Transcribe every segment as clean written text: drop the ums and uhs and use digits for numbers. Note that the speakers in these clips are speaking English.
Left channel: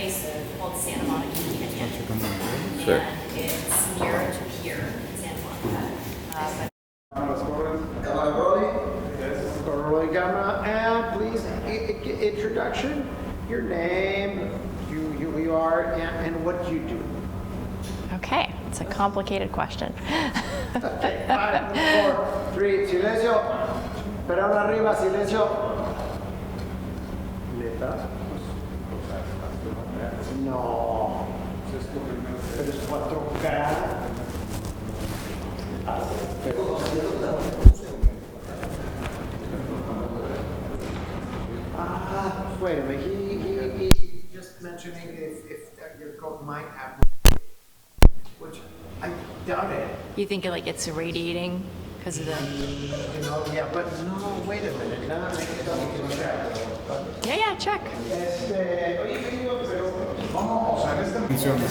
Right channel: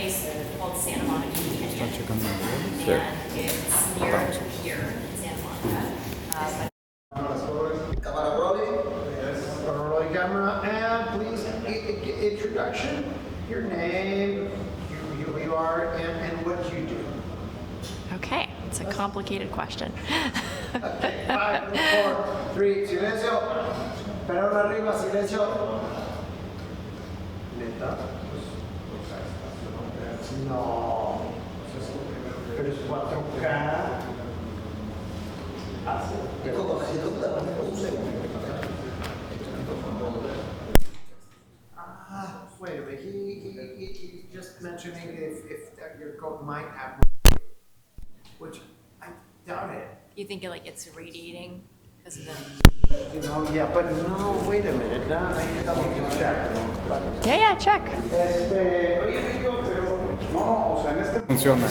place called Santa Monica Canyon, Sure. and it's near to here in Santa Monica. Camera rolling. Rolling camera, and please introduction, your name, who you are, and what you do. Okay, it's a complicated question. Okay, 5, 4, 3, silencio. Pero arriba, silencio. ¿Neta? No. Pero es 4K. Wait a minute. He just mentioning if your coat might have, which I doubt it. You think it's irradiating because of the... Yeah, but no, wait a minute. I don't check. Yeah, check. Funciona.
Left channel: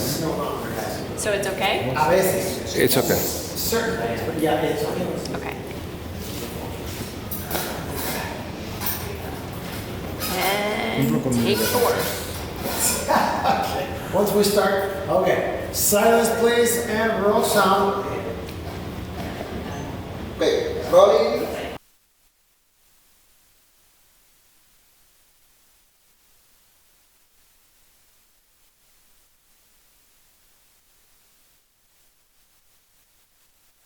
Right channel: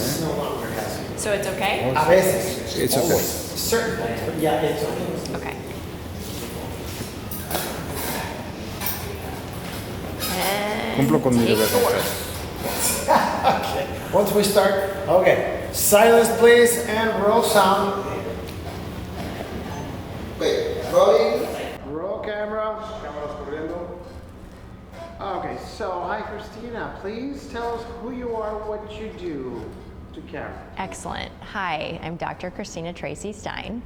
So it's okay? A veces. It's okay. Certain things, but yeah, it's okay. Okay. And Cumplo con mi take deber. 4. Okay. Once we start, okay. Silence, please, and roll sound. Wait, rolling. Roll camera. Okay, so hi, Christina. Please tell us who you are, what you do to camera. Excellent. Hi, I'm Dr. Christina Tracy Stein,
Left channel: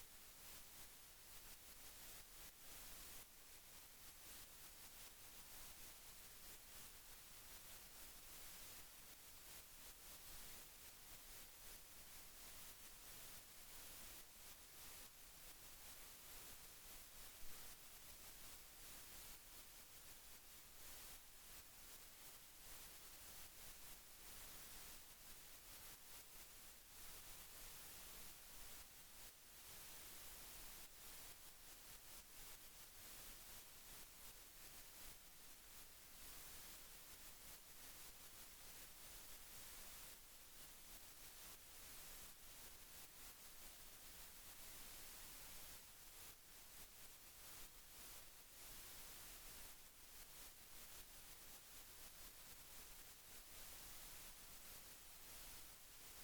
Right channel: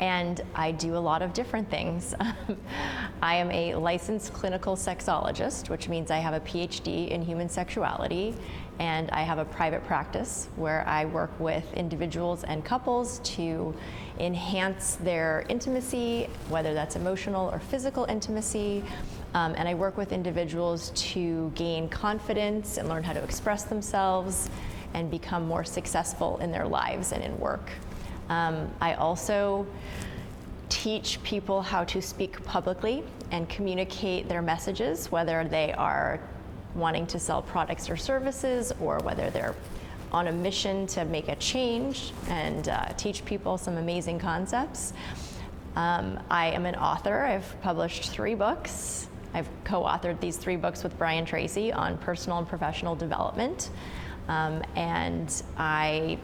and I do a lot of different things. I am a licensed clinical sexologist, which means I have a PhD in human sexuality, and I have a private practice where I work with individuals and couples to enhance their intimacy, whether that's emotional or physical intimacy. And I work with individuals to gain confidence and learn how to express themselves and become more successful in their lives and in work. I also teach people how to speak publicly and communicate their messages, whether they are wanting to sell products or services or whether they're on a mission to make a change and teach people some amazing concepts. I am an author. I've published 3 books. I've co-authored these 3 books with Brian Tracy on personal and professional development. And I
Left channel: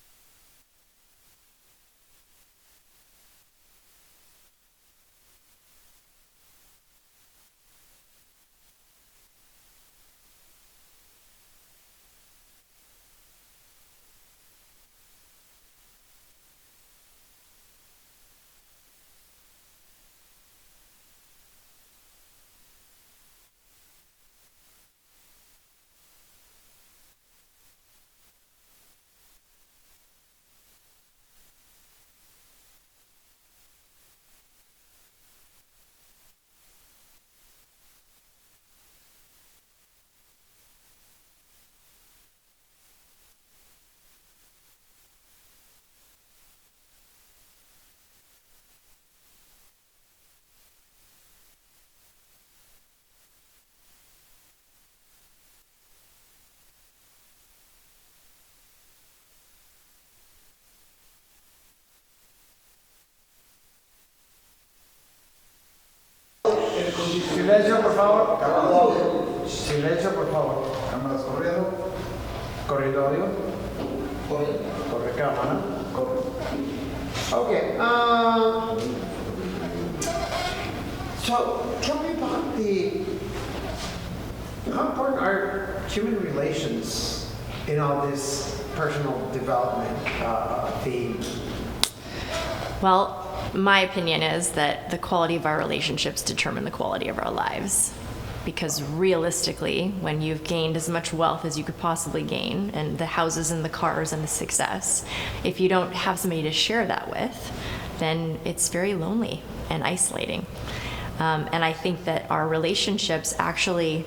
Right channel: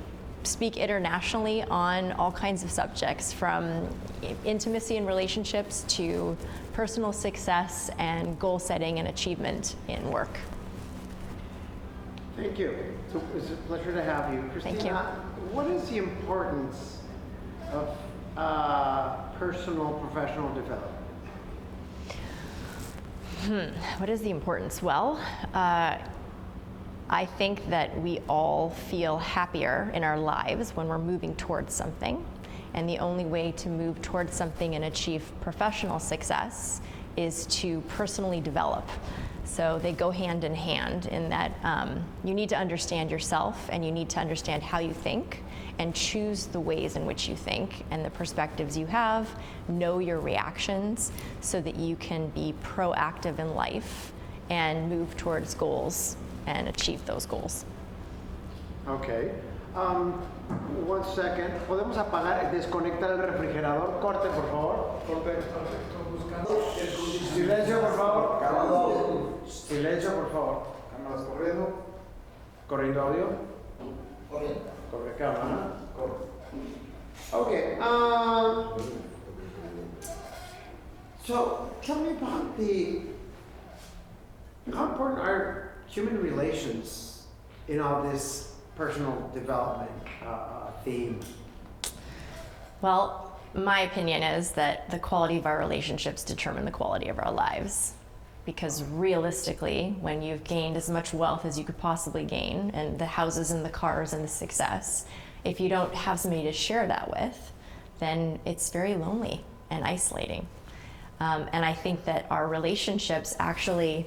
speak internationally on all kinds of subjects, from intimacy and relationships to personal success and goal setting and achievement in work. Thank you. So it's a pleasure to have you. Christina, Thank you. What is the importance of personal professional development? What is the importance? Well, I think that we all feel happier in our lives when we're moving towards something. And the only way to move towards something and achieve professional success is to personally develop. So they go hand in hand in that you need to understand yourself and you need to understand how you think and choose the ways in which you think and the perspectives you have, know your reactions so that you can be proactive in life and move towards goals and achieve those goals. Okay. 1 second. ¿Podemos apagar y desconectar el refrigerador? Corte, por favor. Silencio, por favor. Silencio, por favor. Cámaras corriendo. Corriendo audio. Corre cámara. Okay. So tell me about how important are human relations in all this personal development theme? Well, my opinion is that the quality of our relationships determine the quality of our lives. Because realistically, when you've gained as much wealth as you could possibly gain, and the houses and the cars and the success, if you don't have somebody to share that with, then it's very lonely and isolating. And I think that our relationships actually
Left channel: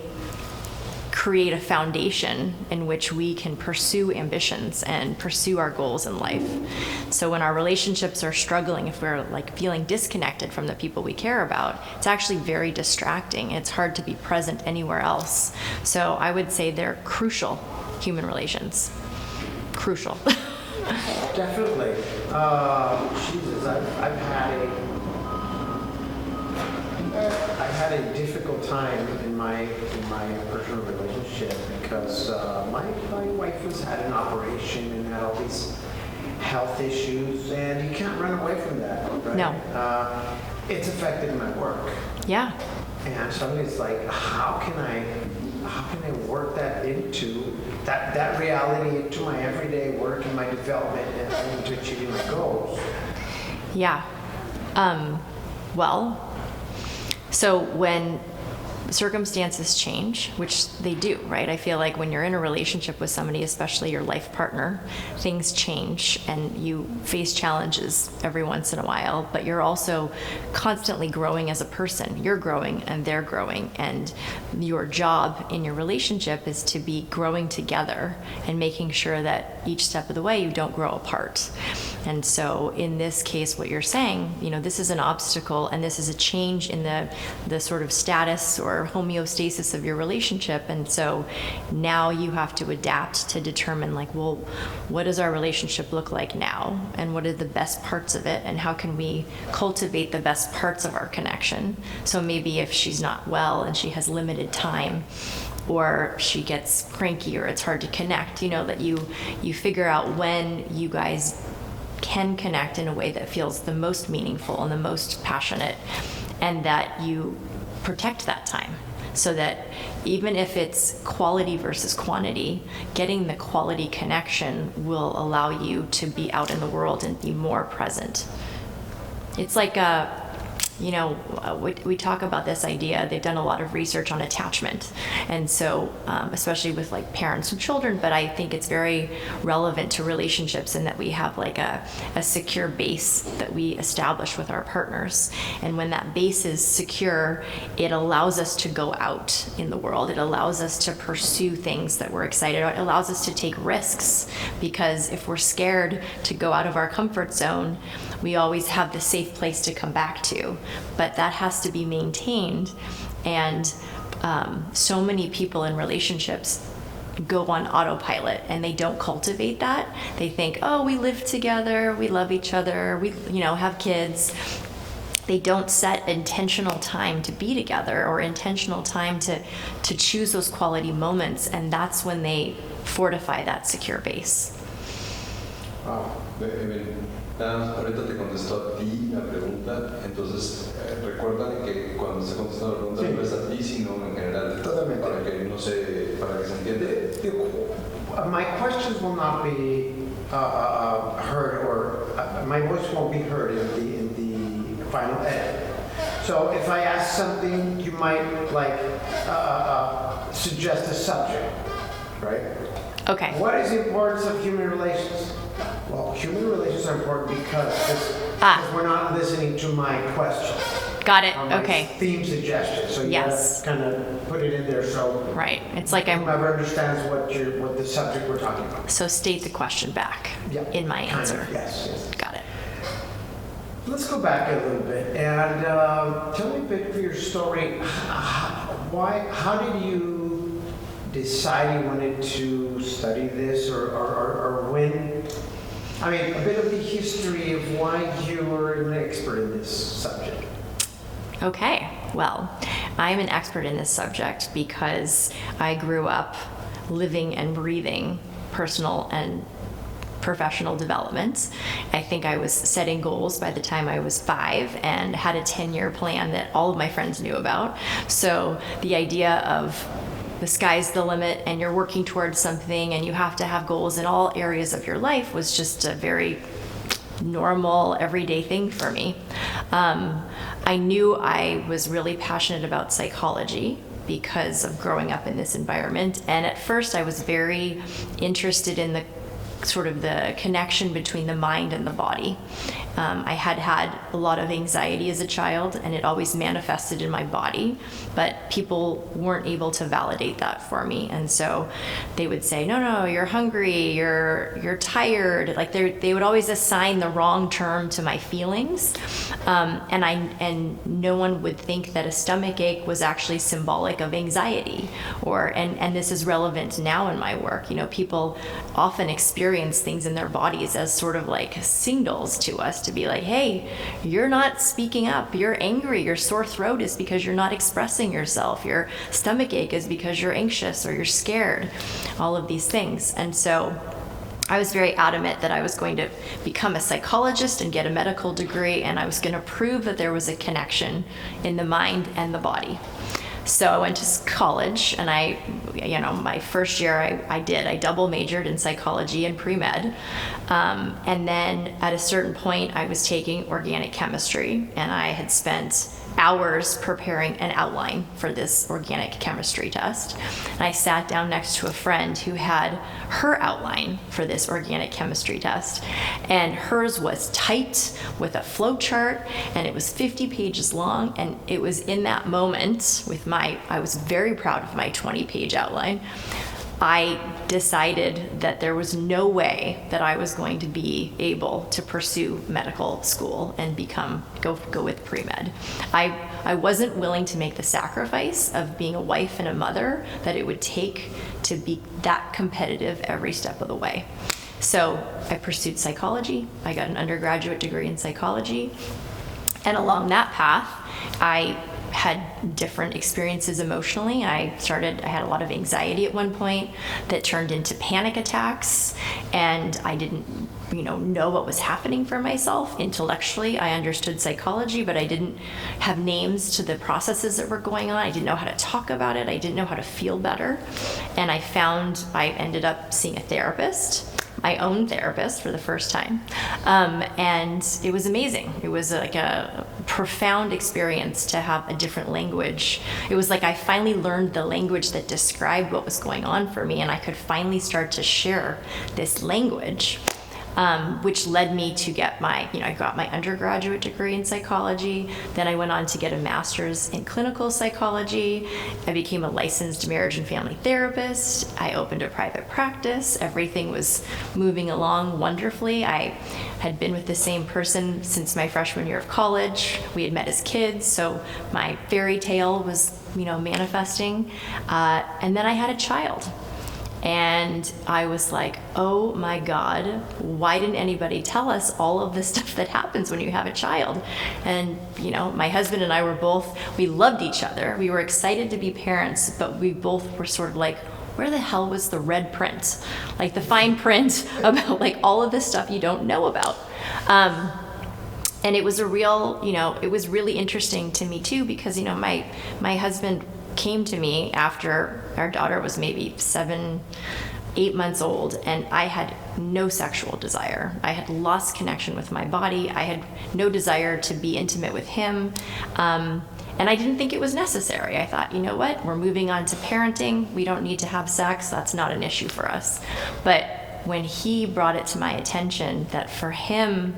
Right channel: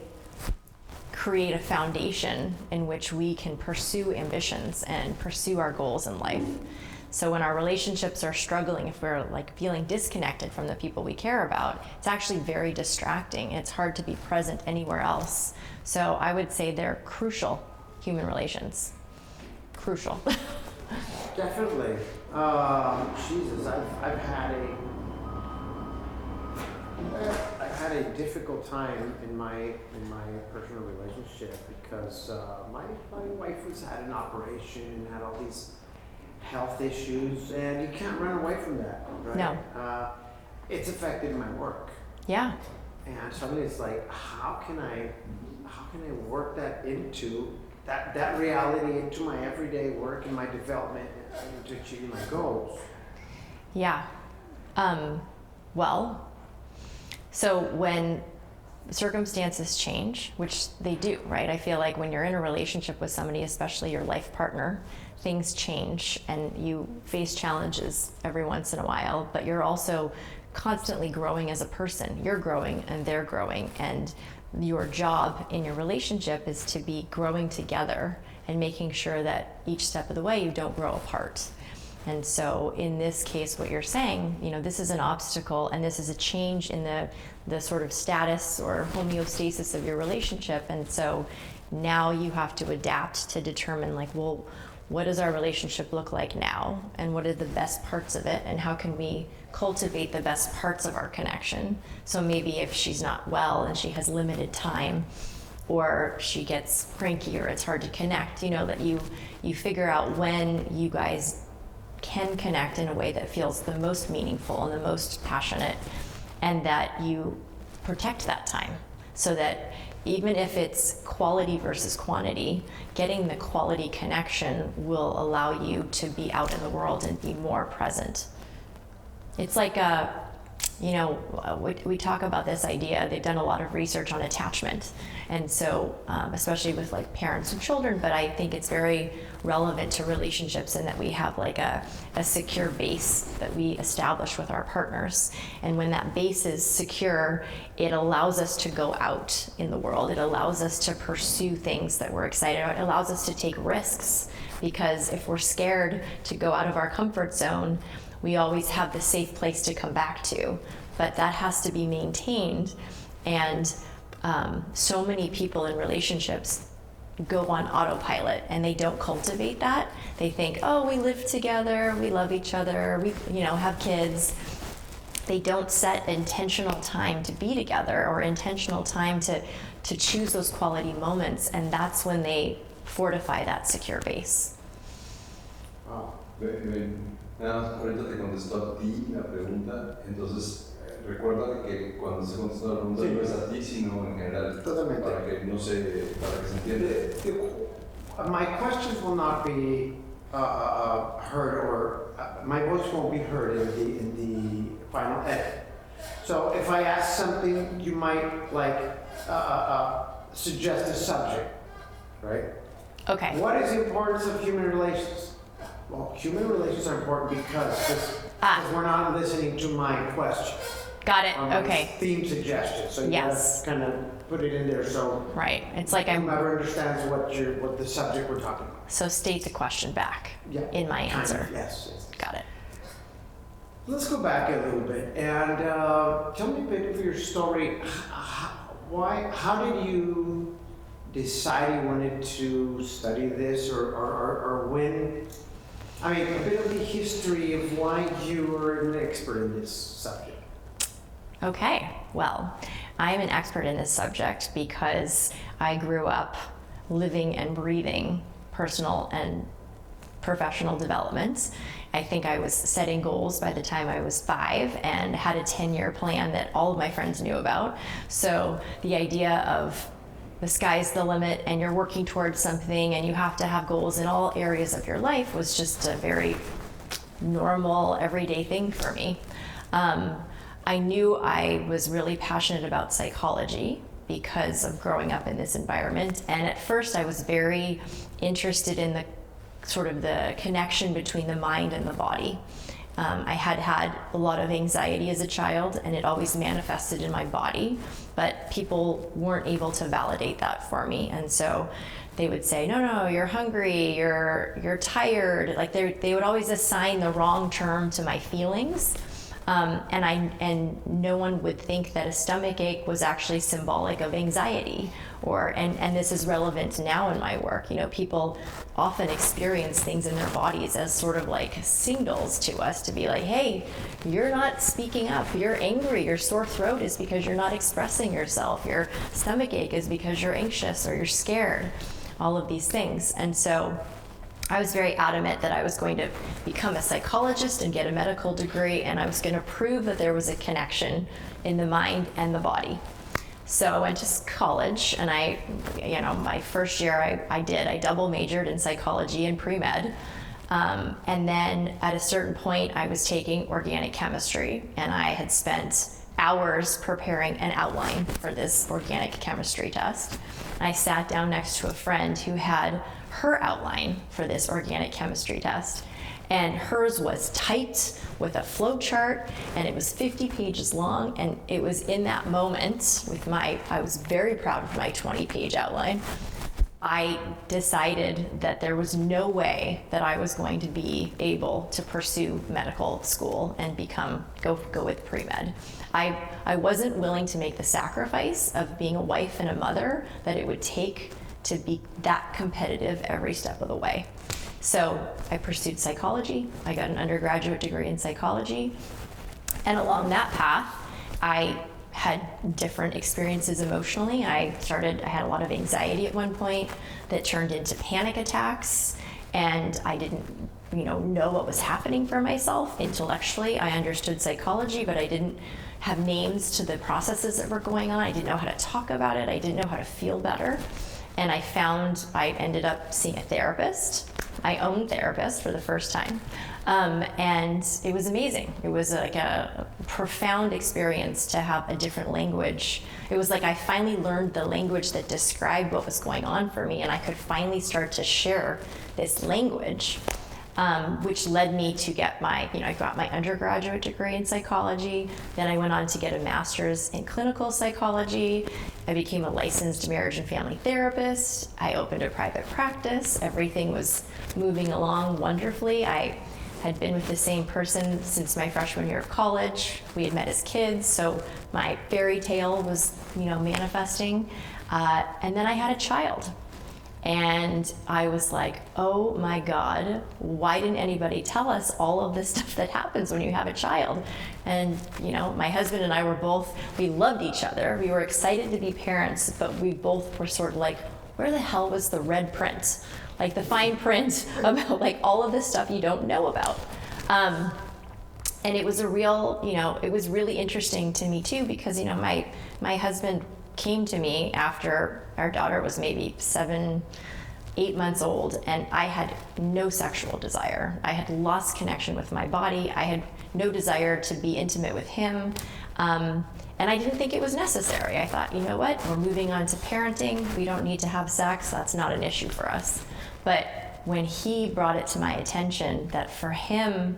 create a foundation in which we can pursue ambitions and pursue our goals in life. So when our relationships are struggling, if we're feeling disconnected from the people we care about, it's actually very distracting. It's hard to be present anywhere else. So I would say they're crucial, human relations. Crucial. Definitely. Jesus, I've had I had a difficult time in my personal relationship because my wife had an operation and had all these health issues, and you can't run away from that, right? No. It's affected my work. Yeah. And so it's like, how can I work that into that reality into my everyday work and my development and into achieving my goals? Yeah. Well, so when circumstances change, which they do, right? I feel like when you're in a relationship with somebody, especially your life partner, things change and you face challenges every once in a while, but you're also constantly growing as a person. You're growing and they're growing, and your job in your relationship is to be growing together and making sure that each step of the way you don't grow apart. And so in this case, what you're saying, this is an obstacle and this is a change in the sort of status or homeostasis of your relationship. And so now you have to adapt to determine what does our relationship look like now? And what are the best parts of it? And how can we cultivate the best parts of our connection? So maybe if she's not well and she has limited time, or she gets cranky or it's hard to connect, that you figure out when you guys can connect in a way that feels the most meaningful and the most passionate, and that you protect that time so that even if it's quality versus quantity, getting the quality connection will allow you to be out in the world and be more present. It's like we talk about this idea. They've done a lot of research on attachment, and so especially with parents and children, but I think it's very relevant to relationships in that we have a secure base that we establish with our partners, and when that base is secure, it allows us to go out in the world. It allows us to pursue things that we're excited about. It allows us to take risks, because if we're scared to go out of our comfort zone, we always have the safe place to come back to, but that has to be maintained. And so many people in relationships go on autopilot and they don't cultivate that. They think, oh, we live together, we love each other, we have kids. They don't set intentional time to be together or intentional time to choose those quality moments, and that's when they fortify that secure base. Wow. Nada más, ahorita te contestó a ti la pregunta, entonces recuerda que cuando se contesta la pregunta no es a ti, sino en general. Totalmente. Para que se entienda. My questions will not be heard, or my voice won't be heard in the final edit. So if I ask something, you might suggest a subject, right? Okay. What is the importance of human relations? Well, human relations are important because we're not listening to my question. Got it. Or my Okay. theme suggestion. So you Yes. gotta kind of put it in there so Right. It's like I'm. whomever understands what the subject we're talking about. So state the question back Yeah, in my kind answer. of, yes. Got it. Let's go back a little bit and tell me a bit of your story. How did you decide you wanted to study this, or when? I mean, a bit of the history of why you were an expert in this subject. Okay, well, I'm an expert in this subject because I grew up living and breathing personal and professional development. I think I was setting goals by the time I was 5 and had a 10-year plan that all of my friends knew about. So the idea of the sky's the limit and you're working towards something and you have to have goals in all areas of your life was just a very normal, everyday thing for me. I knew I was really passionate about psychology because of growing up in this environment. And at first I was very interested in the sort of the connection between the mind and the body. I had a lot of anxiety as a child, and it always manifested in my body, but people weren't able to validate that for me. And so they would say, no, you're hungry, you're tired. Like they would always assign the wrong term to my feelings. And no one would think that a stomach ache was actually symbolic of anxiety, and this is relevant now in my work. People often experience things in their bodies as sort of like signals to us to be like, hey, you're not speaking up, you're angry, your sore throat is because you're not expressing yourself, your stomach ache is because you're anxious or you're scared, all of these things. And so I was very adamant that I was going to become a psychologist and get a medical degree, and I was going to prove that there was a connection in the mind and the body. So I went to college, and my first year I double majored in psychology and pre-med. And then at a certain point I was taking organic chemistry, and I had spent hours preparing an outline for this organic chemistry test. And I sat down next to a friend who had her outline for this organic chemistry test, and hers was typed with a flow chart, and it was 50 pages long. And it was in that moment I was very proud of my 20-page outline. I decided that there was no way that I was going to be able to pursue medical school and go with pre-med. I wasn't willing to make the sacrifice of being a wife and a mother that it would take to be that competitive every step of the way. So I pursued psychology. I got an undergraduate degree in psychology. And along that path, I had different experiences emotionally. I had a lot of anxiety at one point that turned into panic attacks, and I didn't know what was happening for myself. Intellectually, I understood psychology, but I didn't have names to the processes that were going on. I didn't know how to talk about it. I didn't know how to feel better. And I ended up seeing a therapist, my own therapist, for the first time. And it was amazing. It was like a profound experience to have a different language. It was like I finally learned the language that described what was going on for me, and I could finally start to share this language. Which led me to get I got my undergraduate degree in psychology. Then I went on to get a master's in clinical psychology. I became a licensed marriage and family therapist. I opened a private practice. Everything was moving along wonderfully. I had been with the same person since my freshman year of college. We had met as kids, so my fairy tale was, manifesting. And then I had a child. And I was like, oh my God, why didn't anybody tell us all of this stuff that happens when you have a child? And, my husband and I we loved each other. We were excited to be parents, but we both were sort of like, where the hell was the red print? Like the fine print about like all of this stuff you don't know about. And it was it was really interesting to me too, because, my husband came to me after our daughter was maybe 7-8 months old, and I had no sexual desire. I had lost connection with my body. I had no desire to be intimate with him. And I didn't think it was necessary. I thought, you know what, we're moving on to parenting. We don't need to have sex. That's not an issue for us. But when he brought it to my attention that for him,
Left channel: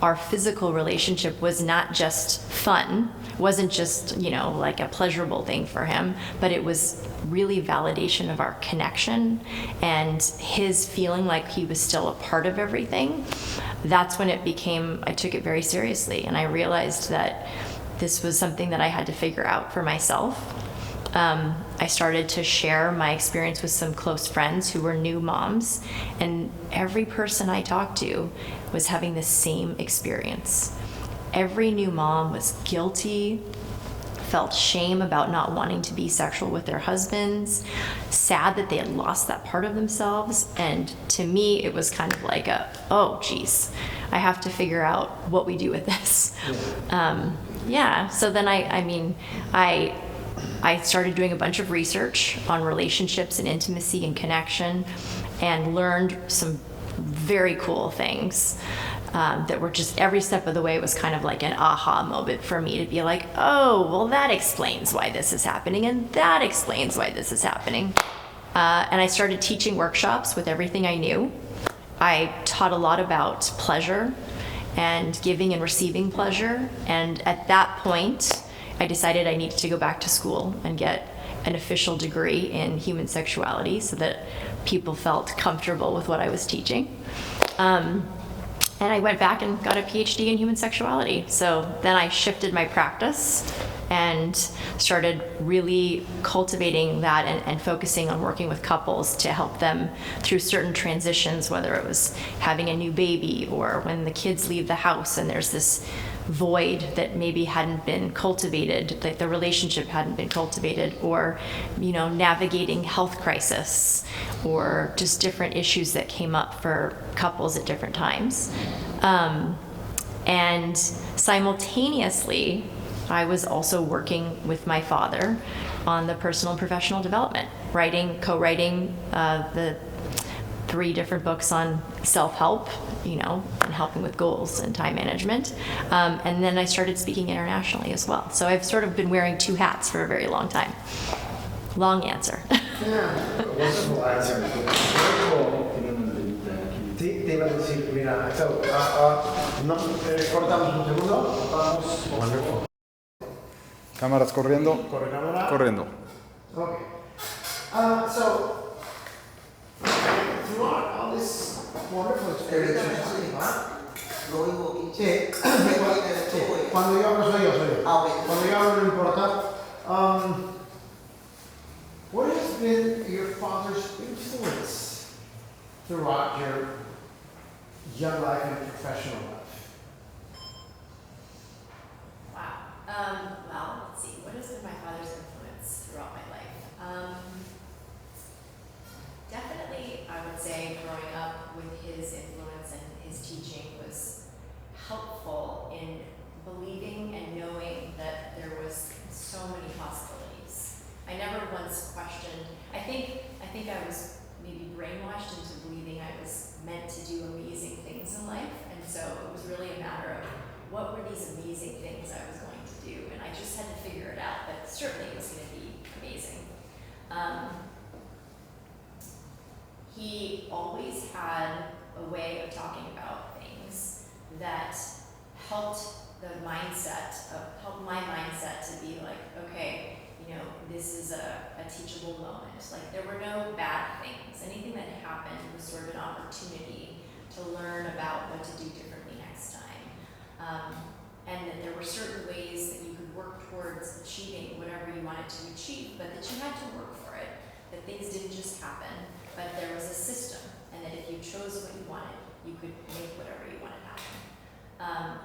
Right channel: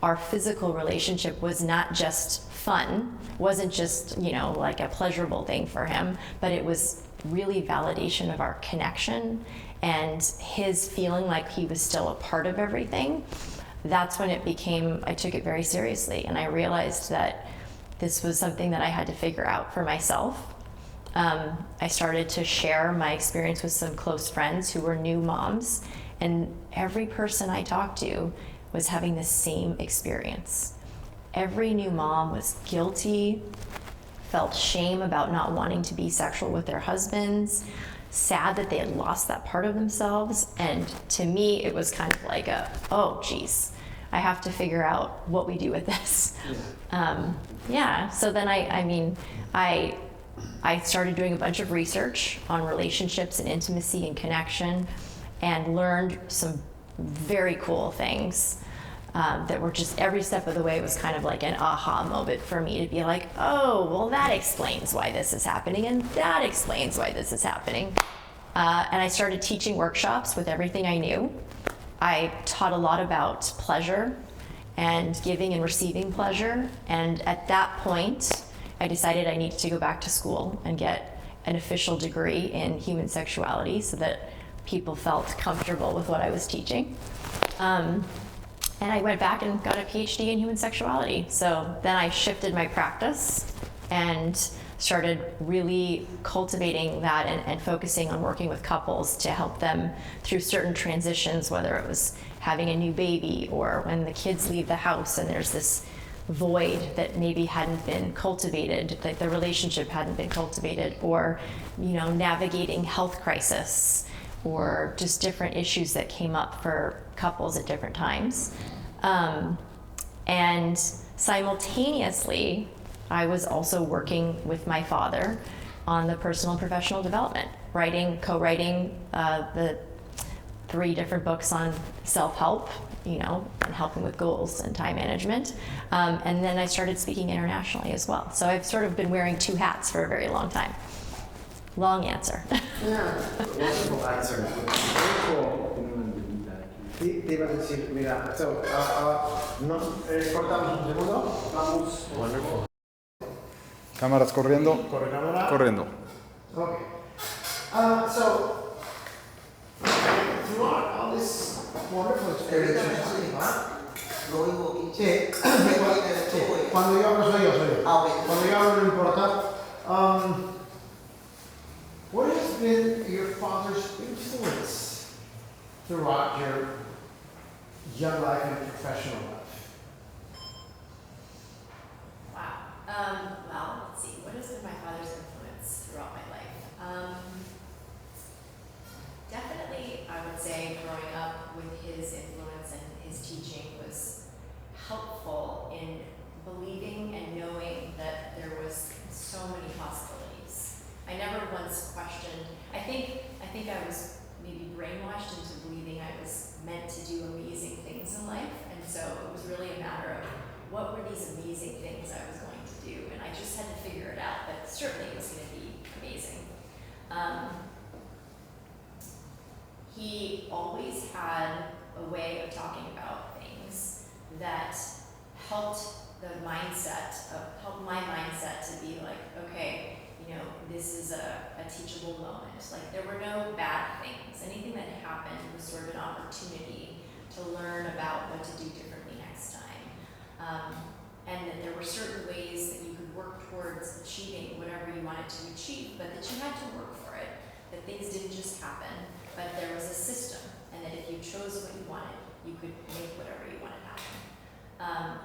our physical relationship was not just fun, wasn't just, like a pleasurable thing for him, but it was really validation of our connection and his feeling like he was still a part of everything. That's when I took it very seriously, and I realized that this was something that I had to figure out for myself. I started to share my experience with some close friends who were new moms, and every person I talked to was having the same experience. Every new mom was guilty, felt shame about not wanting to be sexual with their husbands, sad that they had lost that part of themselves. And to me, it was kind of like oh geez, I have to figure out what we do with this. So then I started doing a bunch of research on relationships and intimacy and connection, and learned some very cool things that were just every step of the way was kind of like an aha moment for me to be like, oh, well, that explains why this is happening, and that explains why this is happening. And I started teaching workshops with everything I knew. I taught a lot about pleasure and giving and receiving pleasure. And at that point, I decided I needed to go back to school and get an official degree in human sexuality so that people felt comfortable with what I was teaching. And I went back and got a PhD in human sexuality. So then I shifted my practice and started really cultivating that and focusing on working with couples to help them through certain transitions, whether it was having a new baby or when the kids leave the house and there's this void that maybe hadn't been cultivated, like the relationship hadn't been cultivated, or navigating health crisis, or just different issues that came up for couples at different times. And simultaneously, I was also working with my father on the personal and professional development, co-writing the 3 different books on self-help, and helping with goals and time management. And then I started speaking internationally as well. So I've sort of been wearing 2 hats for a very long time. Long answer. Yeah, wonderful answer. Very cool. Te iba a decir, mira, so, no, cortamos un segundo, vamos. Wonderful. Cámaras corriendo. ¿Corre cámara? Corriendo. Okay. So, throughout all this wonderful experience, sí, cuando yo hablo soy yo. Cuando yo hablo no importa. What has been your father's influence throughout your young life and professional life? Wow. Well, let's see. What has been my father's influence throughout my life? Definitely, I would say growing up with his influence and his teaching was helpful in believing and knowing that there was so many possibilities. I never once questioned. I think I was maybe brainwashed into believing I was meant to do amazing things in life, and so it was really a matter of what were these amazing things I was going to do, and I just had to figure it out, but certainly it was going to be amazing. He always had a way of talking about things that helped my mindset to be like, okay, this is a teachable moment. Like, there were no bad things. Anything that happened was sort of an opportunity to learn about what to do differently next time. And that there were certain ways that you could work towards achieving whatever you wanted to achieve, but that you had to work for it. That things didn't just happen, but there was a system, and that if you chose what you wanted, you could make whatever you wanted happen.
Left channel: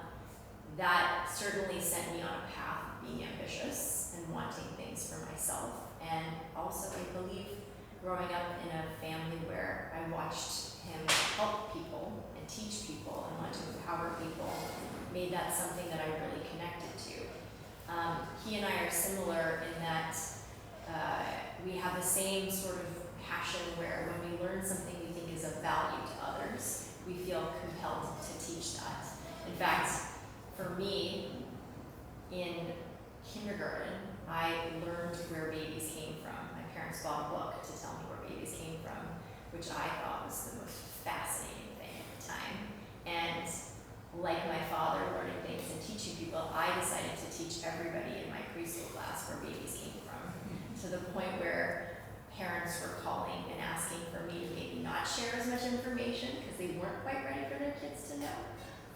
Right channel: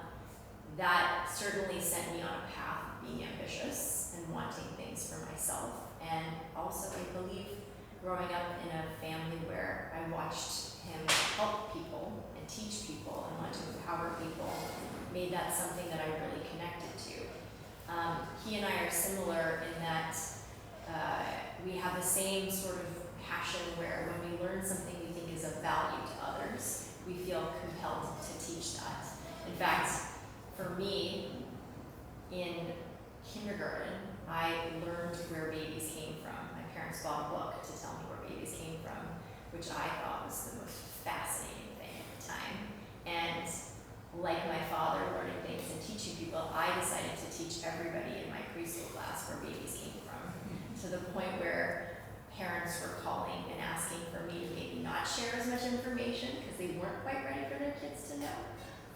That certainly sent me on a path of being ambitious and wanting things for myself. And also, I believe, growing up in a family where I watched him help people and teach people and want to empower people, made that something that I really connected to. He and I are similar in that we have the same sort of passion where when we learn something we think is of value to others, we feel compelled to teach that. In fact, for me, in kindergarten, I learned where babies came from. My parents bought a book to tell me where babies came from, which I thought was the most fascinating thing at the time. And like my father learning things and teaching people, I decided to teach everybody in my preschool class where babies came from, to the point where parents were calling and asking for me to maybe not share as much information because they weren't quite ready for their kids to know.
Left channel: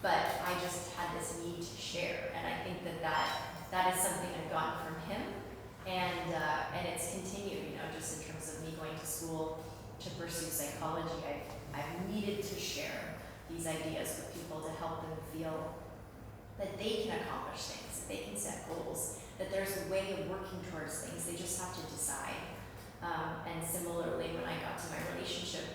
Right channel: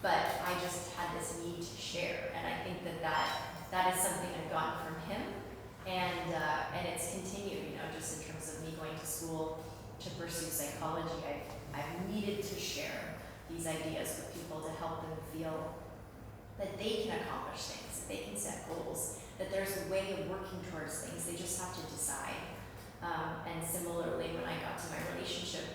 But I just had this need to share, and I think that is something I've gotten from him, and it's continued. Just in terms of me going to school to pursue psychology, I've needed to share these ideas with people to help them feel that they can accomplish things, that they can set goals, that there's a way of working towards things. They just have to decide. And similarly, when I got to my relationship,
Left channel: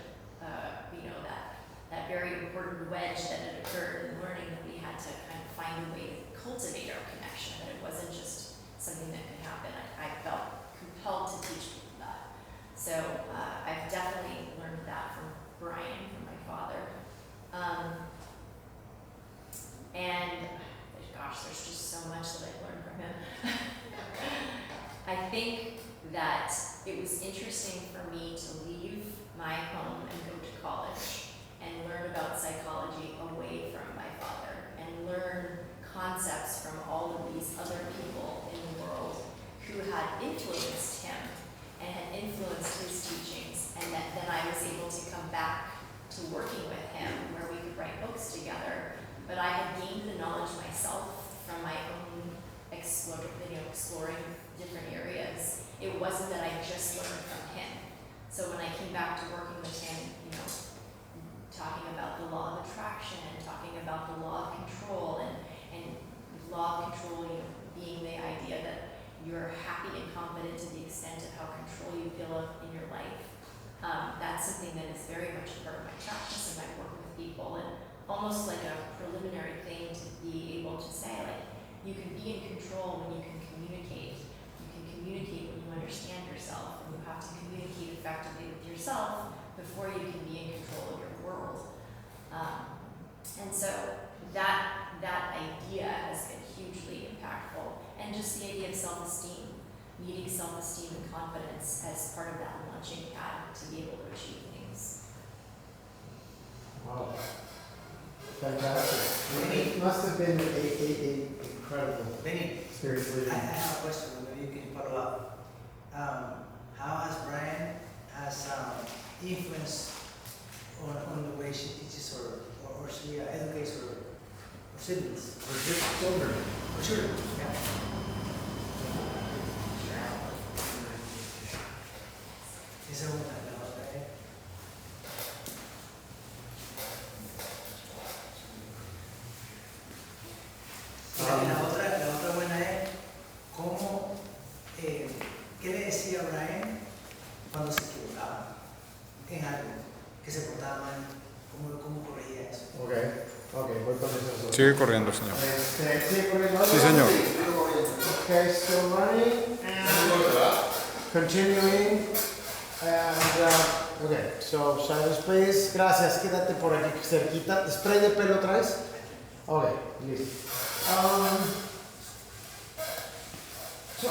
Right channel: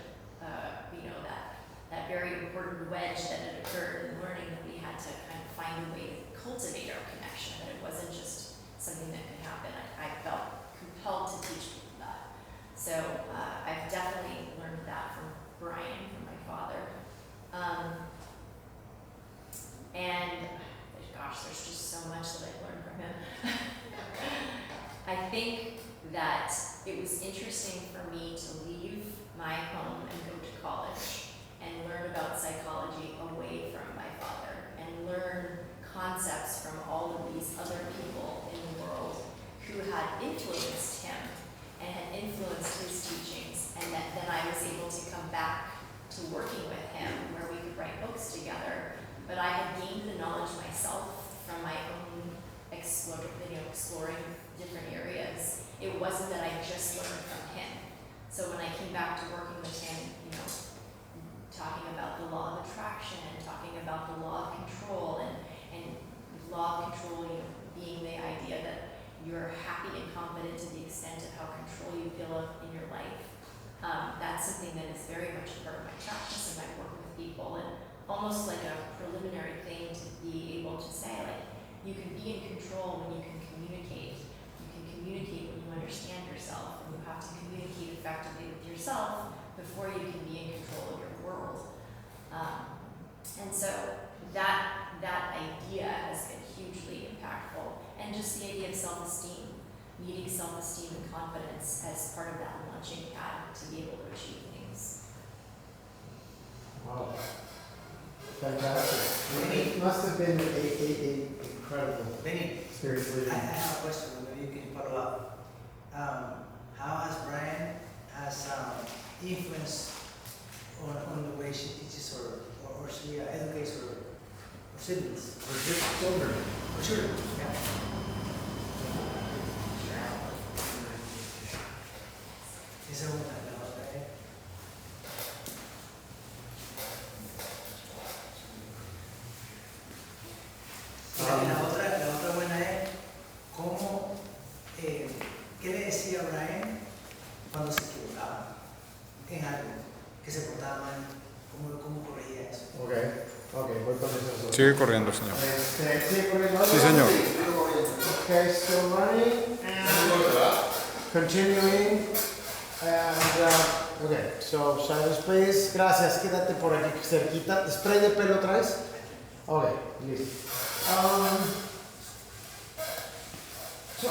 that very important wedge that had occurred in learning that we had to kind of find a way to cultivate our connection, that it wasn't just something that could happen. I felt compelled to teach people that. So I've definitely learned that from Brian, from my father. And gosh, there's just so much that I've learned from him. I think that it was interesting for me to leave my home and go to college and learn about psychology away from my father, and learn concepts from all of these other people in the world who had influenced him and had influenced his teachings, and that then I was able to come back to working with him where we could write books together but I had gained the knowledge myself from my own exploring different areas. It wasn't that I just learned from him. So when I came back to working with him, talking about the law of attraction and talking about the law of control and law of control, being the idea that you're happy and confident to the extent of how control you feel in your life. That's something that is very much a part of my practice and my work with people, and almost like a preliminary thing to be able to say, like, you can be in control when you can communicate. You can communicate when you understand yourself, and you have to communicate effectively with yourself before you can be in control of your world. And so that idea has been hugely impactful, and just the idea of self-esteem, needing self-esteem and confidence as part of that launching pad to be able to achieve things. Wow. Fantastic. It must have been a incredible experience I living. have a question, maybe you can follow up. How has Brian influenced on the way she teaches or she educates her siblings? For children. Or children, yeah. Esa es una de las otras, La otra buena es cómo, qué le decía Brian cuando se equivocaba en algo, que se portaba mal, cómo corregía eso. Voy con eso. Sigue corriendo, señor. Sigue corriendo. Sí, señor. Okay, still running and continuing. And, okay, so silence please. Gracias, quédate por aquí cerquita. ¿Spray de pelo traes? Okay, listo. So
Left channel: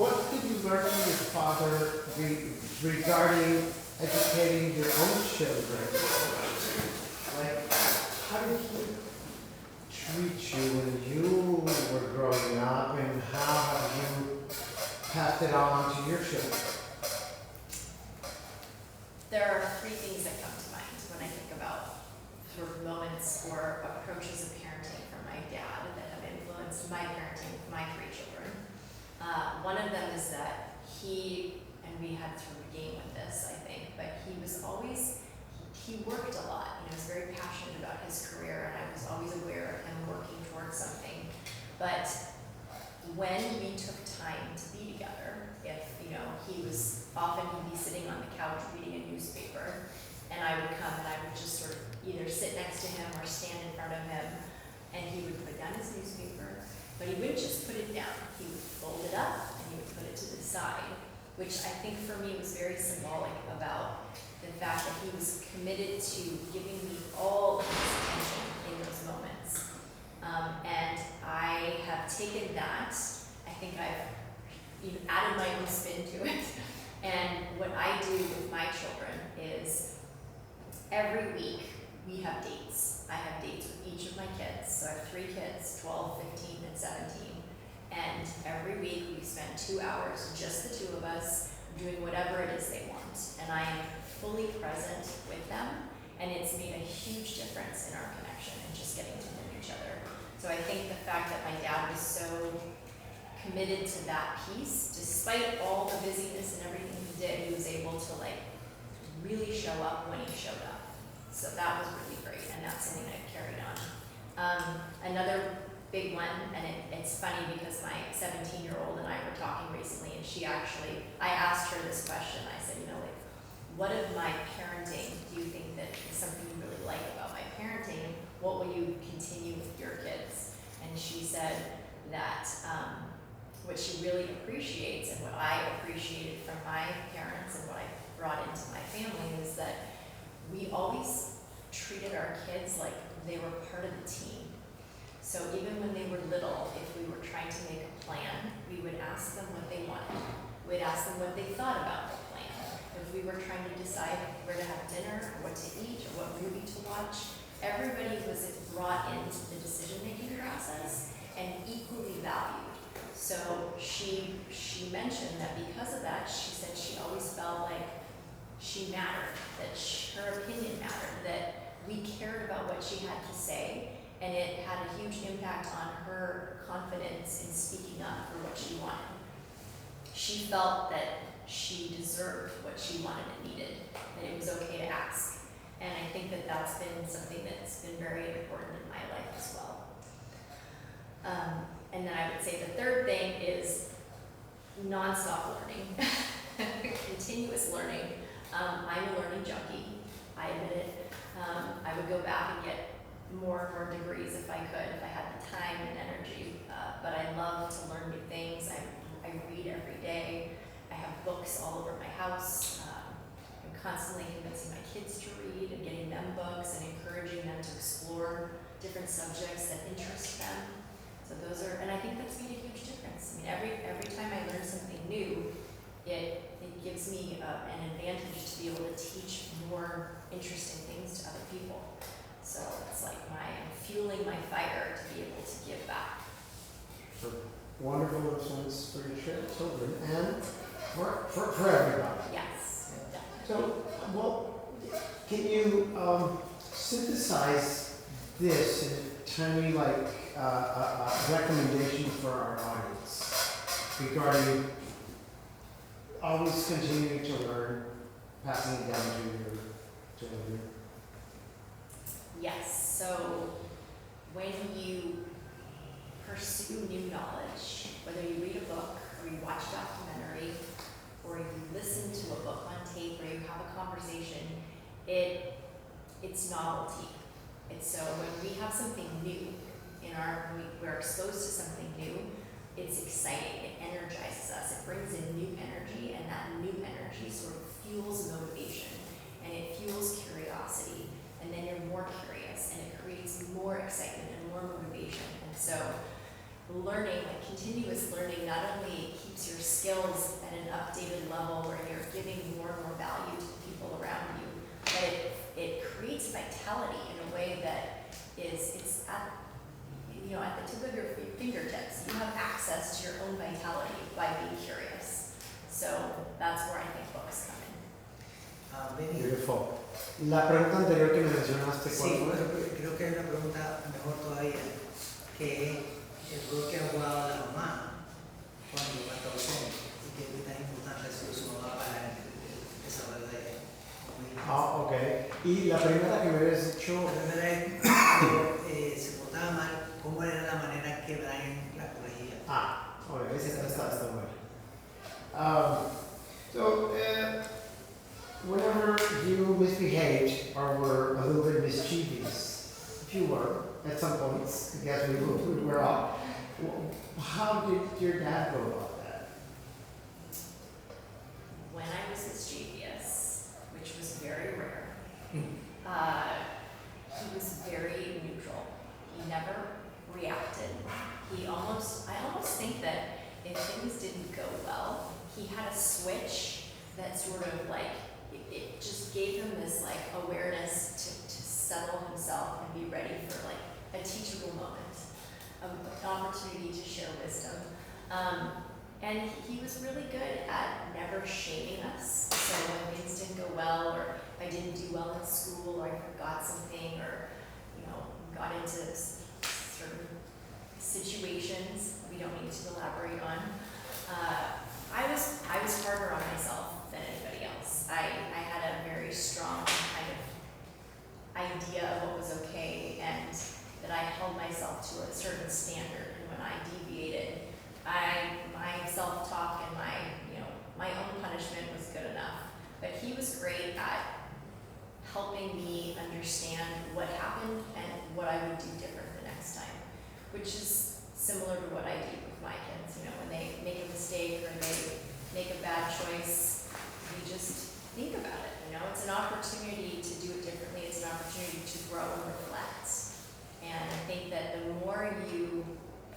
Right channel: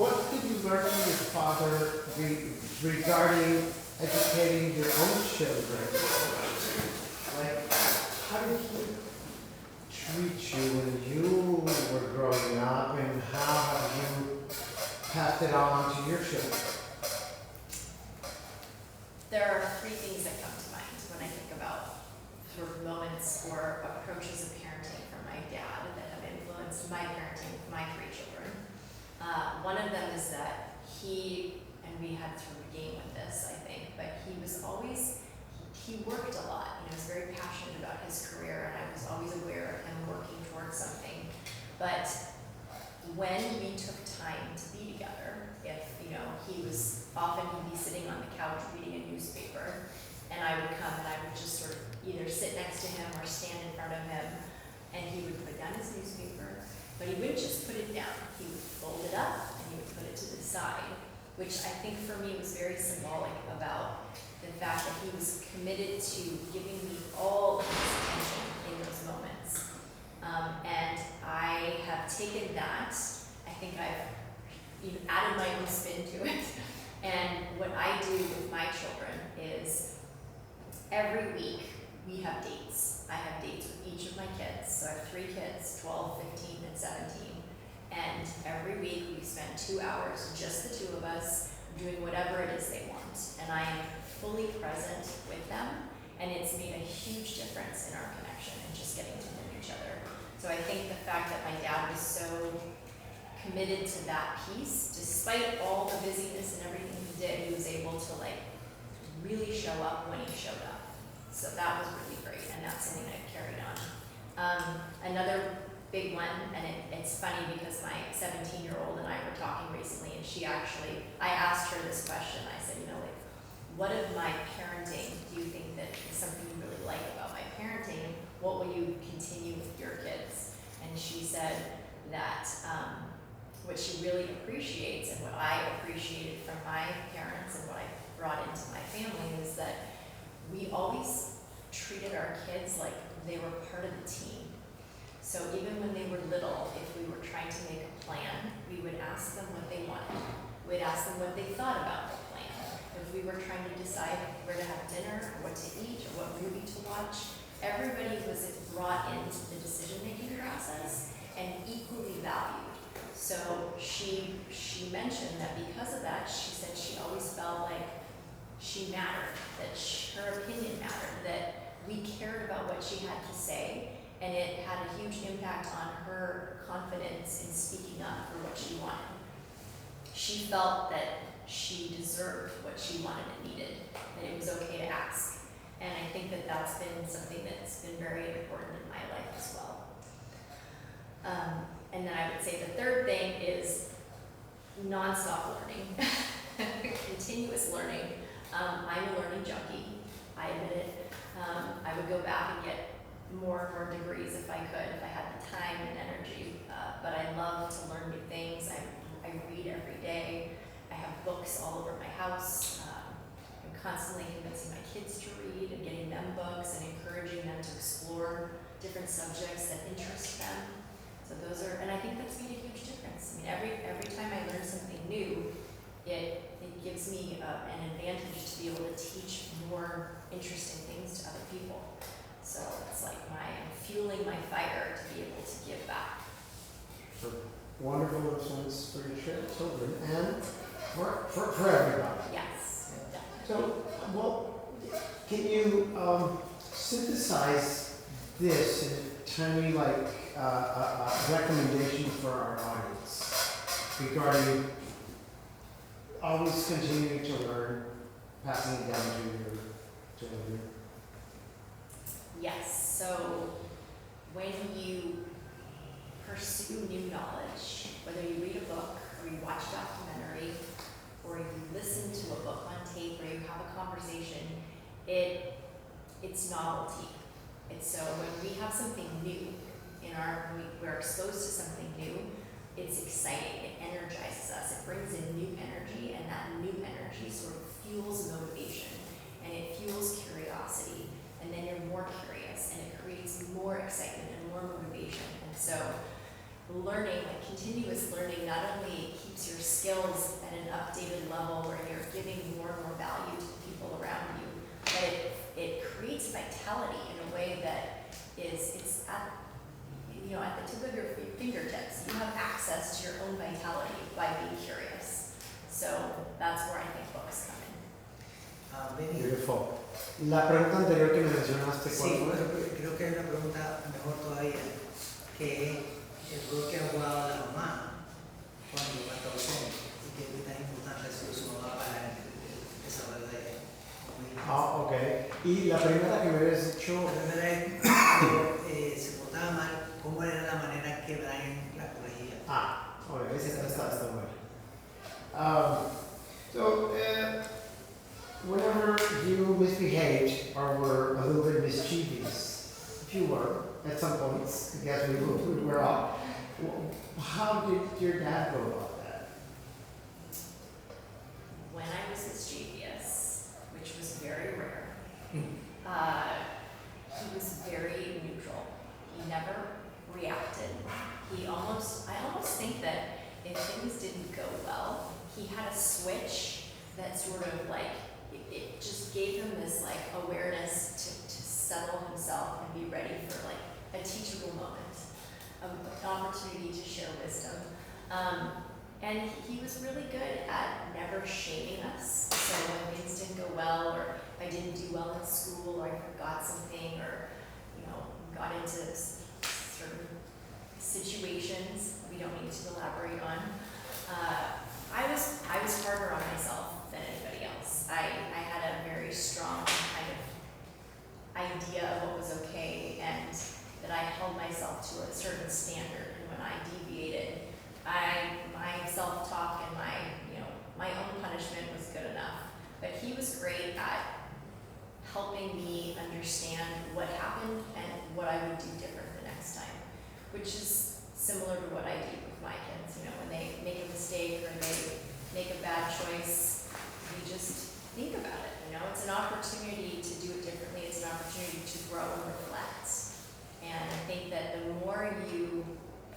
what did you learn from your father regarding educating your own children? Like, how did he treat you when you were growing up, and how have you passed it on to your children? There are three things that come to mind when I think about sort of moments or approaches of parenting from my dad that have influenced my parenting with my three children. One of them is that and we had to game with this, I think, but he was always, he worked a lot. He was very passionate about his career, and I was always aware of him working towards something. But when we took time to be together, if he'd be sitting on the couch reading a newspaper, and I would come and I would just sort of either sit next to him or stand in front of him, and he would put down his newspaper, but he wouldn't just put it down. He would fold it up and he would put it to the side, which I think for me was very symbolic about the fact that he was committed to giving me all of his attention in those moments. And I have taken that, I think I've even added my own spin to it. And what I do with my children is every week we have dates. I have dates with each of my kids. So I have 3 kids, 12, 15, and 17. And every week we spend 2 hours, just the 2 of us, doing whatever it is they want. And I am fully present with them. And it's made a huge difference in our connection and just getting to know each other. So I think the fact that my dad was so committed to that piece, despite all the busyness and everything he did, he was able to really show up when he showed up. So that was really great, and that's something I've carried on. Another big one, and it's funny because my 17-year-old and I were talking recently, and I asked her this question. I said, what of my parenting do you think that is something you really like about my parenting? What will you continue with your kids? And she said that what she really appreciates and what I appreciated from my parents and what I brought into my family is that we always treated our kids like they were part of the team. So even when they were little, if we were trying to make a plan, we would ask them what they wanted. We'd ask them what they thought about the plan. If we were trying to decide where to have dinner, or what to eat, or what movie to watch, everybody was brought into the decision-making process and equally valued. So she mentioned that because of that, she said she always felt like she mattered, that her opinion mattered, that we cared about what what she had to say, and it had a huge impact on her confidence in speaking up for what she wanted. She felt that she deserved what she wanted and needed, and it was okay to ask. And I think that that's been something that's been very important in my life as well. And then I would say the third thing is nonstop learning, continuous learning. I'm a learning junkie, I admit it. I would go back and get more and more degrees if I could, if I had the time and energy. But I love to learn new things. I read every day. I have books all over my house. I'm constantly convincing my kids to read and getting them books and encouraging them to explore different subjects that interest them. So those are, and I think that's made a huge difference. I mean, every time I learn something new, it gives me an advantage to be able to teach more interesting things to other people. So it's like I'm fueling my fire to be able to give back. Wonderful influence for your children and for everybody. Yes, definitely. So, well, can you synthesize this in a tiny, recommendation for our audience regarding always continuing to learn, passing it down to your children? Yes, so when you pursue new knowledge, whether you read a book or you watch a documentary or you listen to a book on tape or you have a conversation, it's novelty. It's so when we have something new we're exposed to something new, it's exciting, it energizes us, it brings in new energy, and that new energy sort of fuels motivation and it fuels curiosity, and then you're more curious and it creates more excitement and more motivation. And so learning, continuous learning, not only keeps your skills at an updated level where you're giving more and more value to the people around you, but it creates vitality in a way that it's at the tip of your fingertips. You have access to your own vitality by being curious. So that's where I think books come in. Beautiful. La pregunta anterior que me mencionaste, ¿cuál Sí, fue? pero creo que hay una pregunta mejor todavía, que el rol que ha jugado la mamá cuando va a estar ausente y qué tan importante ha sido su mamá para el desarrollo de ella. Ok. Y la primera que me habías dicho, La primera es cuando se portaba mal, ¿cómo era la manera que Brian la corregía? ok, esa está buena. Whenever you misbehaved or were a little bit mischievous, if you were, at some points, I guess we were all, how did your dad go about that? When I was mischievous, which was very rare, he was very neutral. He never reacted. I almost think that if things didn't go well, he had a switch that sort of it just gave him this awareness to settle himself and be ready for a teachable moment, an opportunity to share wisdom. And he was really good at never shaming us. So when things didn't go well, or if I didn't do well in school, or I forgot something, or got into certain situations we don't need to elaborate on, I was harder on myself than anybody else. I had a very strong kind of idea of what was okay, and that I held myself to a certain standard. And when I deviated, my self-talk and my own punishment was good enough. But he was great at helping me understand what happened and what I would do different the next time, which is similar to what I do with my kids. When they make a mistake or they make a bad choice, we just think about it. It's an opportunity to do it differently. It's an opportunity to grow and reflect. And I think that the more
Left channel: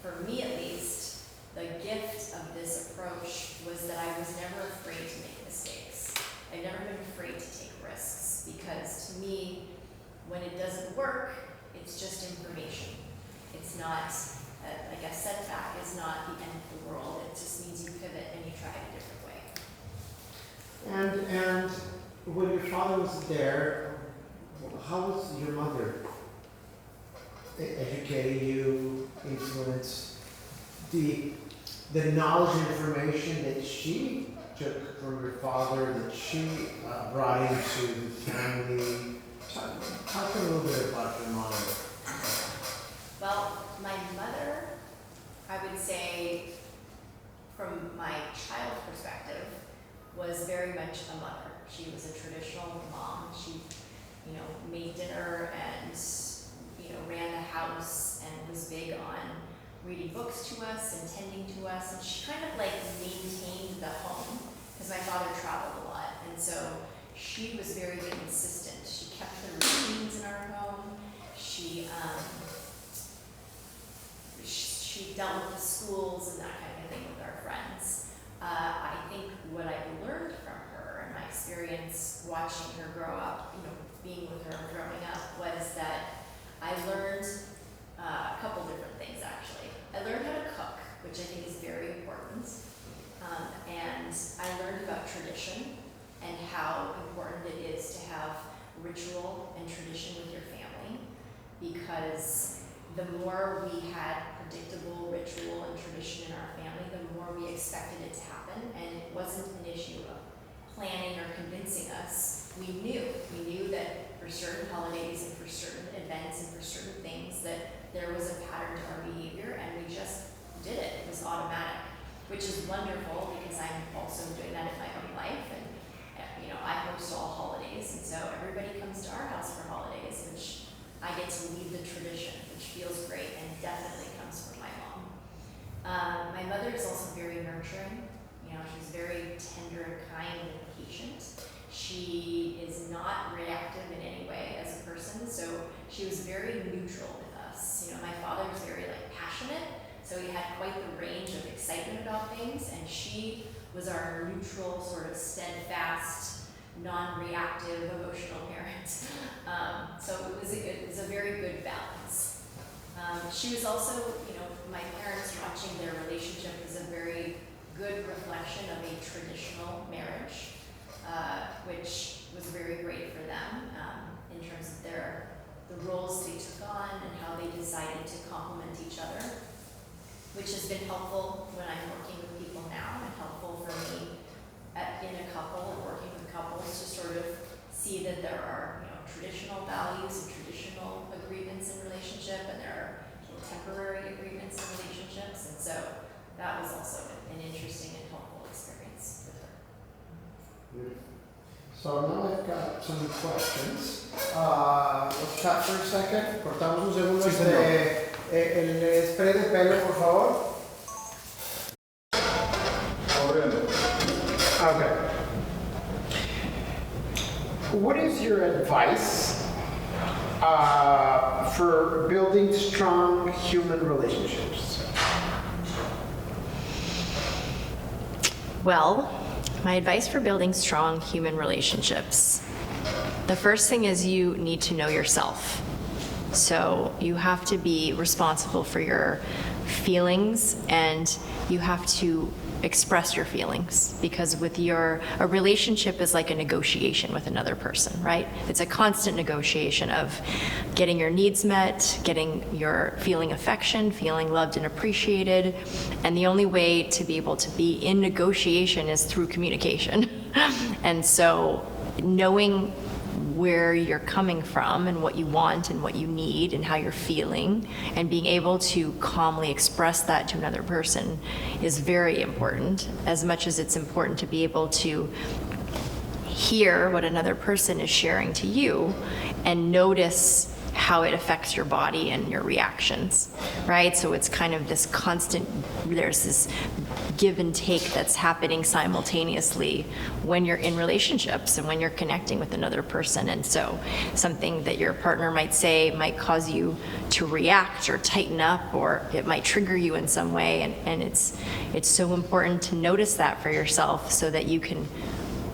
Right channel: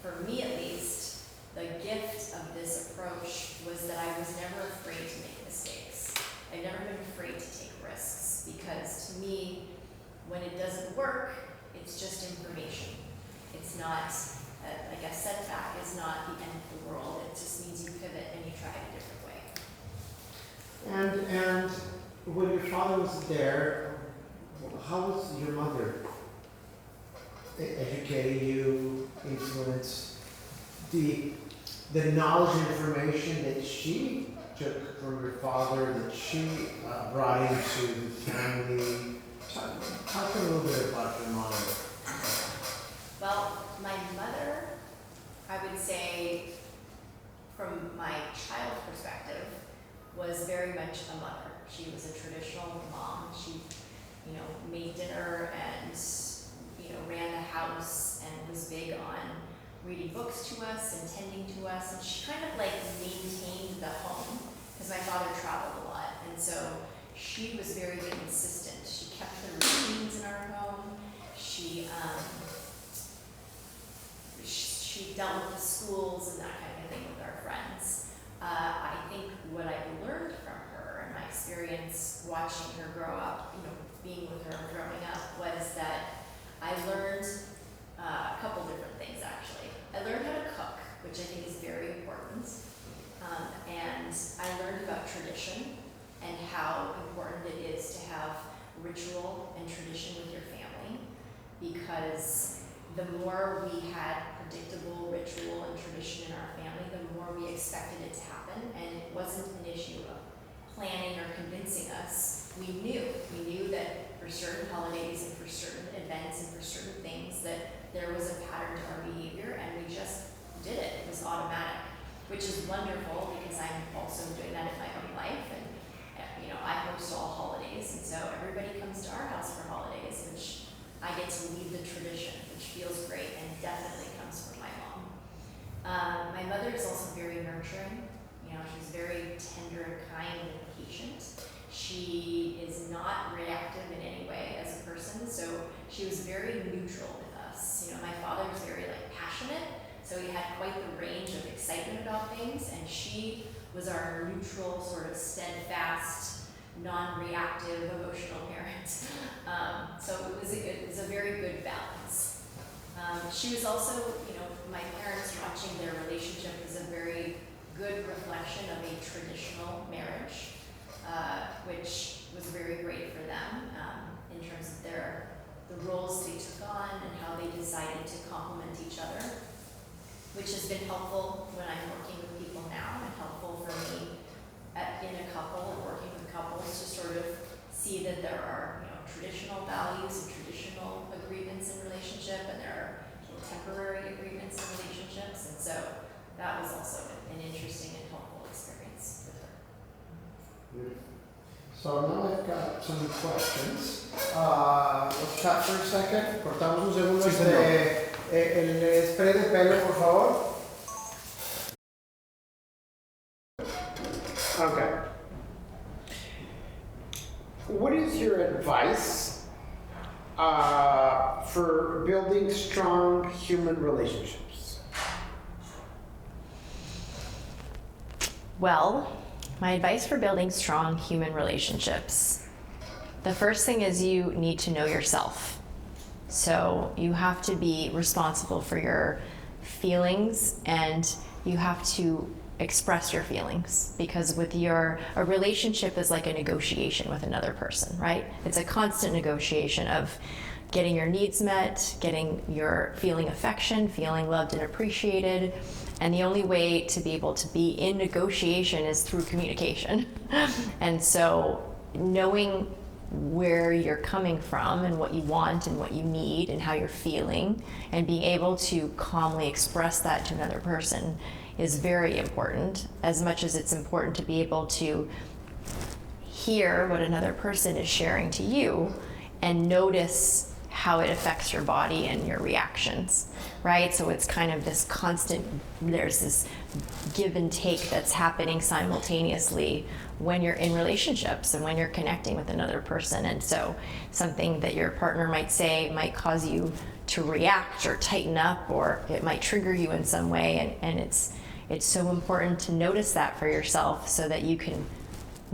for me at least, the gift of this approach was that I was never afraid to make mistakes. I've never been afraid to take risks, because to me, when it doesn't work, it's just information. It's not, a setback is not the end of the world. It just means you pivot and you try it a different way. And when your father was there, how was your mother educating you, influenced the knowledge and information that she took from her father, that she brought into the family? Talk a little bit about your mom. Well, my mother, I would say, from my child perspective, was very much a mother. She was a traditional mom. She, made dinner and, ran the house and was big on reading books to us and tending to us. And she kind of like maintained the home because my father traveled a lot. And so she was very consistent. She kept the routines in our home. She dealt with the schools and that kind of thing with our friends. I think what I learned from her and my experience watching her grow up, being with her and growing up, was that I learned a couple different things actually. I learned how to cook, which I think is very important. And I learned about tradition and how important it is to have ritual and tradition with your family, because the more we had predictable ritual and tradition in our family, the more we expected it to happen, and it wasn't an issue of planning or convincing us. We knew that for certain holidays and for certain events and for certain things that there was a pattern to our behavior, and we just did it. It was automatic, which is wonderful because I'm also doing that in my own life, and I host all holidays, and so everybody comes to our house for holidays, which I get to lead the tradition, which feels great and definitely comes from my mom. My mother is also very nurturing. She's very tender and kind and patient. She is not reactive in any way as a person, so she was very neutral with us. My father was very passionate, so he had quite the range of excitement about things, and she was our neutral, sort of steadfast, non-reactive, emotional parent. So it was a very good balance. She was also, my parents watching their relationship was a very good reflection of a traditional marriage, which was very great for them in terms of the roles they took on and how they decided to complement each other, which has been helpful when I'm working with people now, and helpful for me in a couple and working with couples to sort of see that there are traditional values and traditional agreements in relationship, and there are temporary agreements in relationships, and so that was also an interesting and helpful experience with her. Beautiful. So now I've got some questions. Let's chat for a second. Cortamos un segundo el spray de pelo, por favor. Okay. What is your advice for building strong human relationships? Well, my advice for building strong human relationships. The first thing is you need to know yourself. So you have to be responsible for your feelings, and you have to express your feelings, because a relationship is like a negotiation with another person, right? It's a constant negotiation of getting your needs met, feeling affection, feeling loved and appreciated, and the only way to be able to be in negotiation is through communication. And so knowing where you're coming from and what you want and what you need and how you're feeling, and being able to calmly express that to another person is very important, as much as it's important to be able to hear what another person is sharing to you and notice how it affects your body and your reactions, right? So it's kind of this constant, there's this give and take that's happening simultaneously when you're in relationships and when you're connecting with another person. And so something that your partner might say might cause you to react or tighten up, or it might trigger you in some way. And it's so important to notice that for yourself, so that you can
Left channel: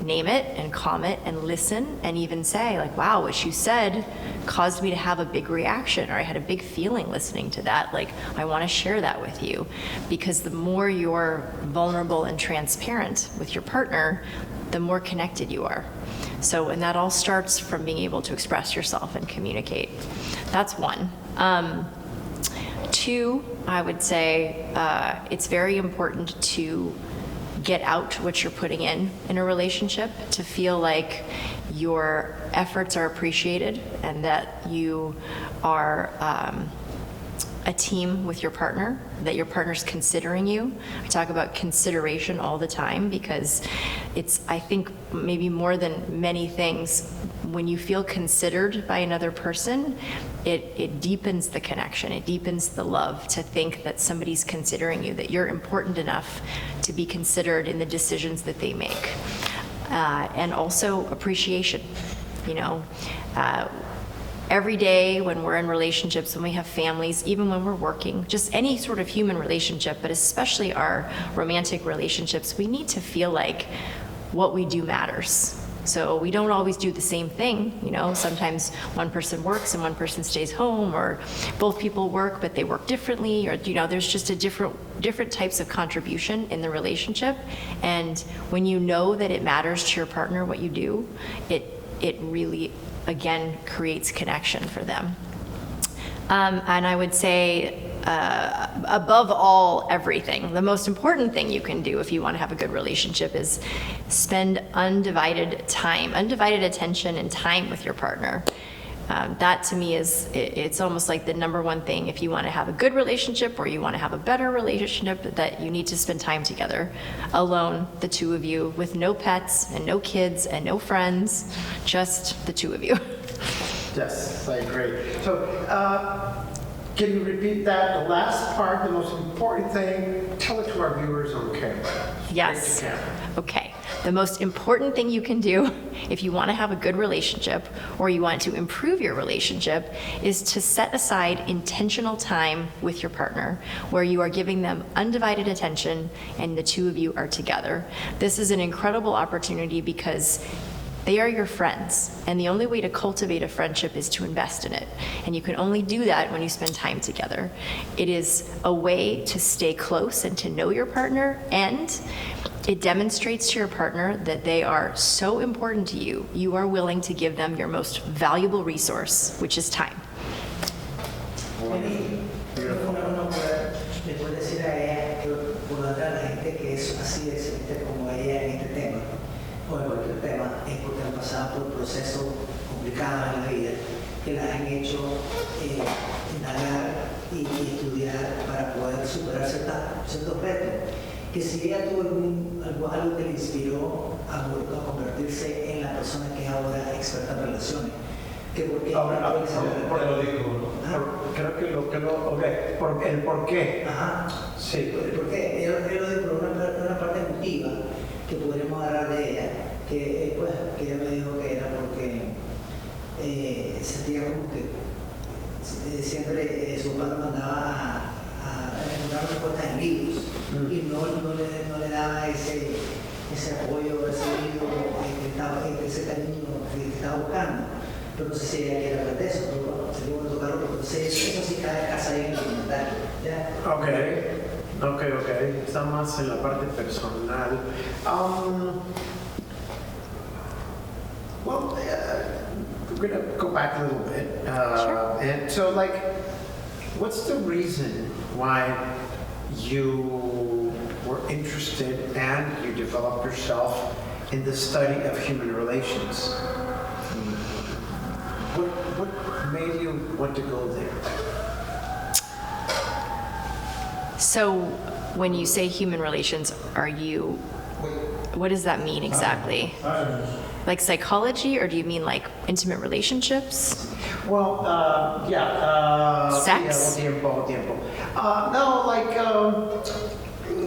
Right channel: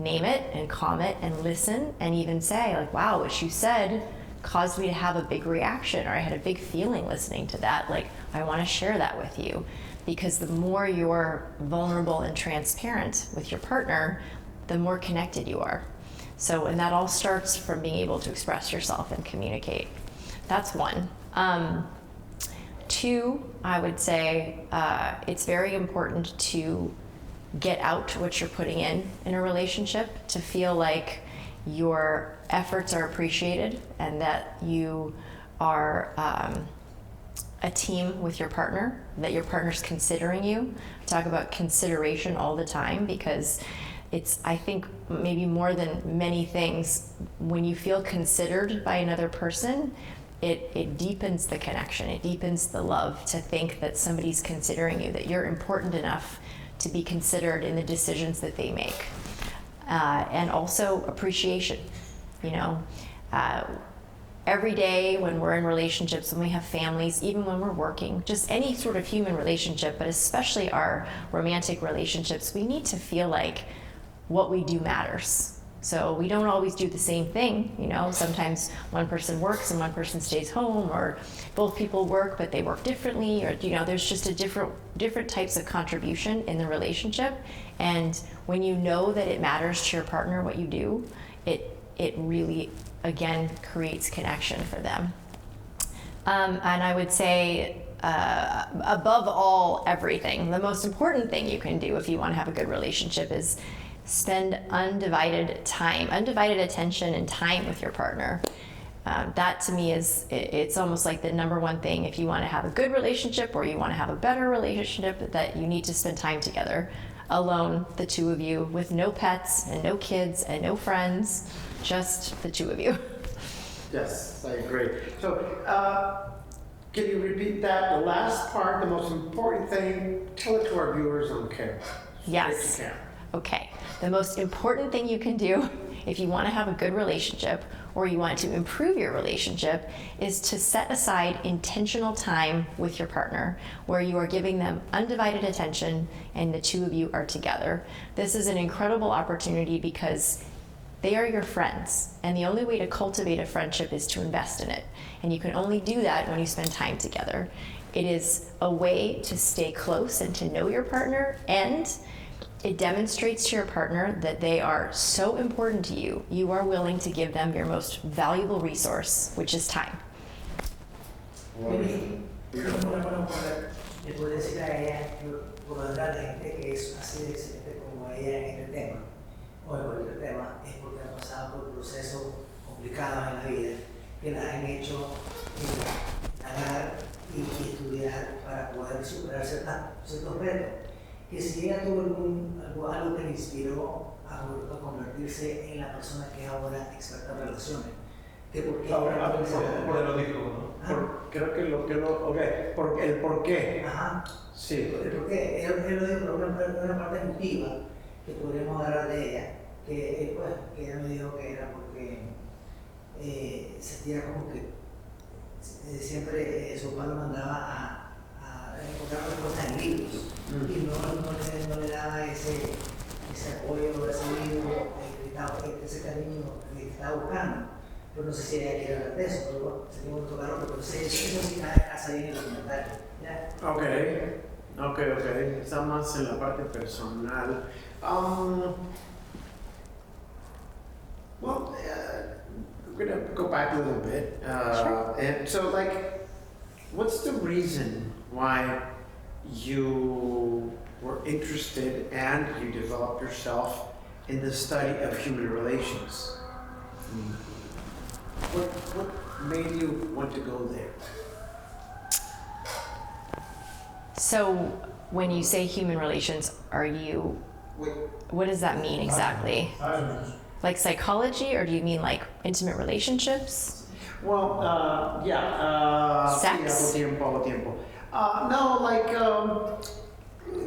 name it and calm it and listen, and even say, like, wow, what you said caused me to have a big reaction, or I had a big feeling listening to that. Like, I want to share that with you. Because the more you're vulnerable and transparent with your partner, the more connected you are. So, and that all starts from being able to express yourself and communicate. That's one. Two, I would say it's very important to get out what you're putting in a relationship, to feel like your efforts are appreciated and that you are a team with your partner, that your partner's considering you. I talk about consideration all the time because it's, I think, maybe more than many things, when you feel considered by another person, it deepens the connection, it deepens the love to think that somebody's considering you, that you're important enough to be considered in the decisions that they make. And also appreciation, you know. Every day when we're in relationships, when we have families, even when we're working, just any sort of human relationship, but especially our romantic relationships, we need to feel like what we do matters. So we don't always do the same thing, you know. Sometimes one person works and one person stays home, or both people work but they work differently, or, you know, there's just a different types of contribution in the relationship. And when you know that it matters to your partner what you do, it really, again, creates connection for them. And I would say, above all, everything, the most important thing you can do if you want to have a good relationship is spend undivided time, undivided attention and time with your partner. That to me is, it's almost like the number one thing. If you want to have a good relationship or you want to have a better relationship, that you need to spend time together, alone, the two of you, with no pets and no kids and no friends, just the two of you. Yes, I agree. So, can you repeat that? The last part, the most important thing, tell it to our viewers on camera. Yes. Okay. The most important thing you can do if you want to have a good relationship or you want to improve your relationship is to set aside intentional time with your partner where you are giving them undivided attention and the two of you are together. This is an incredible opportunity because they are your friends, and the only way to cultivate a friendship is to invest in it. And you can only do that when you spend time together. It is a way to stay close and to know your partner, and it demonstrates to your partner that they are so important to you. You are willing to give them your most valuable resource, which is time. Le puedo decir a ella, que puedo hablar a la gente que es así de excelente como ella en este tema, o en cualquier tema, es porque han pasado por procesos complicados en la vida, que las han hecho indagar y estudiar para poder superar ciertos retos. Que si ella tuvo algo que le inspiró a convertirse en la persona que es ahora experta en relaciones. Que porque lo digo, creo que el por qué. Ajá. Sí. El por qué. Él lo dijo por una parte emotiva que podríamos agarrar de ella, que ella me dijo que era porque sentía como que siempre su padre mandaba a encontrar respuestas en libros y no le daba ese apoyo, ese libro, ese cariño que estaba buscando. Pero no sé si ella quiere hablar de eso, pero sería bueno tocarlo porque eso sí cae casa ahí en el comentario. ¿Ya? Ok. Está más en la parte personal. Well, we're going to go back a little bit. Sure. And so, like, what's the reason why you were interested and you developed yourself in the study of human relations? What made you want to go there? So when you say human relations, what does that mean exactly? Like psychology, or do you mean like intimate relationships? Well, Sex? No, like,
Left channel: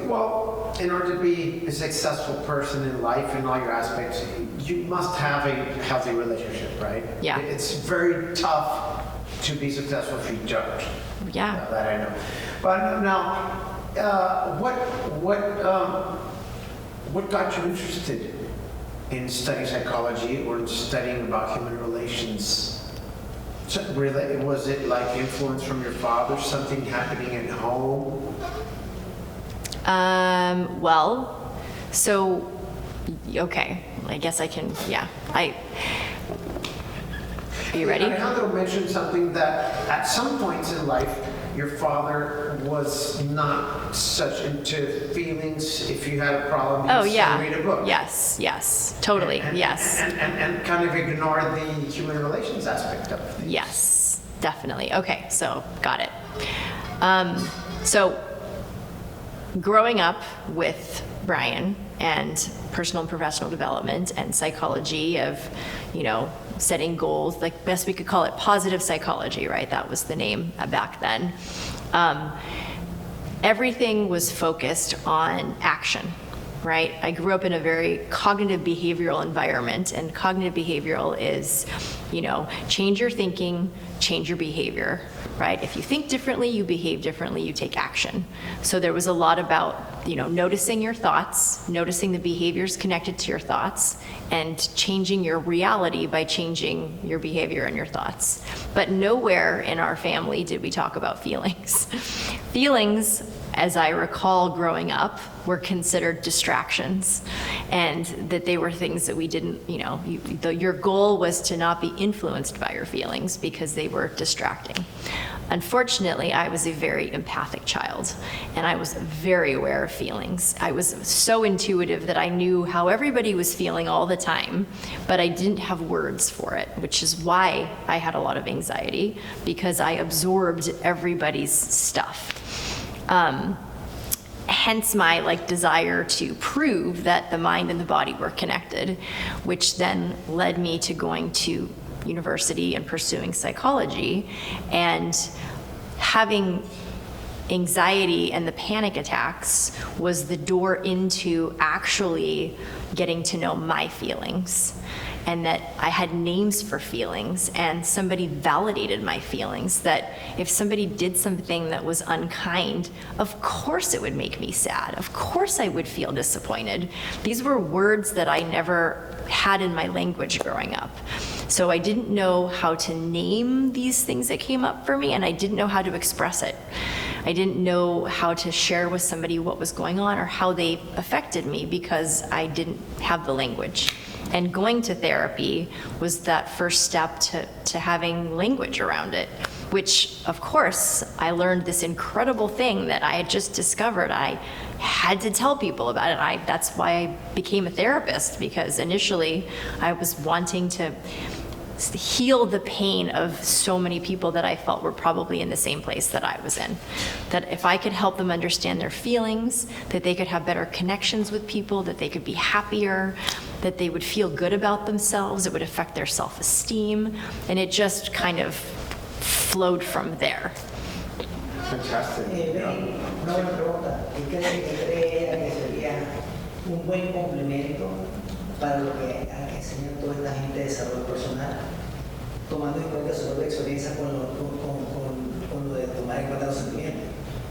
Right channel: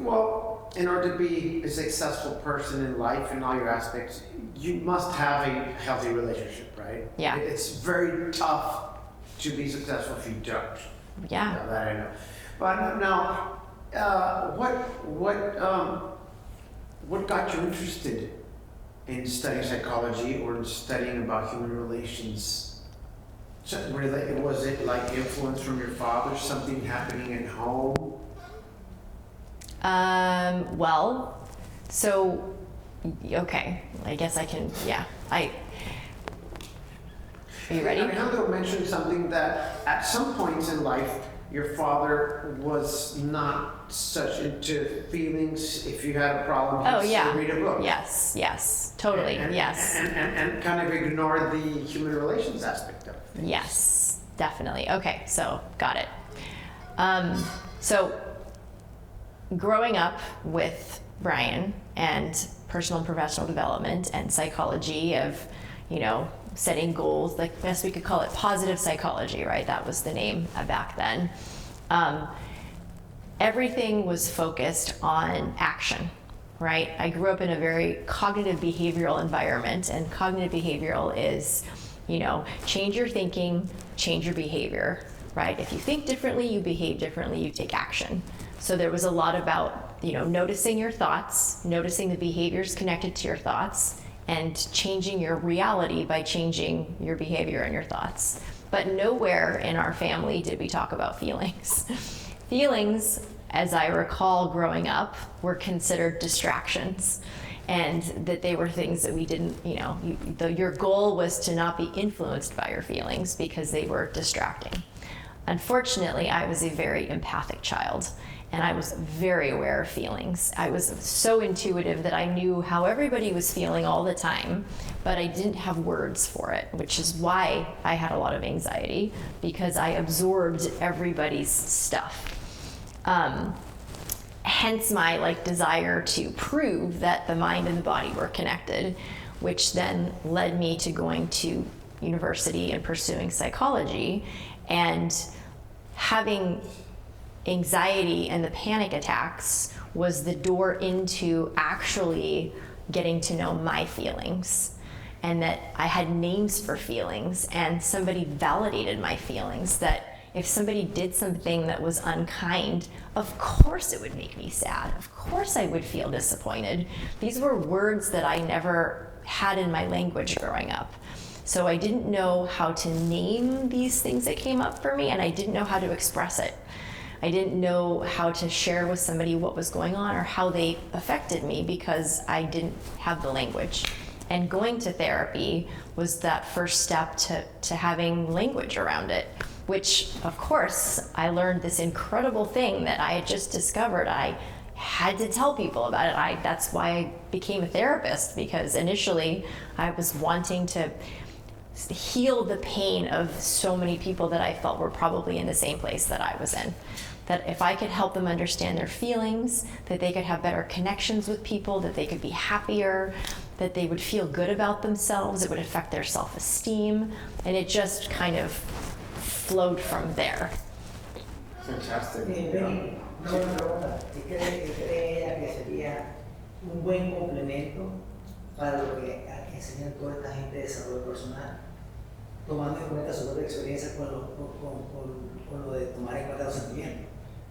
well, in order to be a successful person in life in all your aspects, you must have a healthy relationship, right? Yeah. It's very tough to be successful if you don't. Yeah. Now that I know. But now, what got you interested in studying psychology or in studying about human relations? So really, was it like influence from your father, something happening at home? Well, so Okay, I guess I can, yeah, are you ready? Alejandro mentioned something that at some points in life, your father was not such into feelings. If you had a problem, Oh, he'd yeah. read a book. Yes, totally, yes. And kind of ignore the human relations aspect of things. Yes, definitely. Okay, so got it. So growing up with Brian and personal and professional development and psychology of, setting goals, like best we could call it positive psychology, right? That was the name back then. Everything was focused on action, right? I grew up in a very cognitive behavioral environment, and cognitive behavioral is, change your thinking, change your behavior, right? If you think differently, you behave differently, you take action. So there was a lot about, noticing your thoughts, noticing the behaviors connected to your thoughts, and changing your reality by changing your behavior and your thoughts. But nowhere in our family did we talk about feelings. Feelings, as I recall growing up, were considered distractions, and that they were things that we didn't, your goal was to not be influenced by your feelings because they were distracting. Unfortunately, I was a very empathic child, and I was very aware of feelings. I was so intuitive that I knew how everybody was feeling all the time, but I didn't have words for it, which is why I had a lot of anxiety, because I absorbed everybody's stuff. Hence my desire to prove that the mind and the body were connected, which then led me to going to university and pursuing psychology, and having anxiety and the panic attacks was the door into actually getting to know my feelings, and that I had names for feelings, and somebody validated my feelings, that if somebody did something that was unkind, of course it would make me sad. Of course I would feel disappointed. These were words that I never had in my language growing up. So I didn't know how to name these things that came up for me, and I didn't know how to express it. I didn't know how to share with somebody what was going on or how they affected me because I didn't have the language. And going to therapy was that first step to having language around it, which, of course, I learned this incredible thing that I had just discovered. I had to tell people about it. That's why I became a therapist, because initially I was wanting to heal the pain of so many people that I felt were probably in the same place that I was in. That if I could help them understand their feelings, that they could have better connections with people, that they could be happier, that they would feel good about themselves, it would affect their self-esteem, and it just kind of flowed from there. Fantastic. Benny, una buena pregunta. ¿Qué cree ella que sería un buen complemento para lo que enseña toda esta gente de desarrollo personal, tomando en cuenta su propia experiencia con lo de tomar en cuenta los sentimientos?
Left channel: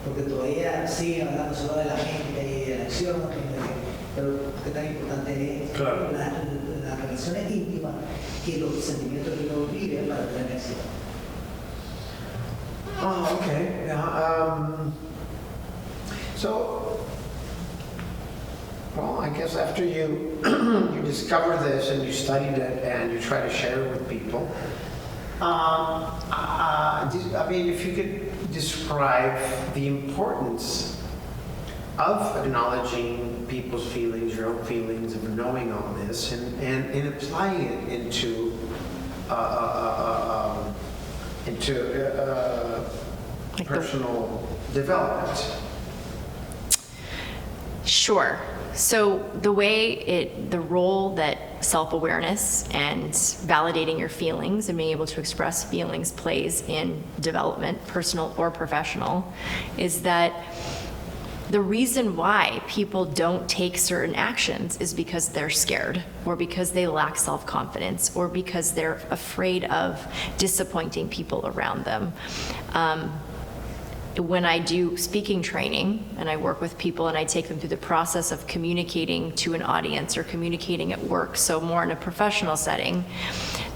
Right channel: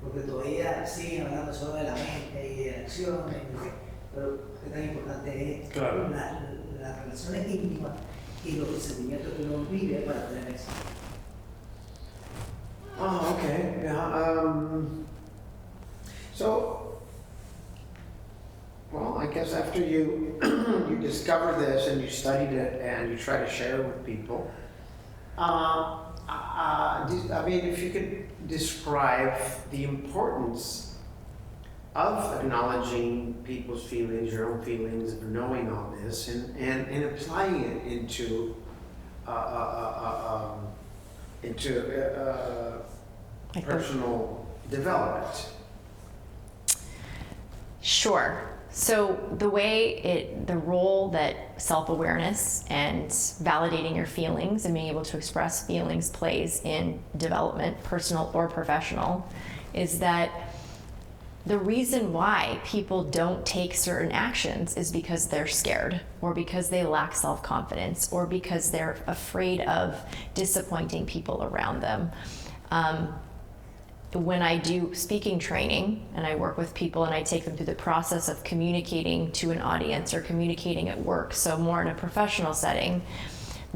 Porque todavía siguen hablando solo de la mente y de la acción, pero qué tan importante es las relaciones íntimas y los sentimientos que uno vive para tener éxito. Oh, okay. So, well, I guess after you you discover this and you studied it and you try to share it with people, I mean, if you could describe the importance of acknowledging people's feelings, your own feelings, of knowing all this, and applying it into personal development. Sure. So the role that self-awareness and validating your feelings and being able to express feelings plays in development, personal or professional, is that the reason why people don't take certain actions is because they're scared, or because they lack self-confidence, or because they're afraid of disappointing people around them. When I do speaking training and I work with people and I take them through the process of communicating to an audience or communicating at work, so more in a professional setting,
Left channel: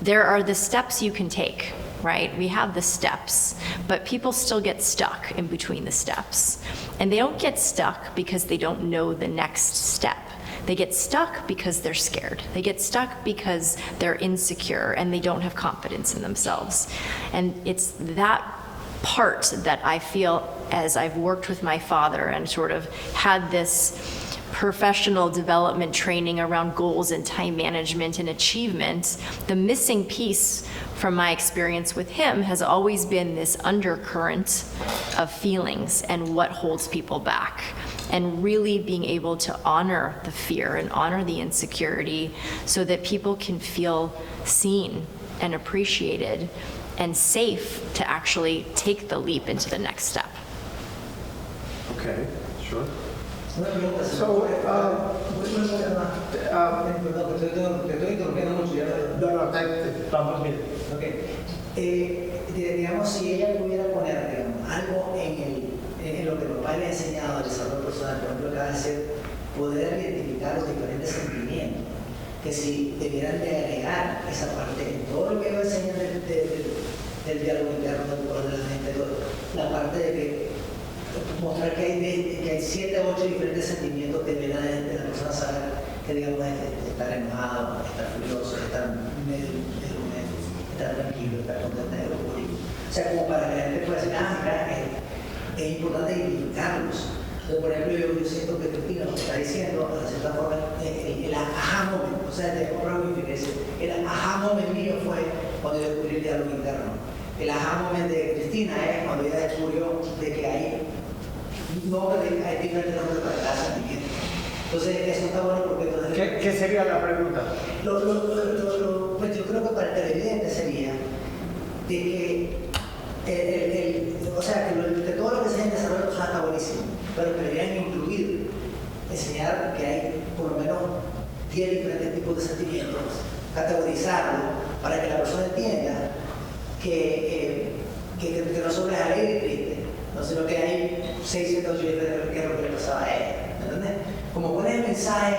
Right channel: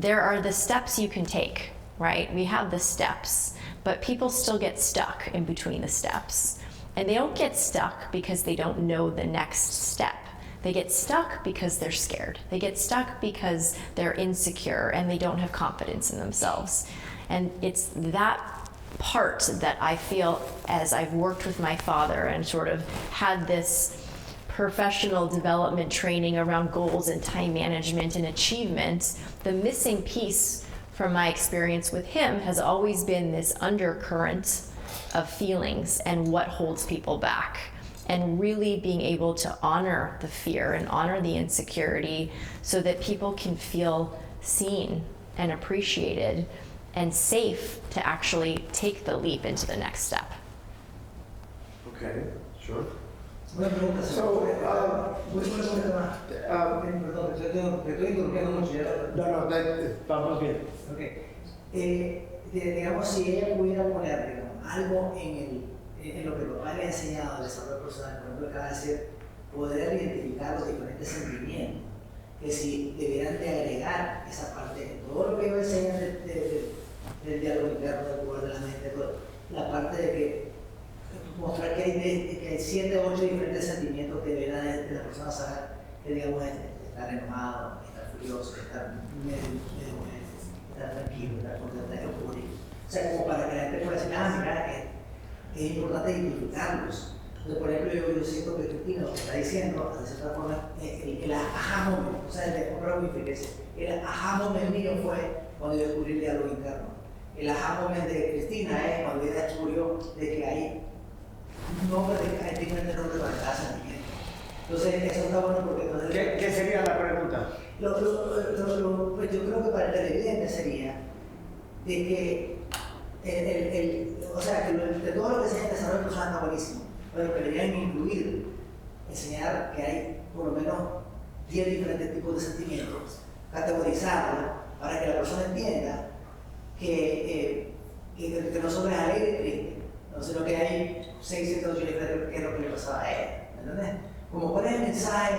there are the steps you can take, right? We have the steps, but people still get stuck in between the steps. And they don't get stuck because they don't know the next step. They get stuck because they're scared. They get stuck because they're insecure and they don't have confidence in themselves. And it's that part that I feel, as I've worked with my father and sort of had this professional development training around goals and time management and achievement, the missing piece from my experience with him has always been this undercurrent of feelings and what holds people back, and really being able to honor the fear and honor the insecurity so that people can feel seen and appreciated and safe to actually take the leap into the next step. Okay, sure. Una pregunta, So, perdón, te estoy interrumpiendo mucho. vamos bien. Okay. Digamos, si ella pudiera poner, digamos, algo en lo que papá le ha enseñado al desarrollo personal, por ejemplo, acaba de decir, poder identificar los diferentes sentimientos, que si debieran de agregar esa parte, en todo lo que ellos enseñan del diálogo interno, del poder de la mente, la parte de que mostrar que hay 7 o 8 diferentes sentimientos que ven a la persona saber que, digamos, estar enojado, estar furioso, estar tranquilo, estar contento, eufórico. O sea, como para que la gente pueda decir, mira, es importante identificarlos. Entonces, por ejemplo, yo siento que Christina lo que está diciendo, de cierta forma, el aha moment, o sea, de el aha moment mío fue cuando yo descubrí el diálogo interno. El aha moment de Christina es cuando ella descubrió de que hay diferentes nombres para cada sentimiento. Entonces, eso está bueno porque entonces... ¿Qué sería la pregunta? Pues yo creo que para el televidente sería de que o sea, que todo lo que se en desarrollo personal está buenísimo, pero que deberían incluir, enseñar que hay por lo menos 10 diferentes tipos de sentimientos, categorizarlo para que la persona entienda que no solo es alegre y triste, no sino que hay 6, 7, 8 diferentes que es lo que le pasaba a él, ¿entendés? Como cuál es el mensaje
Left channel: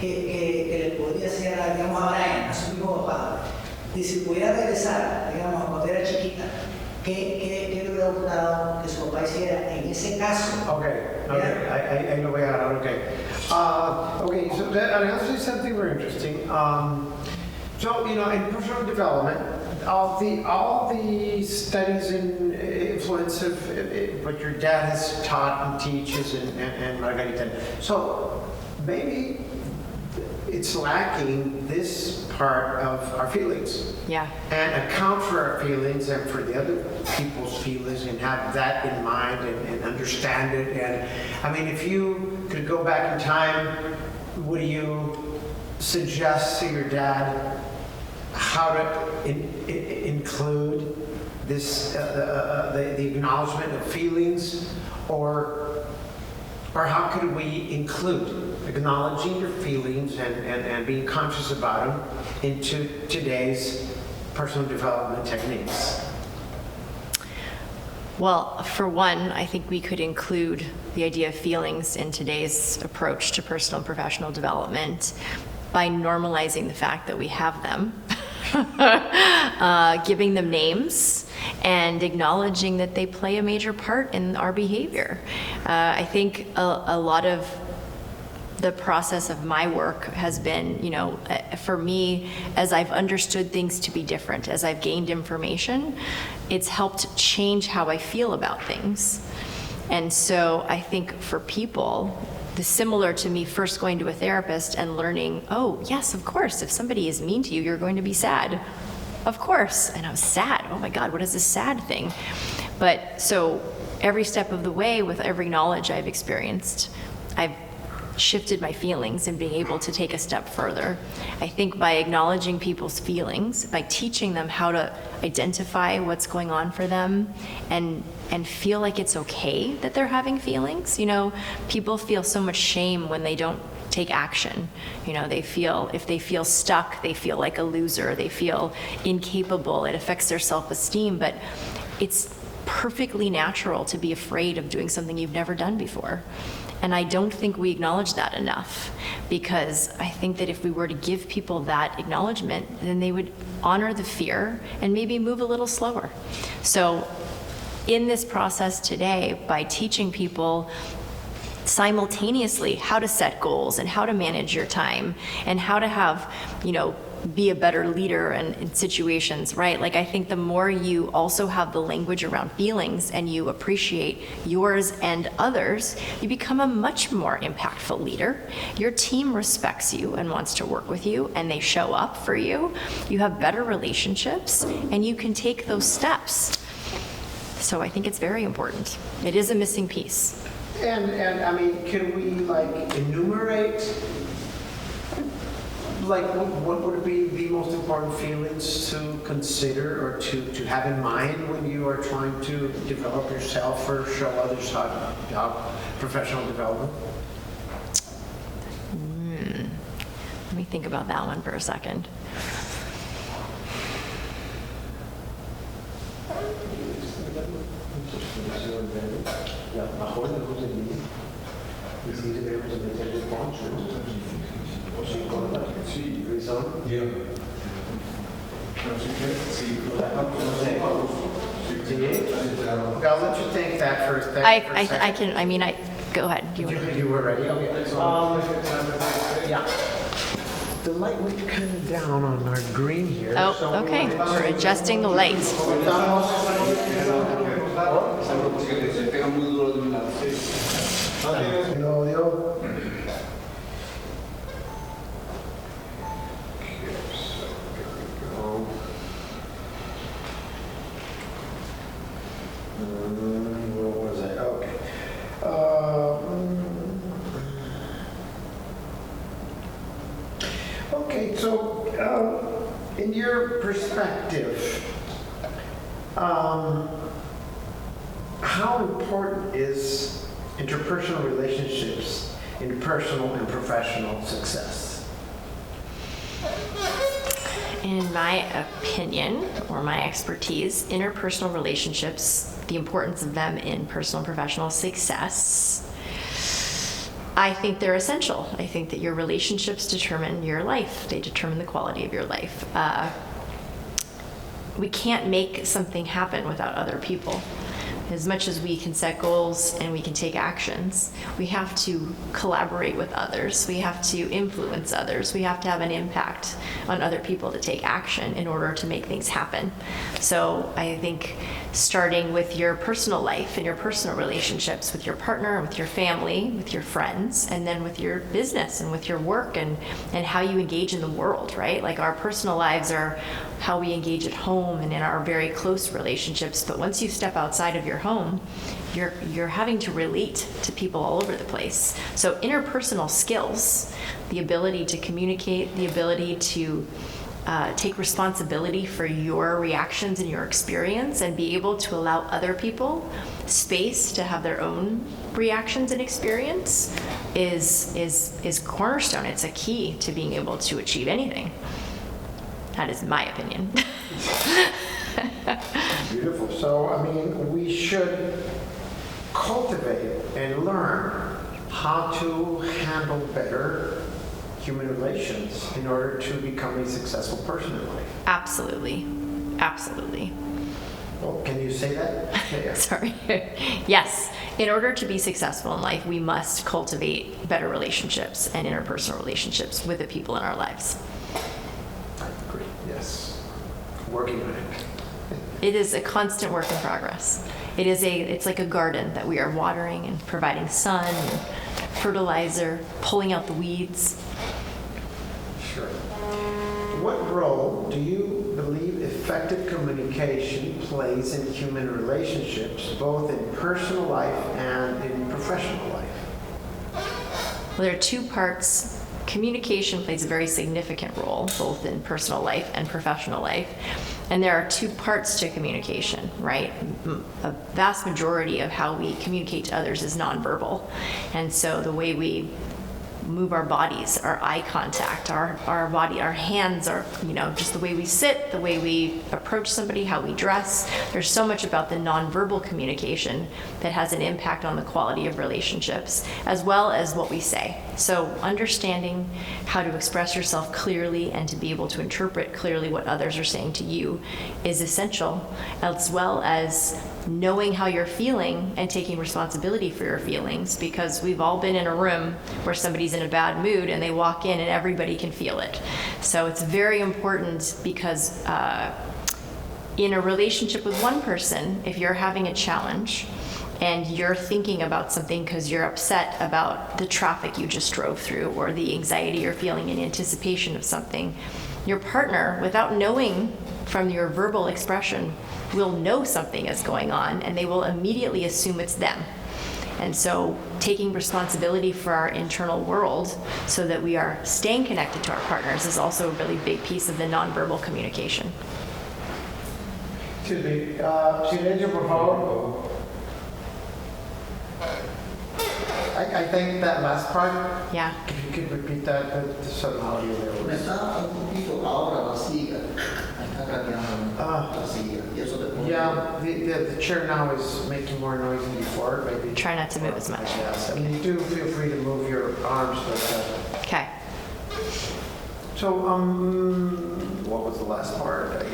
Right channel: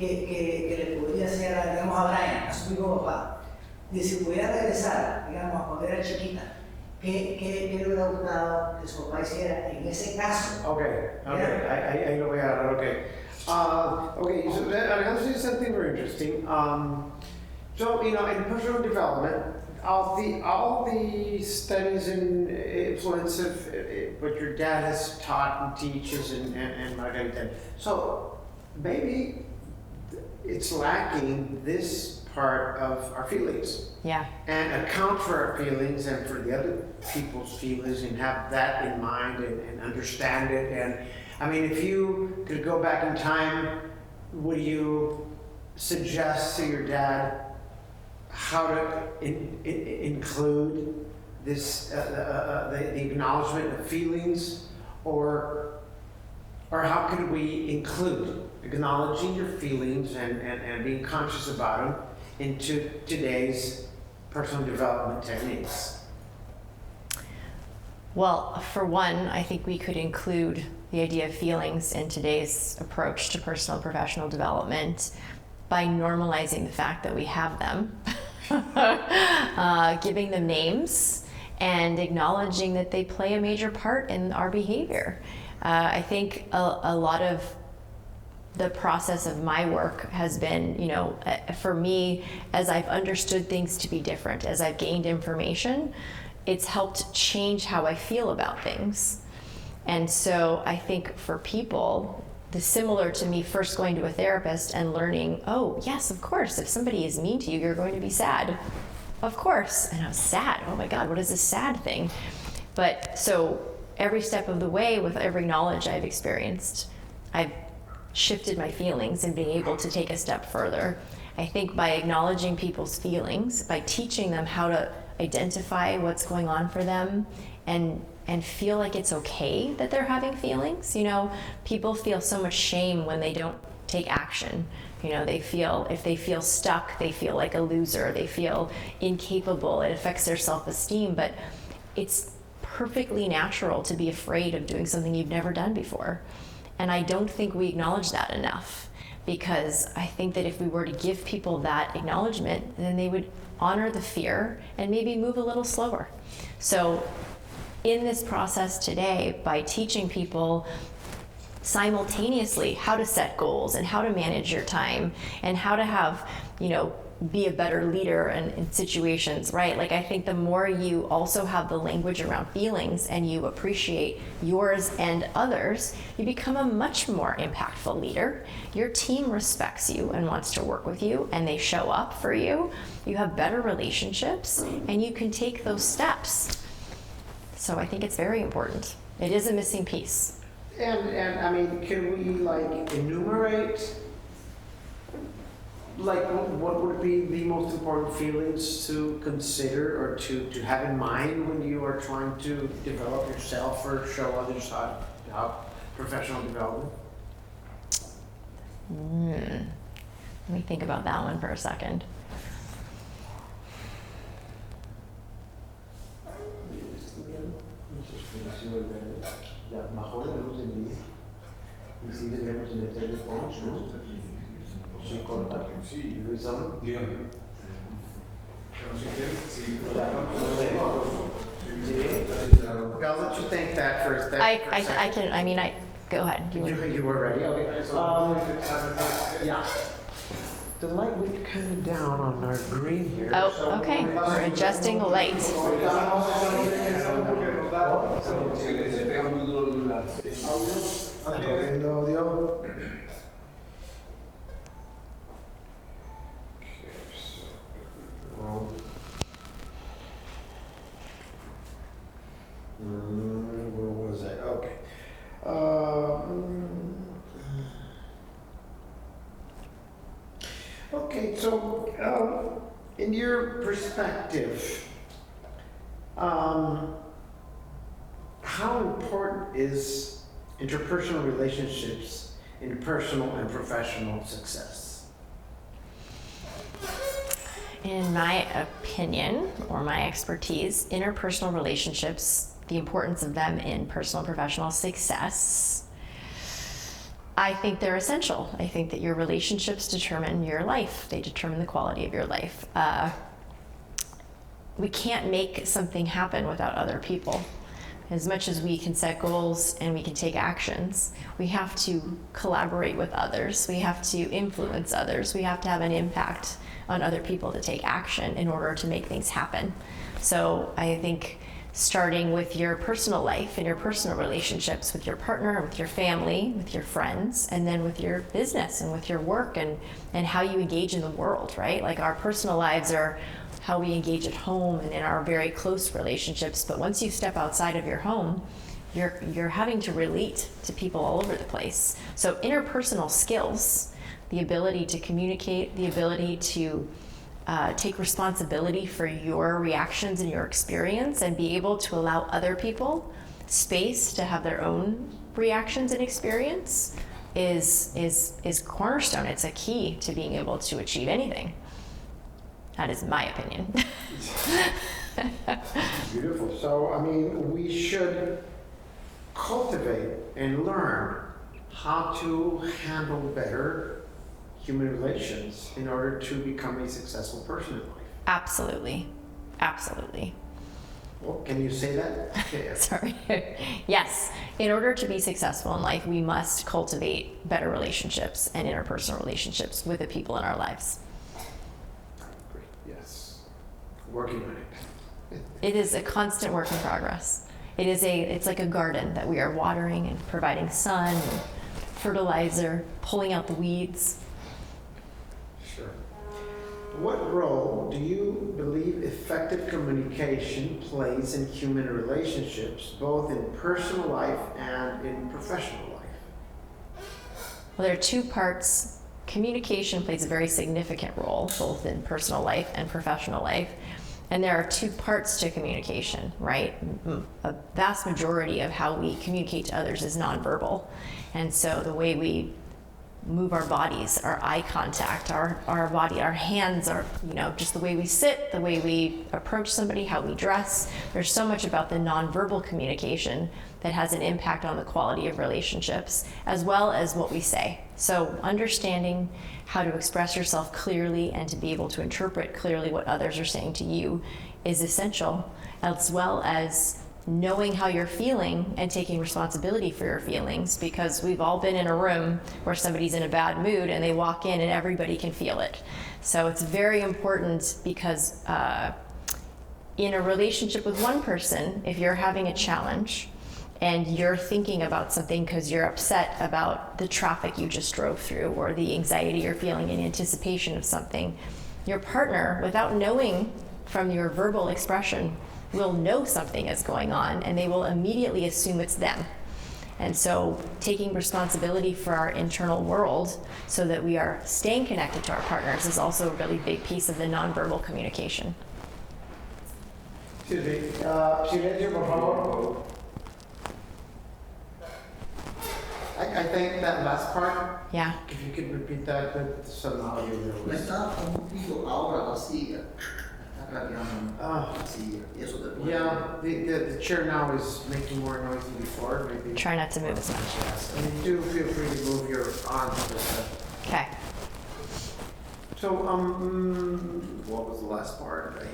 que le podría hacer, digamos, a Brian, a su hijo papá, de si pudiera regresar, digamos, cuando era chiquita, ¿qué le hubiera gustado que su papá hiciera en ese caso? Ahí lo voy a agarrar, okay. So Alejandro said something very interesting. So, in personal development, all the studies and influence of what your dad has taught and teaches and Margarita. So maybe it's lacking this part of our feelings. Yeah. And account for our feelings and for the other people's feelings and have that in mind and understand it. And I mean, if you could go back in time, would you suggest to your dad how to include this, the acknowledgement of feelings, or how can we include acknowledging your feelings and being conscious about them into today's personal development techniques? Well, for one, I think we could include the idea of feelings in today's approach to personal and professional development by normalizing the fact that we have them, giving them names, and acknowledging that they play a major part in our behavior. I think a lot of the process of my work has been, for me, as I've understood things to be different, as I've gained information, it's helped change how I feel about things. And so I think for people, similar to me first going to a therapist and learning, oh, yes, of course, if somebody is mean to you, you're going to be sad. Of course. And I'm sad. Oh my God, what is this sad thing? But so every step of the way, with every knowledge I've experienced, I've shifted my feelings and being able to take a step further. I think by acknowledging people's feelings, by teaching them how to identify what's going on for them and feel like it's okay that they're having feelings. People feel so much shame when they don't take action. If they feel stuck, they feel like a loser, they feel incapable, it affects their self-esteem, but it's perfectly natural to be afraid of doing something you've never done before. And I don't think we acknowledge that enough, because I think that if we were to give people that acknowledgement, then they would honor the fear and maybe move a little slower. So in this process today, by teaching people simultaneously how to set goals and how to manage your time and how to have, be a better leader in situations, right? Like, I think the more you also have the language around feelings and you appreciate yours and others, you become a much more impactful leader. Your team respects you and wants to work with you, and they show up for you. You have better relationships, and you can take those steps. So I think it's very important. It is a missing piece. And I mean, can we like enumerate, like what would be the most important feelings to consider or to have in mind when you are trying to develop yourself or show others how professional development? Let me think about that one for a second. I'll let you think that first. Go ahead. You were ready? The light will be coming down on our green here. Oh, okay. We're adjusting the lights. Where was I? Okay. Okay, so in your perspective, how important is interpersonal relationships in personal and professional success? In my opinion, or my expertise, interpersonal relationships, the importance of them in personal and professional success, I think they're essential. I think that your relationships determine your life. They determine the quality of your life. We can't make something happen without other people. As much as we can set goals and we can take actions, we have to collaborate with others. We have to influence others. We have to have an impact on other people to take action in order to make things happen. So I think starting with your personal life and your personal relationships with your partner, with your family, with your friends, and then with your business and with your work and how you engage in the world, right? Like, our personal lives are how we engage at home and in our very close relationships. But once you step outside of your home, you're having to relate to people all over the place. So interpersonal skills, the ability to communicate, the ability to take responsibility for your reactions and your experience, and be able to allow other people space to have their own reactions and experience is cornerstone. It's a key to being able to achieve anything. That is my opinion. Beautiful. So, I mean, we should cultivate and learn how to handle better human relations in order to become a successful person in life. Absolutely. Absolutely. Oh, can you say that? Yeah. Sorry. Yes. In order to be successful in life, we must cultivate better relationships and interpersonal relationships with the people in our lives. I agree. Yes. Working on it. It is a constant work in progress. It's like a garden that we are watering and providing sun, and fertilizer, pulling out the weeds. Sure. What role do you believe effective communication plays in human relationships, both in personal life and in professional life? Well, there are two parts. Communication plays a very significant role, both in personal life and professional life. And there are two parts to communication, right? A vast majority of how we communicate to others is nonverbal. And so the way we move our bodies, our eye contact, our body, our hands, are, just the way we sit, the way we approach somebody, how we dress. There's so much about the nonverbal communication that has an impact on the quality of relationships, as well as what we say. So understanding how to express yourself clearly and to be able to interpret clearly what others are saying to you is essential, as well as knowing how you're feeling and taking responsibility for your feelings, because we've all been in a room where somebody's in a bad mood and they walk in and everybody can feel it. So it's very important because in a relationship with one person, if you're having a challenge and you're thinking about something because you're upset about the traffic you just drove through or the anxiety you're feeling in anticipation of something, your partner, without knowing from your verbal expression, will know something is going on and they will immediately assume it's them. And so taking responsibility for our internal world so that we are staying connected to our partners is also a really big piece of the nonverbal communication. Excuse me, silencio por favor. I think that last part, Yeah. if you could repeat that, but somehow you Me know. está un poquito ahora la silla. Está cambiando la silla. Y eso te pone. Yeah, the chair now is making more noise than before, maybe. Try not to move as much. Yes, I mean, do feel free to move your arms like that. Okay. So, what was the last part?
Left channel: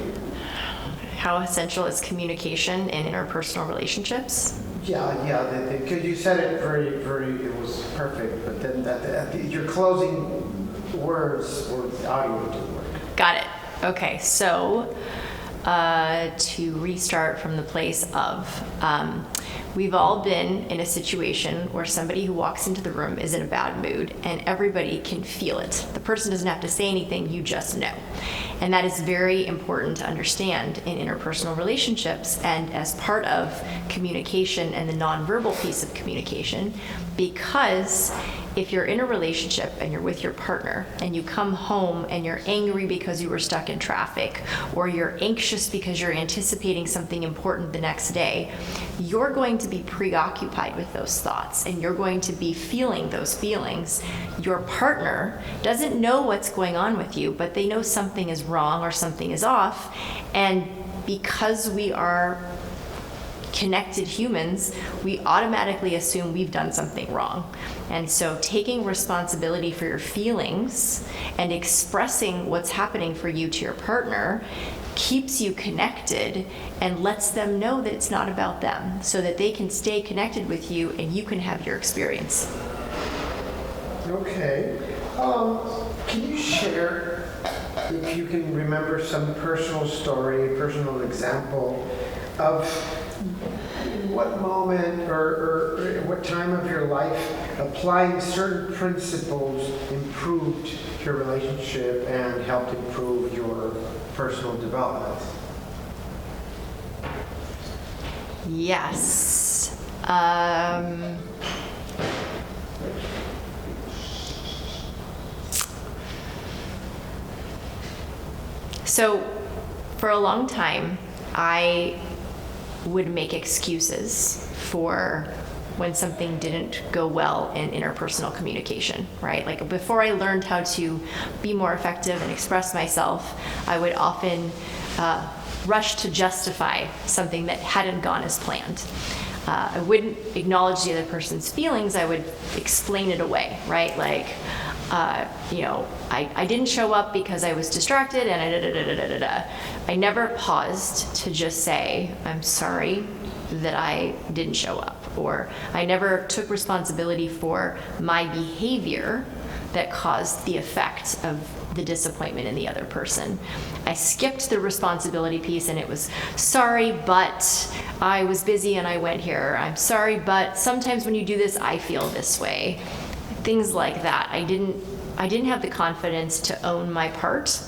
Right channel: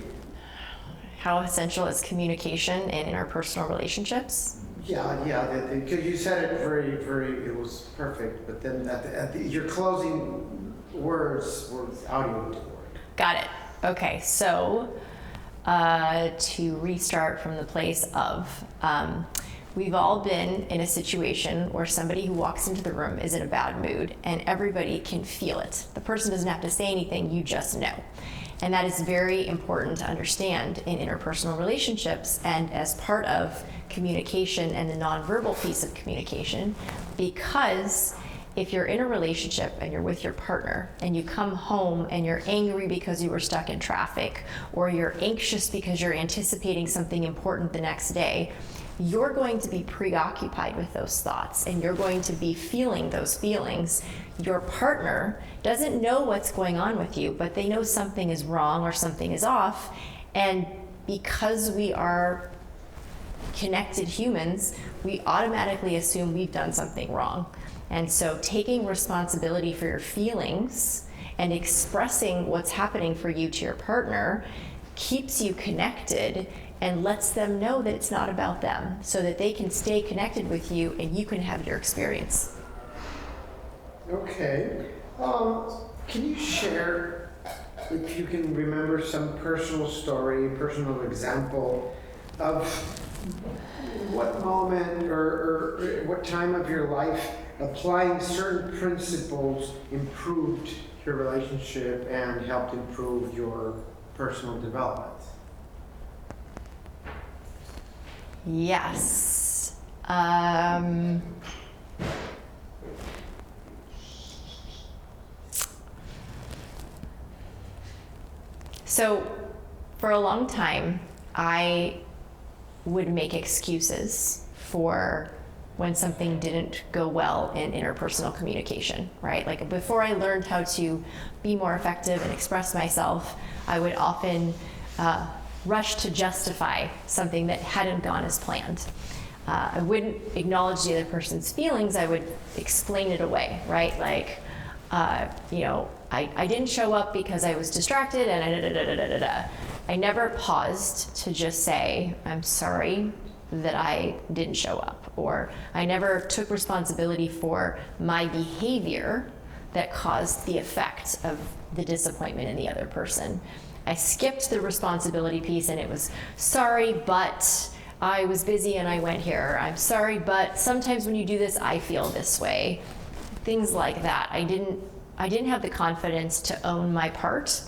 How essential is communication in interpersonal relationships? Yeah, because you said it it was perfect, but then your closing words were audio didn't work. Got it. Okay, so to restart from the place of, we've all been in a situation where somebody who walks into the room is in a bad mood and everybody can feel it. The person doesn't have to say anything, you just know. And that is very important to understand in interpersonal relationships and as part of communication and the nonverbal piece of communication, because if you're in a relationship and you're with your partner and you come home and you're angry because you were stuck in traffic or you're anxious because you're anticipating something important the next day, you're going to be preoccupied with those thoughts and you're going to be feeling those feelings. Your partner doesn't know what's going on with you, but they know something is wrong or something is off. And because we are connected humans, we automatically assume we've done something wrong. And so taking responsibility for your feelings and expressing what's happening for you to your partner keeps you connected and lets them know that it's not about them, so that they can stay connected with you and you can have your experience. Okay. Can you share, if you can remember, some personal story, personal example of what moment or what time of your life applying certain principles improved your relationship and helped improve your personal development? Yes. So for a long time, I would make excuses for when something didn't go well in interpersonal communication, right? Like before I learned how to be more effective and express myself, I would often rush to justify something that hadn't gone as planned. I wouldn't acknowledge the other person's feelings, I would explain it away, right? Like, I didn't show up because I was distracted and I never paused to just say, I'm sorry that I didn't show up, or I never took responsibility for my behavior that caused the effect of the disappointment in the other person. I skipped the responsibility piece and it was, sorry, but I was busy and I went here. I'm sorry, but sometimes when you do this, I feel this way. Things like that. I didn't have the confidence to own my part.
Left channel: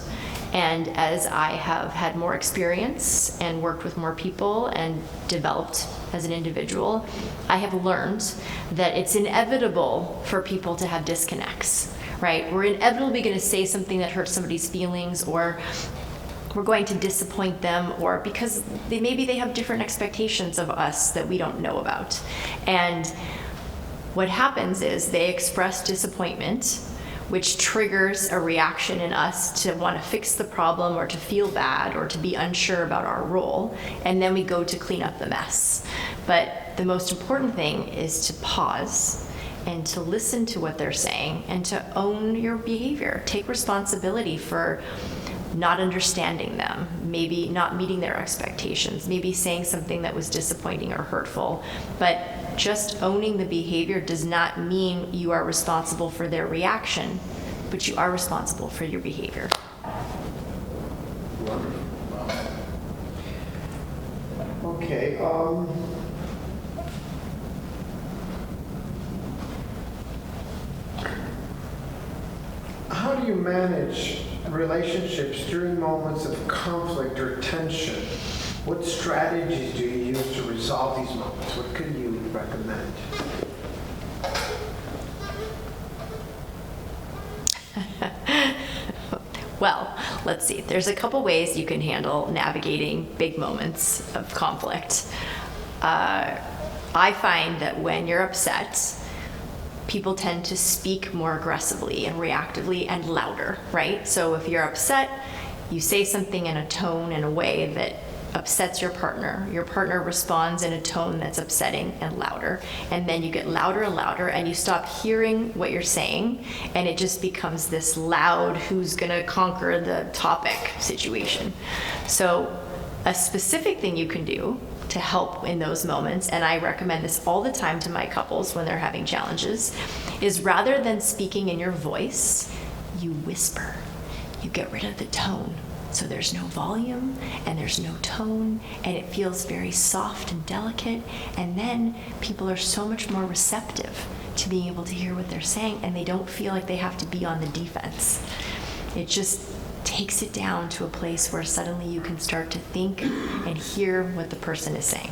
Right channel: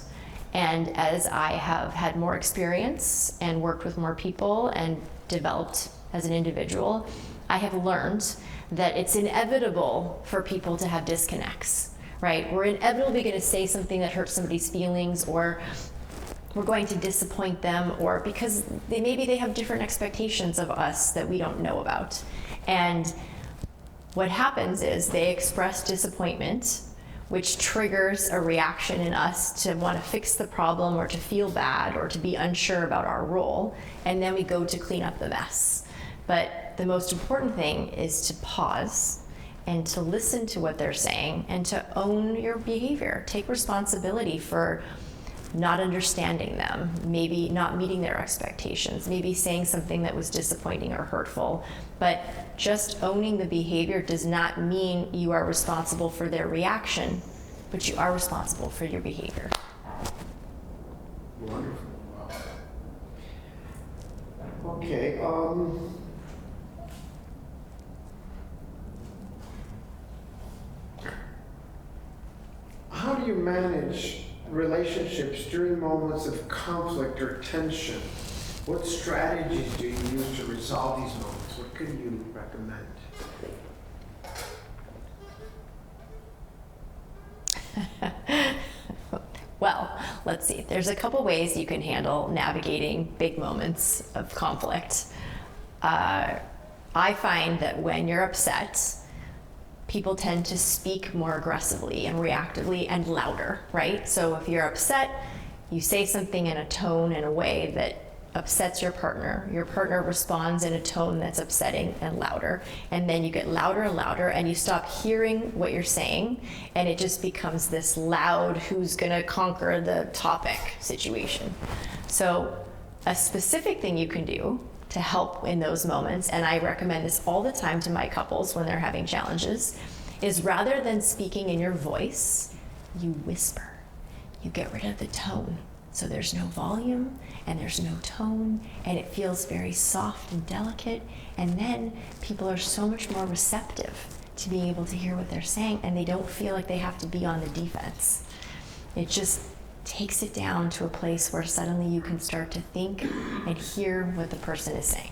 And as I have had more experience and worked with more people and developed as an individual, I have learned that it's inevitable for people to have disconnects, right? We're inevitably going to say something that hurts somebody's feelings, or we're going to disappoint them, or because maybe they have different expectations of us that we don't know about. And what happens is they express disappointment, which triggers a reaction in us to want to fix the problem or to feel bad or to be unsure about our role, and then we go to clean up the mess. But the most important thing is to pause and to listen to what they're saying and to own your behavior. Take responsibility for not understanding them, maybe not meeting their expectations, maybe saying something that was disappointing or hurtful. But just owning the behavior does not mean you are responsible for their reaction, but you are responsible for your behavior. Wonderful. Okay. How do you manage relationships during moments of conflict or tension? What strategies do you use to resolve these moments? What could you recommend? Well, let's see. There's a couple ways you can handle navigating big moments of conflict. I find that when you're upset, people tend to speak more aggressively and reactively and louder, right? So if you're upset, you say something in a tone, in a way that upsets your partner responds in a tone that's upsetting and louder, and then you get louder and louder, and you stop hearing what you're saying, and it just becomes this loud, who's gonna conquer the topic situation. So a specific thing you can do to help in those moments, and I recommend this all the time to my couples when they're having challenges, is rather than speaking in your voice, you whisper. You get rid of the tone. So there's no volume and there's no tone, and it feels very soft and delicate, and then people are so much more receptive to being able to hear what they're saying, and they don't feel like they have to be on the defense. It just takes it down to a place where suddenly you can start to think and hear what the person is saying.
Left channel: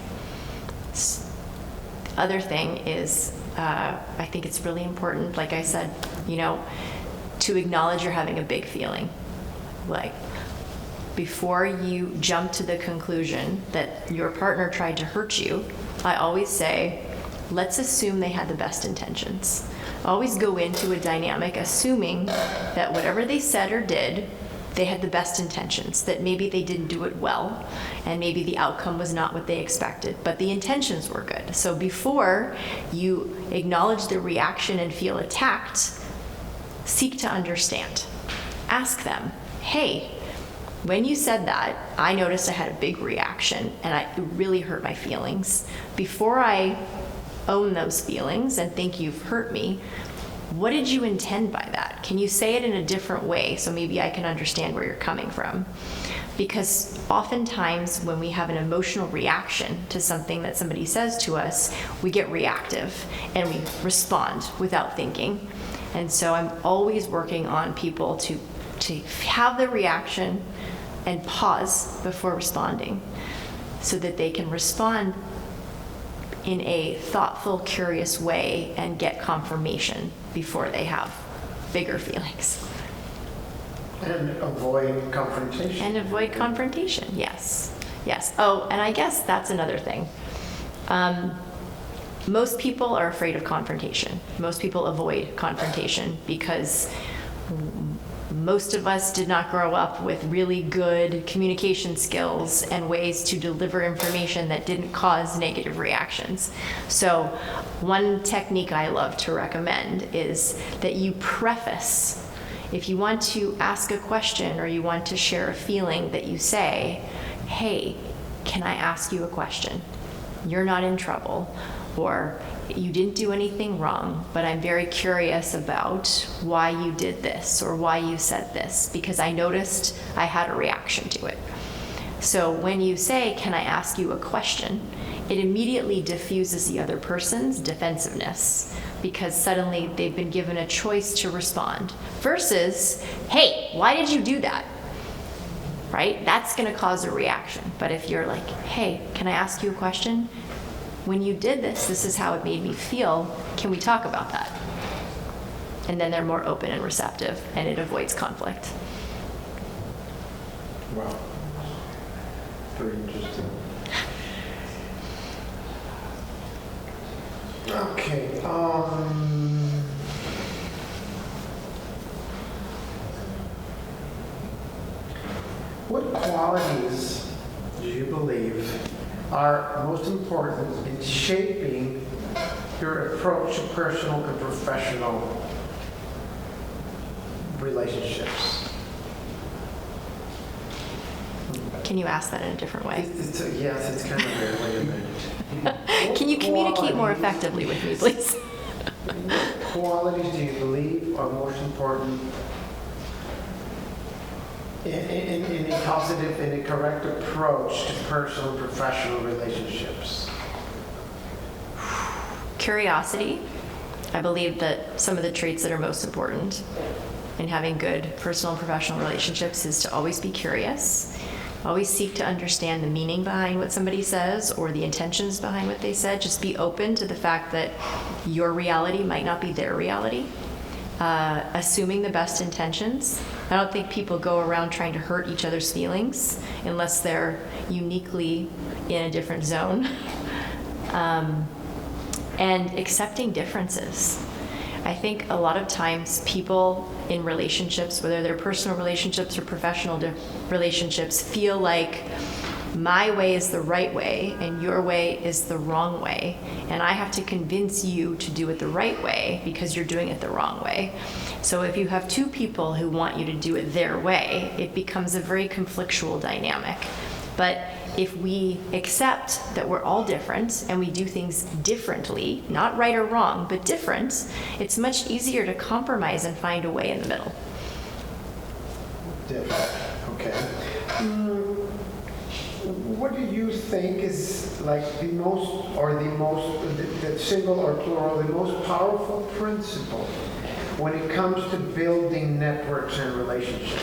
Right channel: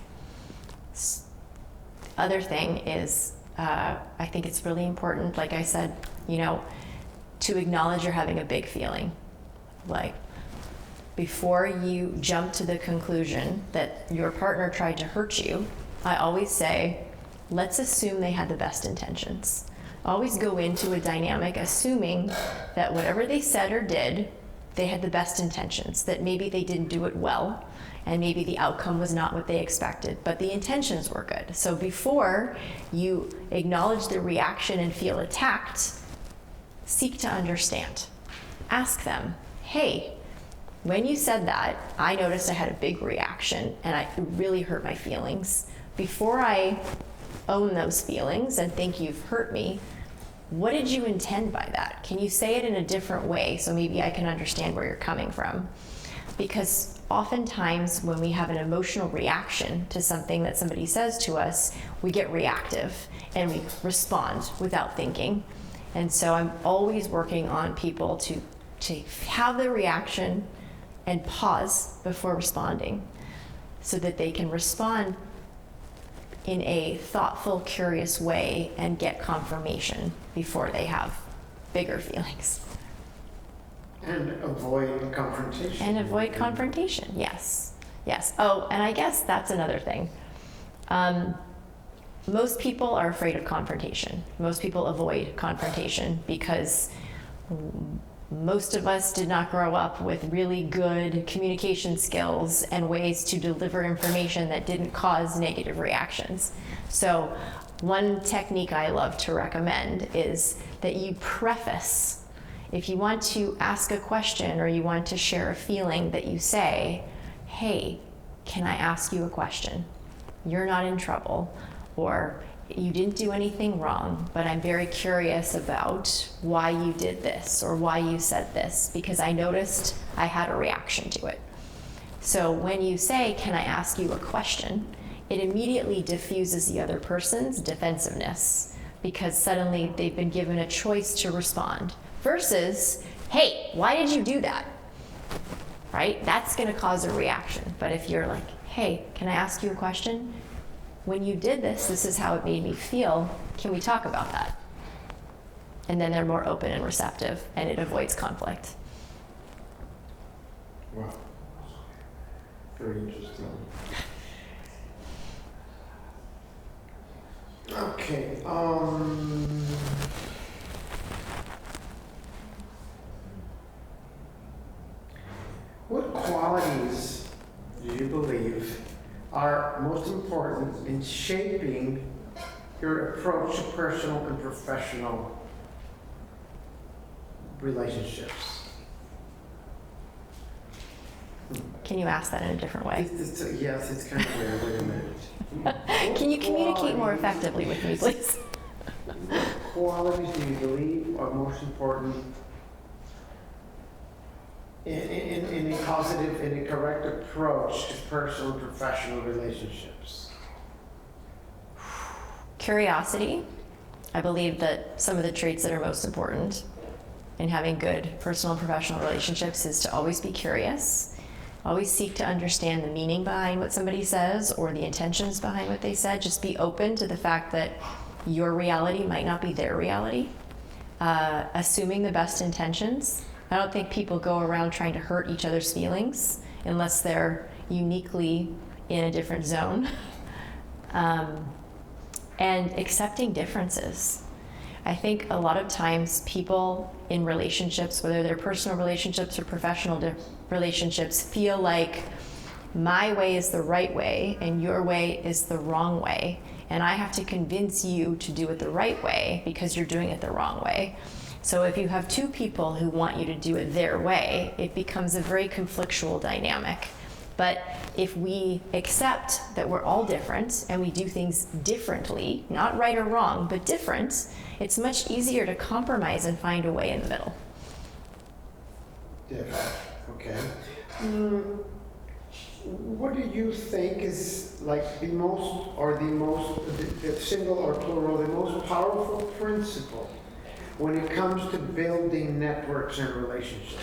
The other thing is, I think it's really important, like I said, to acknowledge you're having a big feeling. Like, before you jump to the conclusion that your partner tried to hurt you, I always say, let's assume they had the best intentions. Always go into a dynamic assuming that whatever they said or did, they had the best intentions, that maybe they didn't do it well, and maybe the outcome was not what they expected, but the intentions were good. So before you acknowledge the reaction and feel attacked, seek to understand. Ask them, hey, when you said that, I noticed I had a big reaction, and it really hurt my feelings. Before I own those feelings and think you've hurt me, what did you intend by that? Can you say it in a different way so maybe I can understand where you're coming from? Because oftentimes when we have an emotional reaction to something that somebody says to us, we get reactive and we respond without thinking. And so I'm always working on people to have the reaction and pause before responding so that they can respond in a thoughtful, curious way and get confirmation before they have bigger feelings. And avoid confrontation. And avoid confrontation, yes. Yes. Oh, and I guess that's another thing. Most people are afraid of confrontation. Most people avoid confrontation because most of us did not grow up with really good communication skills and ways to deliver information that didn't cause negative reactions. So one technique I love to recommend is that you preface. If you want to ask a question or you want to share a feeling, that you say, hey, can I ask you a question? You're not in trouble, or you didn't do anything wrong, but I'm very curious about why you did this or why you said this, because I noticed I had a reaction to it. So when you say, can I ask you a question, it immediately diffuses the other person's defensiveness, because suddenly they've been given a choice to respond, versus, hey, why did you do that? Right? That's going to cause a reaction. But if you're like, hey, can I ask you a question? When you did this, this is how it made me feel. Can we talk about that? And then they're more open and receptive, and it avoids conflict. Wow. Very interesting. Okay. What qualities do you believe are most important in shaping your approach to personal and professional relationships. Can you ask that in a different way? Yes, it's kind of weird. Wait a minute. Can you communicate more effectively with me, please? What qualities do you believe are most important in a positive and a correct approach to personal and professional relationships? Curiosity. I believe that some of the traits that are most important in having good personal and professional relationships is to always be curious, always seek to understand the meaning behind what somebody says or the intentions behind what they said. Just be open to the fact that your reality might not be their reality. Assuming the best intentions. I don't think people go around trying to hurt each other's feelings unless they're uniquely in a different zone. And accepting differences. I think a lot of times people in relationships, whether they're personal relationships or professional relationships, feel like my way is the right way and your way is the wrong way. And I have to convince you to do it the right way because you're doing it the wrong way. So if you have two people who want you to do it their way, it becomes a very conflictual dynamic. But if we accept that we're all different and we do things differently, not right or wrong, but different, it's much easier to compromise and find a way in the middle. Different. Okay. What do you think is like the single or plural, the most powerful principle when it comes to building networks and relationships?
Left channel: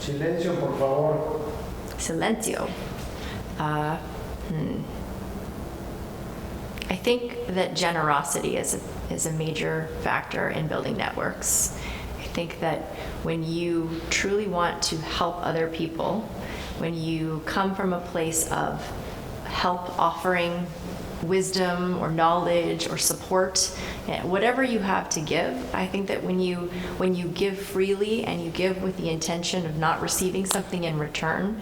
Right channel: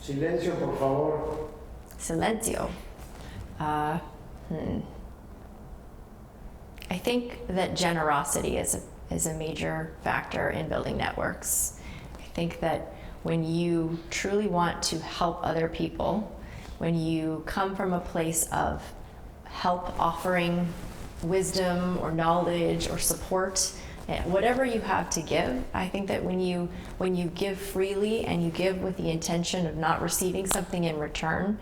Silencio, por favor. Silencio. I think that generosity is a major factor in building networks. I think that when you truly want to help other people, when you come from a place of help, offering wisdom or knowledge or support, whatever you have to give, I think that when you give freely and you give with the intention of not receiving something in return,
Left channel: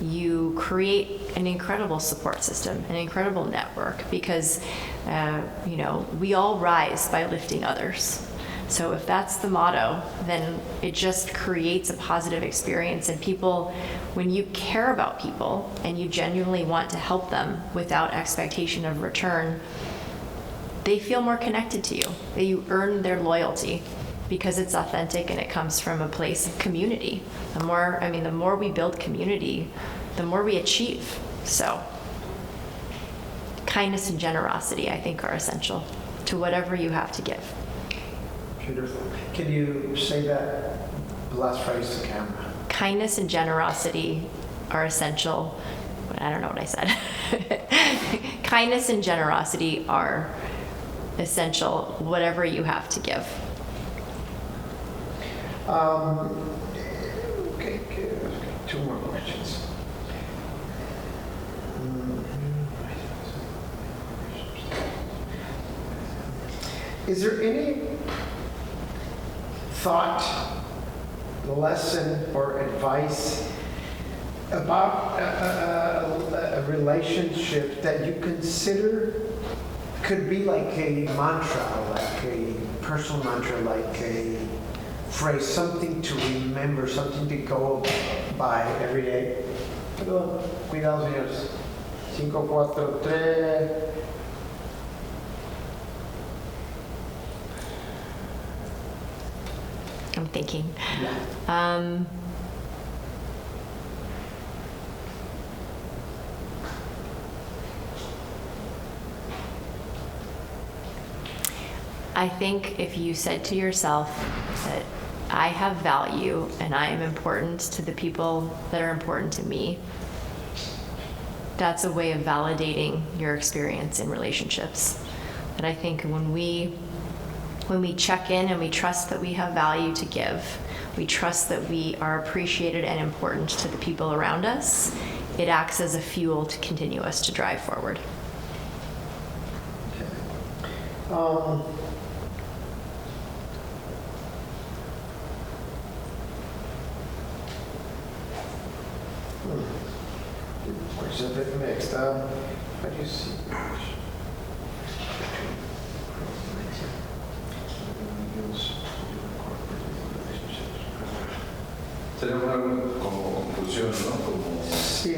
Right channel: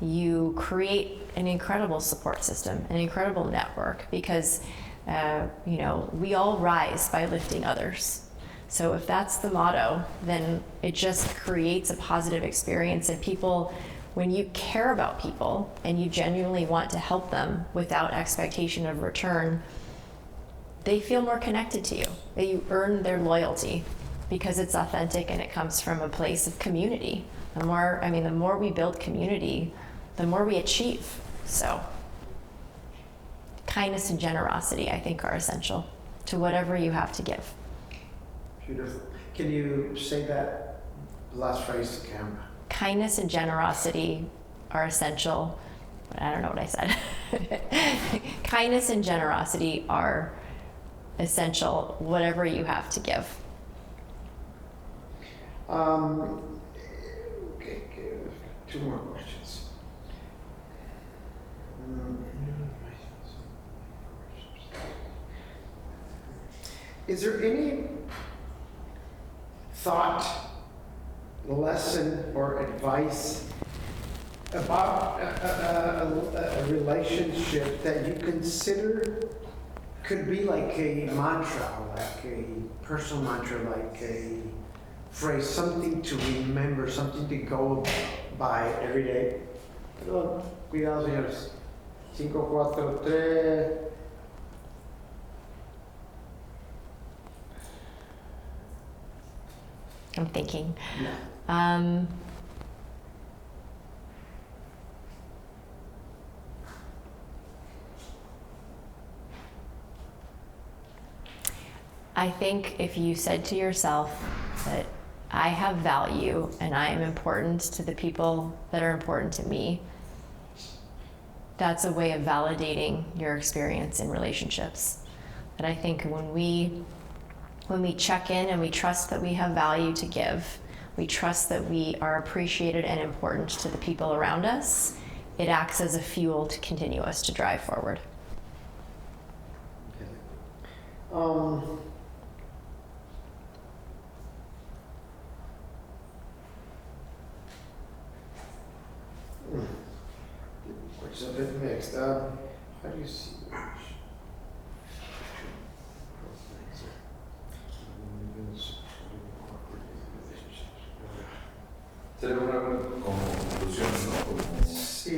you create an incredible support system, an incredible network, because we all rise by lifting others. So if that's the motto, then it just creates a positive experience, and people, when you care about people and you genuinely want to help them without expectation of return, they feel more connected to you. You earn their loyalty because it's authentic and it comes from a place of community. The more we build community, the more we achieve. So kindness and generosity, I think, are essential to whatever you have to give. Beautiful. Can you say that last phrase to camera? Kindness and generosity are essential. I don't know what I said. Kindness and generosity are essential, whatever you have to give. Okay, two more questions. Is there any thought, lesson, or advice about a relationship that you consider could be like a mantra, like a personal mantra, like a phrase, something to remember, something to go by every day? Perdón, cuidado, señores. 5, 4, 3. I'm thinking. Yeah. I think if you said to yourself that I have value and I am important to the people that are important to me, that's a way of validating your experience in relationships. And I think when we check in and we trust that we have value to give, we trust that we are appreciated and important to the people around us, it acts as a fuel to continue us to drive forward. Okay. Which is a bit mixed. How do you see that? Sería una buena conclusión, ¿no? Como... Sí,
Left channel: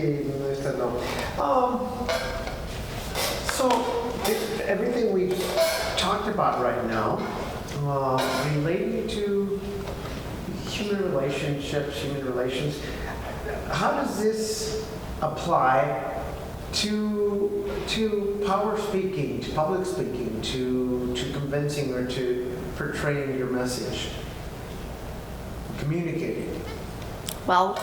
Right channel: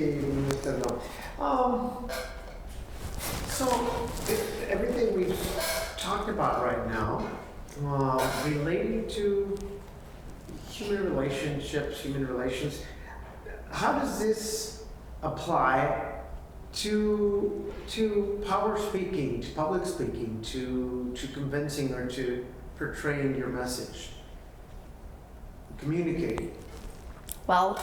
esta no. So, everything we've talked about right now, relating to human relationships, human relations, how does this apply to power speaking, to public speaking, to convincing or to portraying your message, communicating? Well,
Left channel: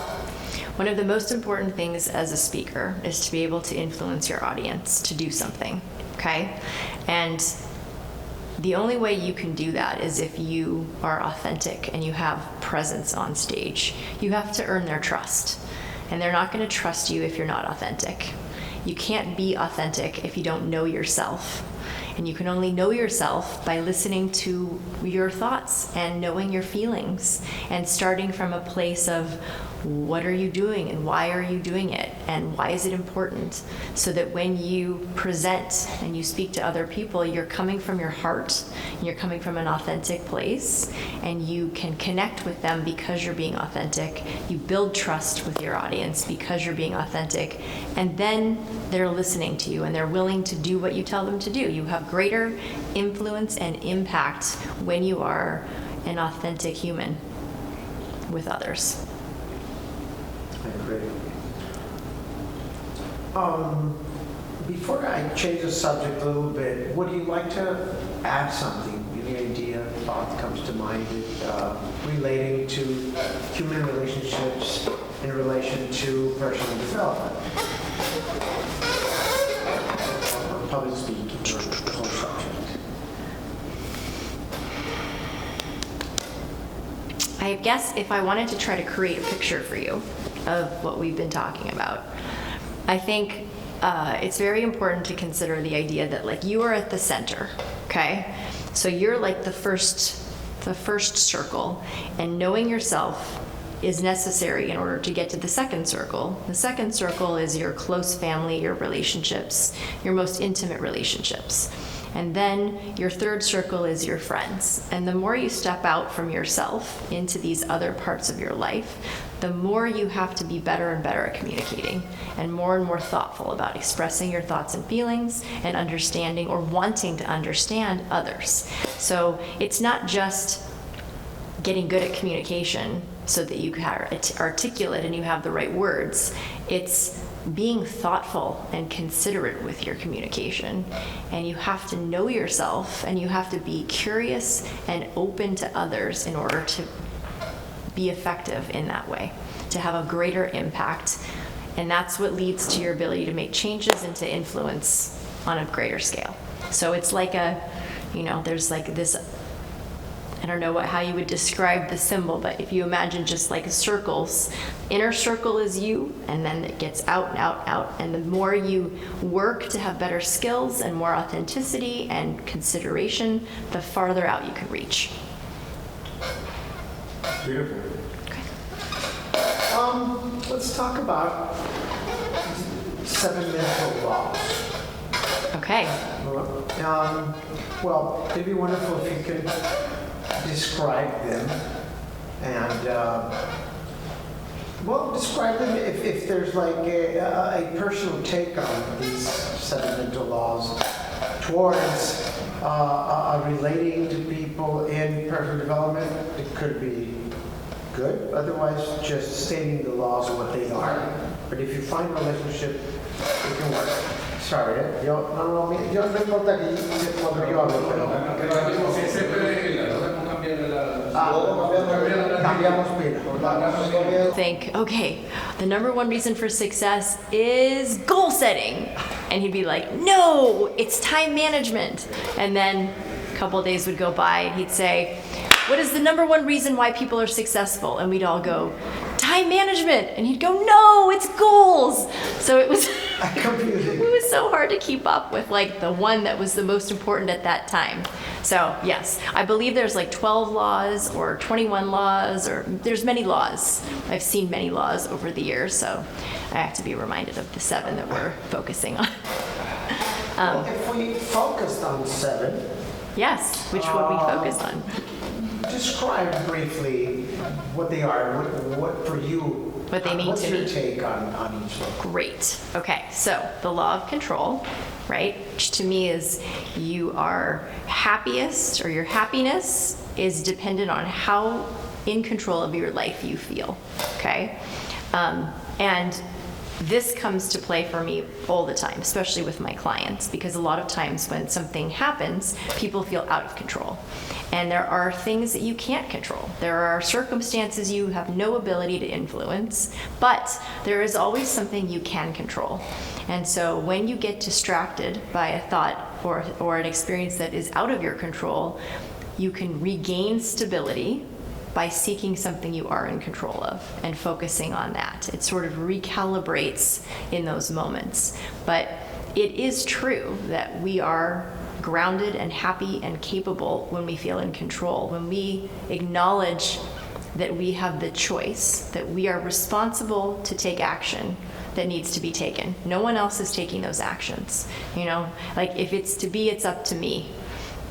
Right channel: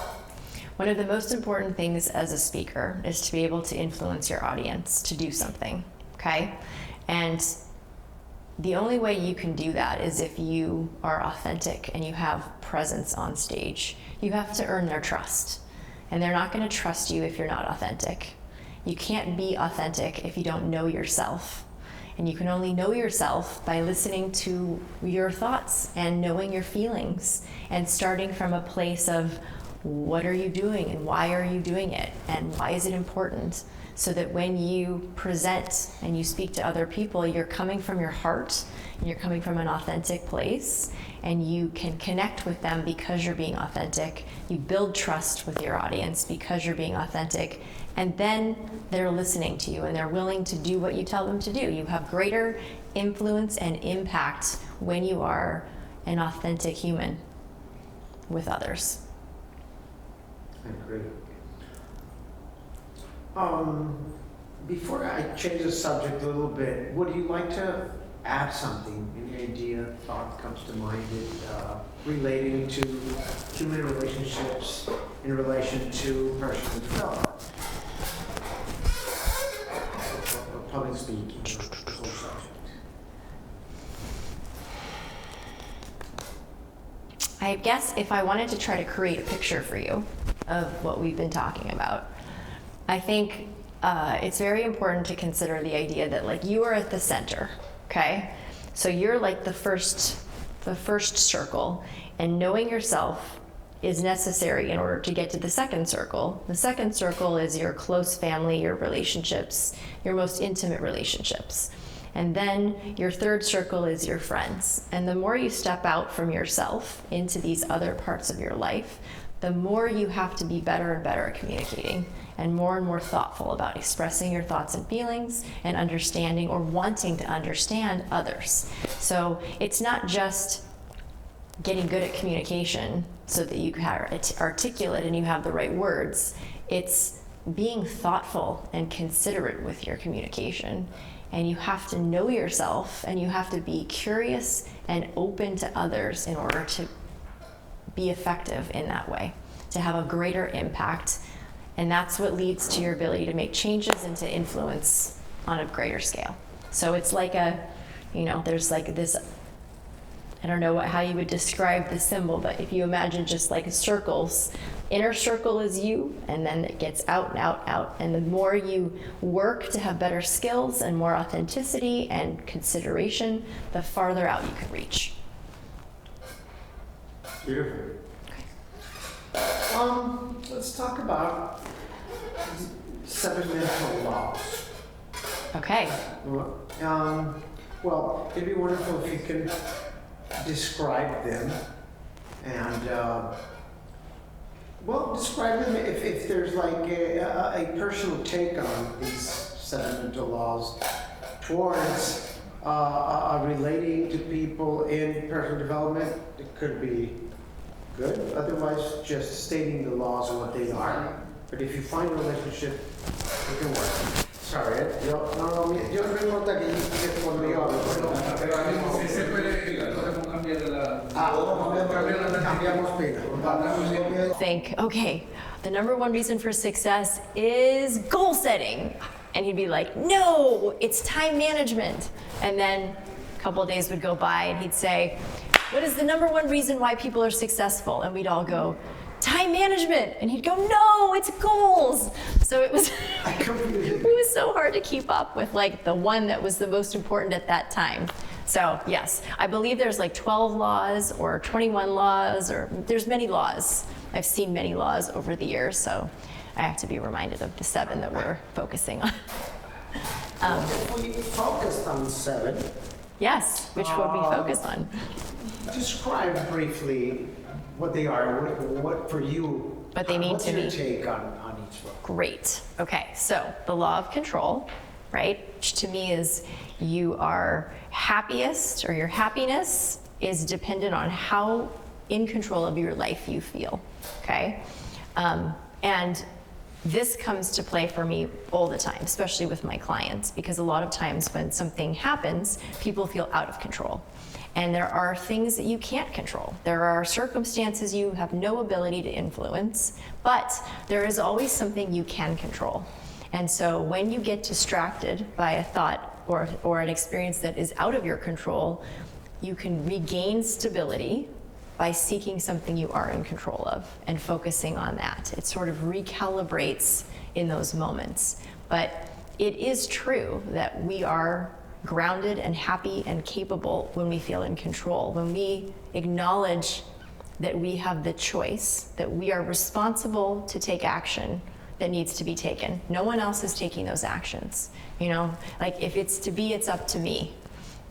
one of the most important things as a speaker is to be able to influence your audience to do something, okay? And the only way you can do that is if you are authentic and you have presence on stage. You have to earn their trust. And they're not going to trust you if you're not authentic. You can't be authentic if you don't know yourself. And you can only know yourself by listening to your thoughts and knowing your feelings and starting from a place of what are you doing and why are you doing it and why is it important, so that when you present and you speak to other people, you're coming from your heart, you're coming from an authentic place, and you can connect with them because you're being authentic. You build trust with your audience because you're being authentic, and then they're listening to you and they're willing to do what you tell them to do. You have greater influence and impact when you are an authentic human with others. I agree. Before I change the subject a little bit, would you like to add something? Any idea, thought comes to mind relating to human relationships in relation to personal development? Or public speaking, or the whole subject? I guess if I wanted to try to create a picture for you of what we've been talking about, I think it's very important to consider the idea that, like, you are at the center, okay? So you're like the first circle, and knowing yourself is necessary in order to get to the second circle. The second circle is your close family, your relationships, your most intimate relationships. And then your third circle is your friends. And the more you step out from yourself into these other parts of your life, the more you have to be better and better at communicating, and more thoughtful about expressing your thoughts and feelings and understanding or wanting to understand others. So it's not just getting good at communication so that you are articulate and you have the right words. It's being thoughtful and considerate with your communication. And you have to know yourself, and you have to be curious and open to others in order to be effective in that way, to have a greater impact. And that's what leads to your ability to make changes and to influence on a greater scale. So it's like there's like this, I don't know how you would describe the symbol, but if you imagine just like circles, inner circle is you, and then it gets out and out, out. And the more you work to have better skills and more authenticity and consideration, the farther out you can reach. Beautiful. Let's talk about 7 mental laws. Okay. Well, it'd be wonderful if you could describe them and describe them if there's like a personal take on these 7 mental laws towards relating to people in personal development. It could be good, otherwise just stating the laws and what they are. But if you find a relationship, it can work. Sorry, yo no importa que cuando yo hablo, Think, okay, the number one reason for success is goal setting. And he'd be like, no, it's time management. And then a couple of days would go by and he'd say, what is the number one reason why people are successful? And we'd all go, time management. And he'd go, no, it's goals. So it was Confusing. it was so hard to keep up with like the one that was the most important at that time. So yes, I believe there's like 12 laws or 21 laws, or there's many laws. I've seen many laws over the years, so I have to be reminded of the 7 that we're focusing on. If we focused on 7, Yes, which one we focus on? describe briefly what they are, what for you, What they mean what's to your me. take on each one? Great. Okay, so the law of control, right, which to me is you are happiest, or your happiness is dependent on how in control of your life you feel, okay? And this comes to play for me all the time, especially with my clients, because a lot of times when something happens, people feel out of control. And there are things that you can't control. There are circumstances you have no ability to influence, but there is always something you can control. And so when you get distracted by a thought or an experience that is out of your control, you can regain stability by seeking something you are in control of and focusing on that. It sort of recalibrates in those moments. But it is true that we are grounded and happy and capable when we feel in control, when we acknowledge that we have the choice, that we are responsible to take action that needs to be taken. No one else is taking those actions. You know, like if it's to be, it's up to me.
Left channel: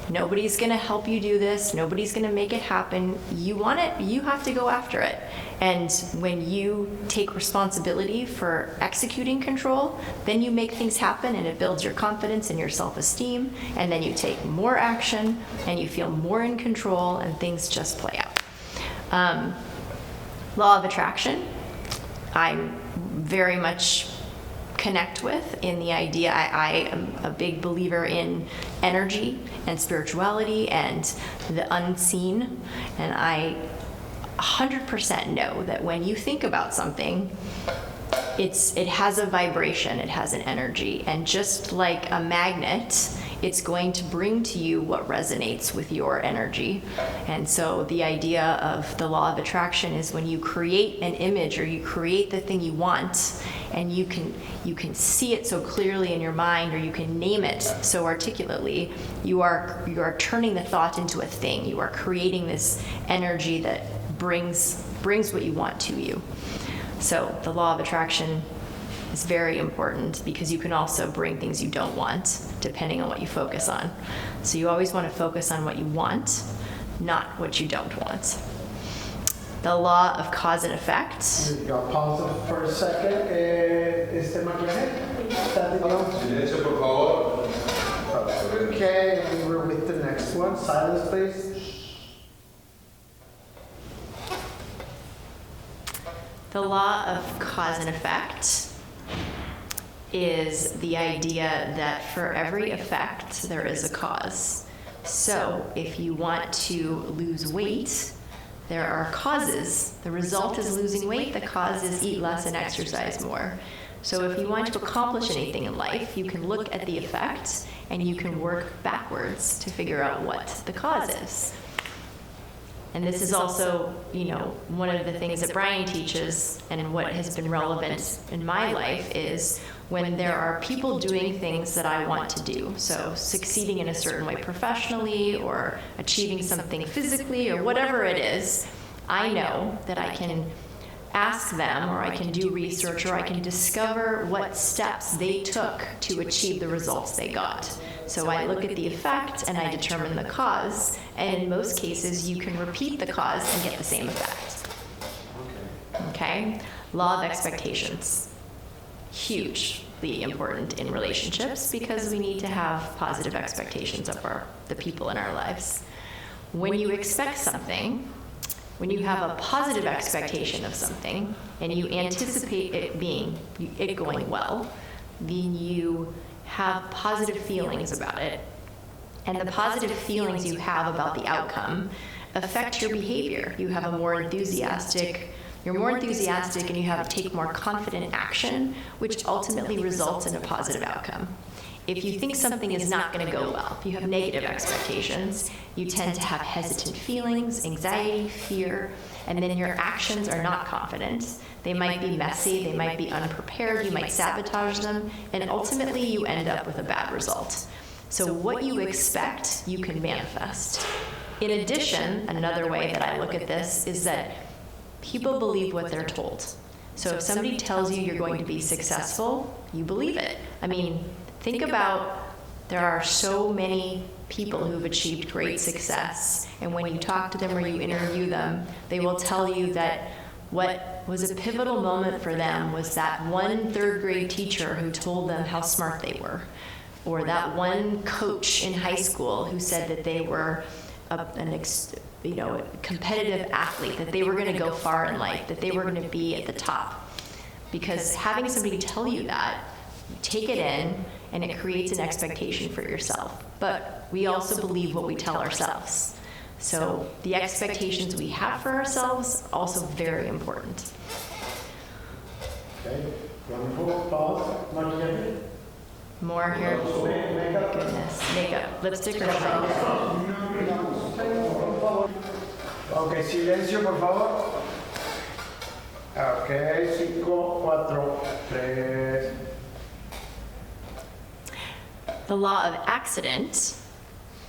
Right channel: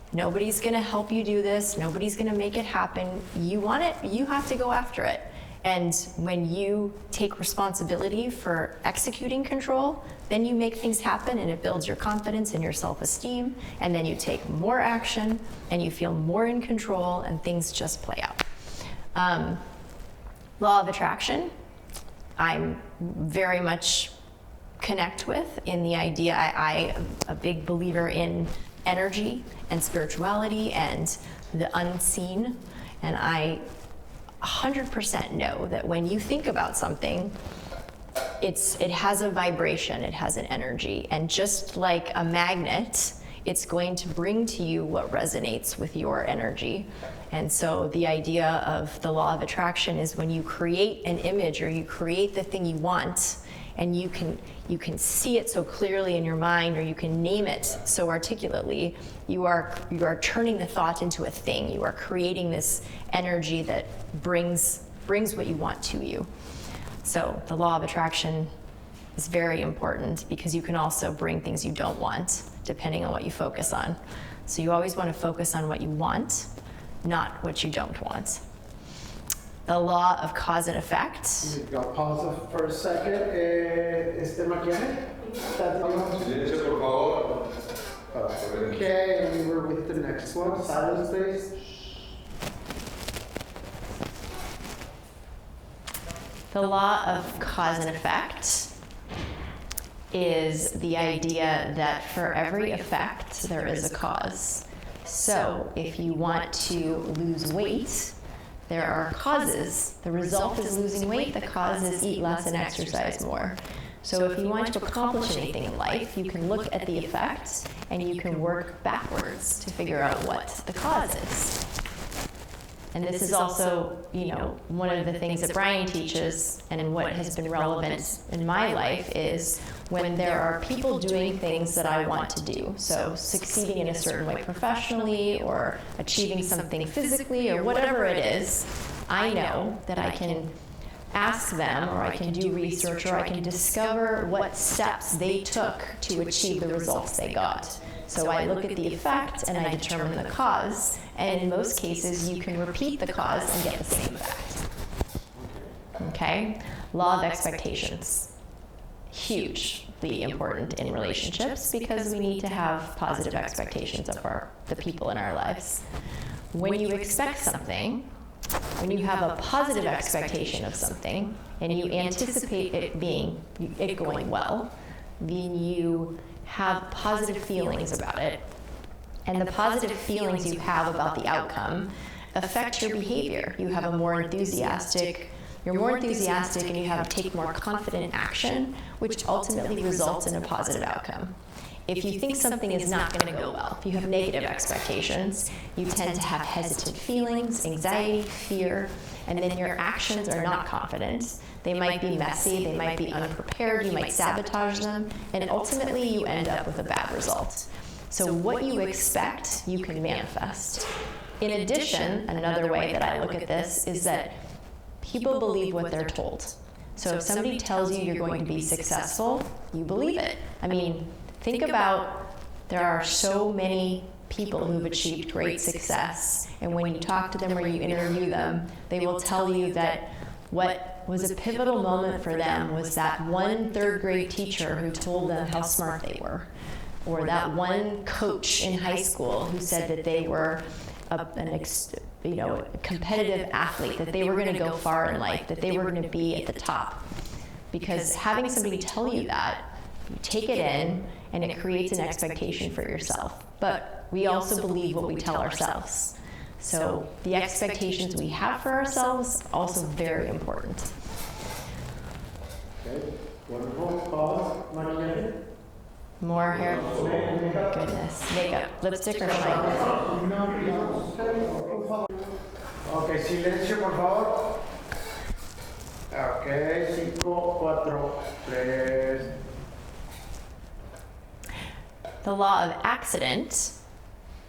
Nobody's gonna help you do this. Nobody's gonna make it happen. You want it, you have to go after it. And when you take responsibility for executing control, then you make things happen and it builds your confidence and your self-esteem, and then you take more action and you feel more in control and things just play out. Law of attraction, I'm very much connect with in the idea, I am a big believer in energy and spirituality and the unseen, and I 100% know that when you think about something, it has a vibration, it has an energy, and just like a magnet, it's going to bring to you what resonates with your energy. And so the idea of the law of attraction is when you create an image or you create the thing you want, and you can see it so clearly in your mind, or you can name it so articulately, you are turning the thought into a thing. You are creating this energy that brings what you want to you. So the law of attraction is very important because you can also bring things you don't want depending on what you focus on. So you always want to focus on what you want, not what you don't want. The law of cause and effect. Pause it for a second. Maquillaje? Silencio, por favor. Okay, and we're with the next one. Silence, please. The law of cause and effect is the idea that for every effect, there is a cause. So if you want to lose weight, there are causes. The result is losing weight. The cause is eat less and exercise more. So if you want to accomplish anything in life, you can look at the effect and you can work backwards to figure out what the cause is. And this is also, one of the things that Brian teaches, and what has been relevant in my life is when there are people doing things that I want to do. So succeeding in a certain way professionally, or achieving something physically, or whatever it is, I know that I can ask them, or I can do research, or I can discover what steps they took to achieve the results they got. So I look at the effect and I determine the cause, and in most cases you can repeat the cause and get the same effect. Okay? Law of expectations. Hugely important in relationships because we need to have positive expectations of the people in our lives. When you expect something, when you have a positive expectation of something and you anticipate it going well, then you have positive feelings about it. And the positive feelings you have about the outcome affect your behavior. You're more enthusiastic and you take more confident action, which ultimately results in a positive outcome. If you think something is not going to go well, if you have negative expectations, you tend to have hesitant feelings, anxiety, fear, and then your actions are not confident. They might be messy, they might be unprepared, you might sabotage them, and ultimately you end up with a bad result. So what you expect, you can manifest. In addition, another way that I look at this is that people believe what they're told. So if somebody tells you you're going to be successful, you believe it. I mean, think about, there are so many people who've achieved great success, and when you talk to them or you interview them, they will tell you that what was a pivotal moment for them was that one third-grade teacher who told them how smart they were, or that one coach in high school who said that they were a competitive athlete, that they were going to go far in life, that they were going to be at the top. Because having somebody tell you that, you take it in, and it creates an expectation for yourself. But we also believe what we tell ourselves. So the expectations we have for ourselves are also very important. Okay, wonderful. Paula, Maria? More hair. Goodness. Makeup, lipstick, or shadow. Ok, silencio, por favor. Ok, 5, 4, 3. The law of accident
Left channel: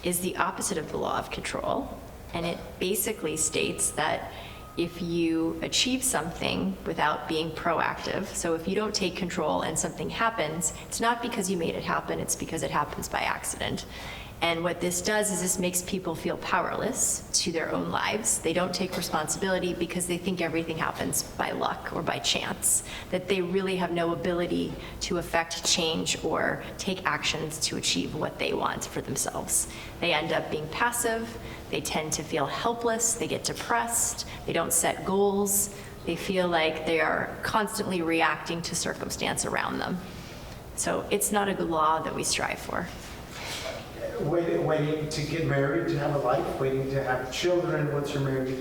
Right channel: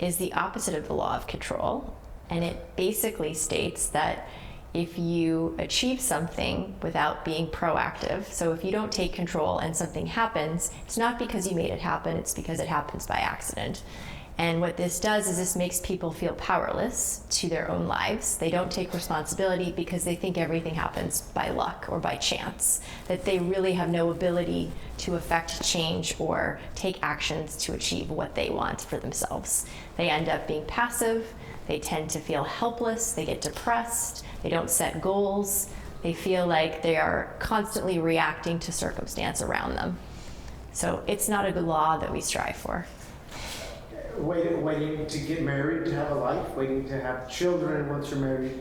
is the opposite of the law of control, and it basically states that if you achieve something without being proactive, so if you don't take control and something happens, it's not because you made it happen, it's because it happens by accident. And what this does is this makes people feel powerless to their own lives. They don't take responsibility because they think everything happens by luck or by chance, that they really have no ability to affect change or take actions to achieve what they want for themselves. They end up being passive, they tend to feel helpless, they get depressed, they don't set goals, they feel like they are constantly reacting to circumstance around them. So it's not a good law that we strive for. Waiting to get married, to have a life, waiting to have children once you're married,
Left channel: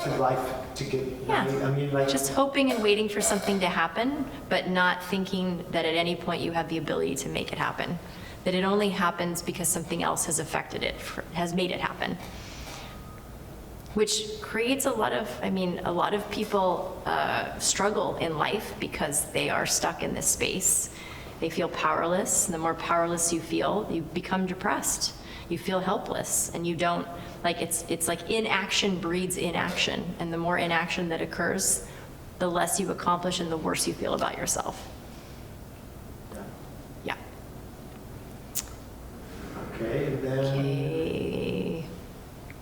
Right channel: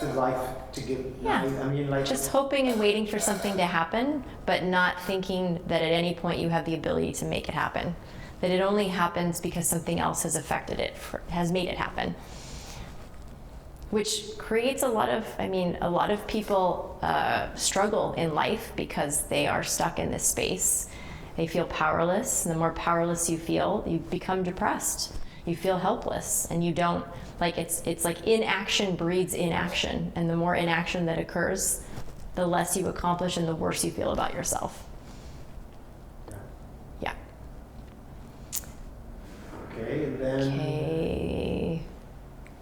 to life, to get married. I mean, like, Just hoping and waiting for something to happen, but not thinking that at any point you have the ability to make it happen. That it only happens because something else has affected it, has made it happen. Which creates a lot of people struggle in life because they are stuck in this space. They feel powerless, and the more powerless you feel, you become depressed. You feel helpless, and you don't, it's like inaction breeds inaction, and the more inaction that occurs, the less you accomplish and the worse you feel about yourself. Yeah. okay, then. Okay.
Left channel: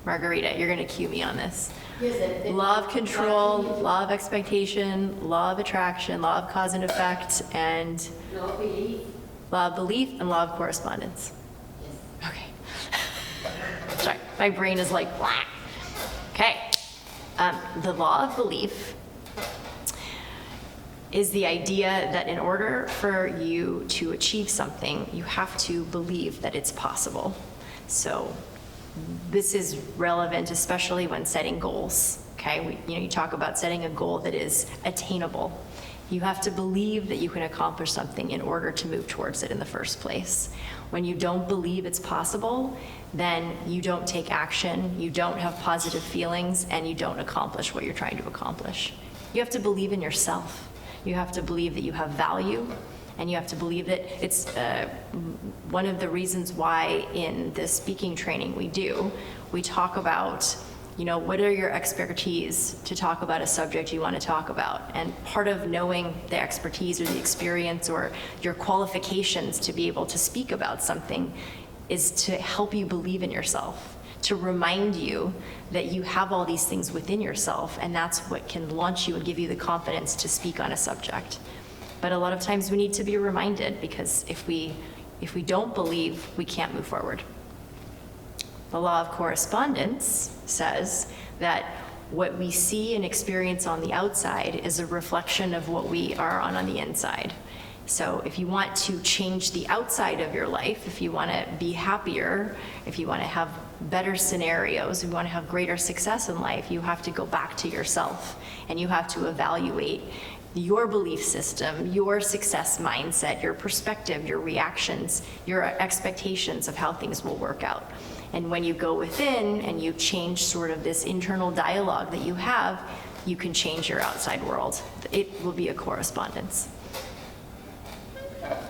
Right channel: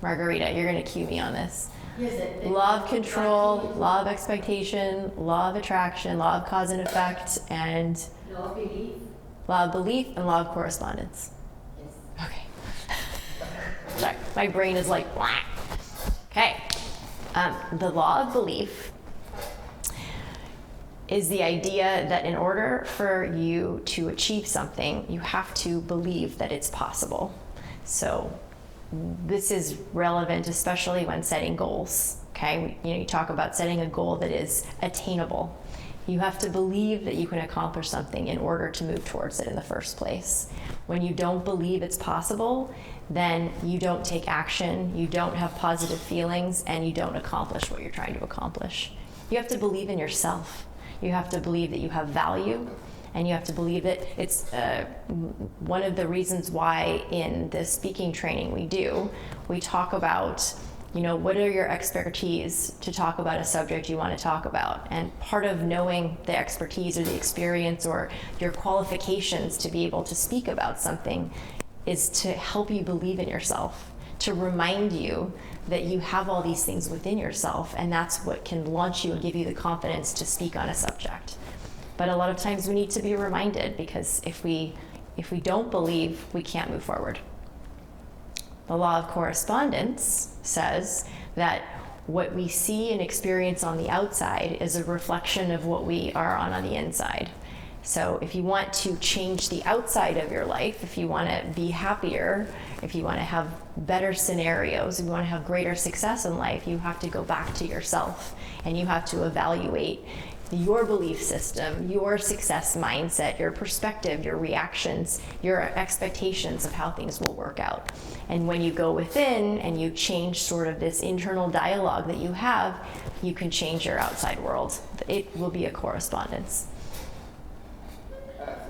Margarita, you're gonna cue me on this. Yes, Law of control, law of expectation, law of attraction, law of cause and effect, and law of belief. law of belief and law of correspondence. Yes. Okay. Sorry, my brain is like, blah. Okay. The law of belief is the idea that in order for you to achieve something, you have to believe that it's possible. So this is relevant, especially when setting goals. Okay, you talk about setting a goal that is attainable. You have to believe that you can accomplish something in order to move towards it in the first place. When you don't believe it's possible, then you don't take action, you don't have positive feelings, and you don't accomplish what you're trying to accomplish. You have to believe in yourself. You have to believe that you have value, and you have to believe that it's one of the reasons why in the speaking training we talk about, what are your expertise to talk about a subject you want to talk about? And part of knowing the expertise or the experience or your qualifications to be able to speak about something is to help you believe in yourself, to remind you that you have all these things within yourself, and that's what can launch you and give you the confidence to speak on a subject. But a lot of times we need to be reminded, because if we don't believe, we can't move forward. The law of correspondence says that what we see and experience on the outside is a reflection of what we are on the inside. So if you want to change the outside of your life, if you want to be happier, if you want to have better scenarios, if you want to have greater success in life, you have to go back to yourself, and you have to evaluate your belief system, your success mindset, your perspective, your reactions, your expectations of how things will work out. And when you go within and you change sort of this internal dialogue that you have, you can change your outside world. It will be a correspondence.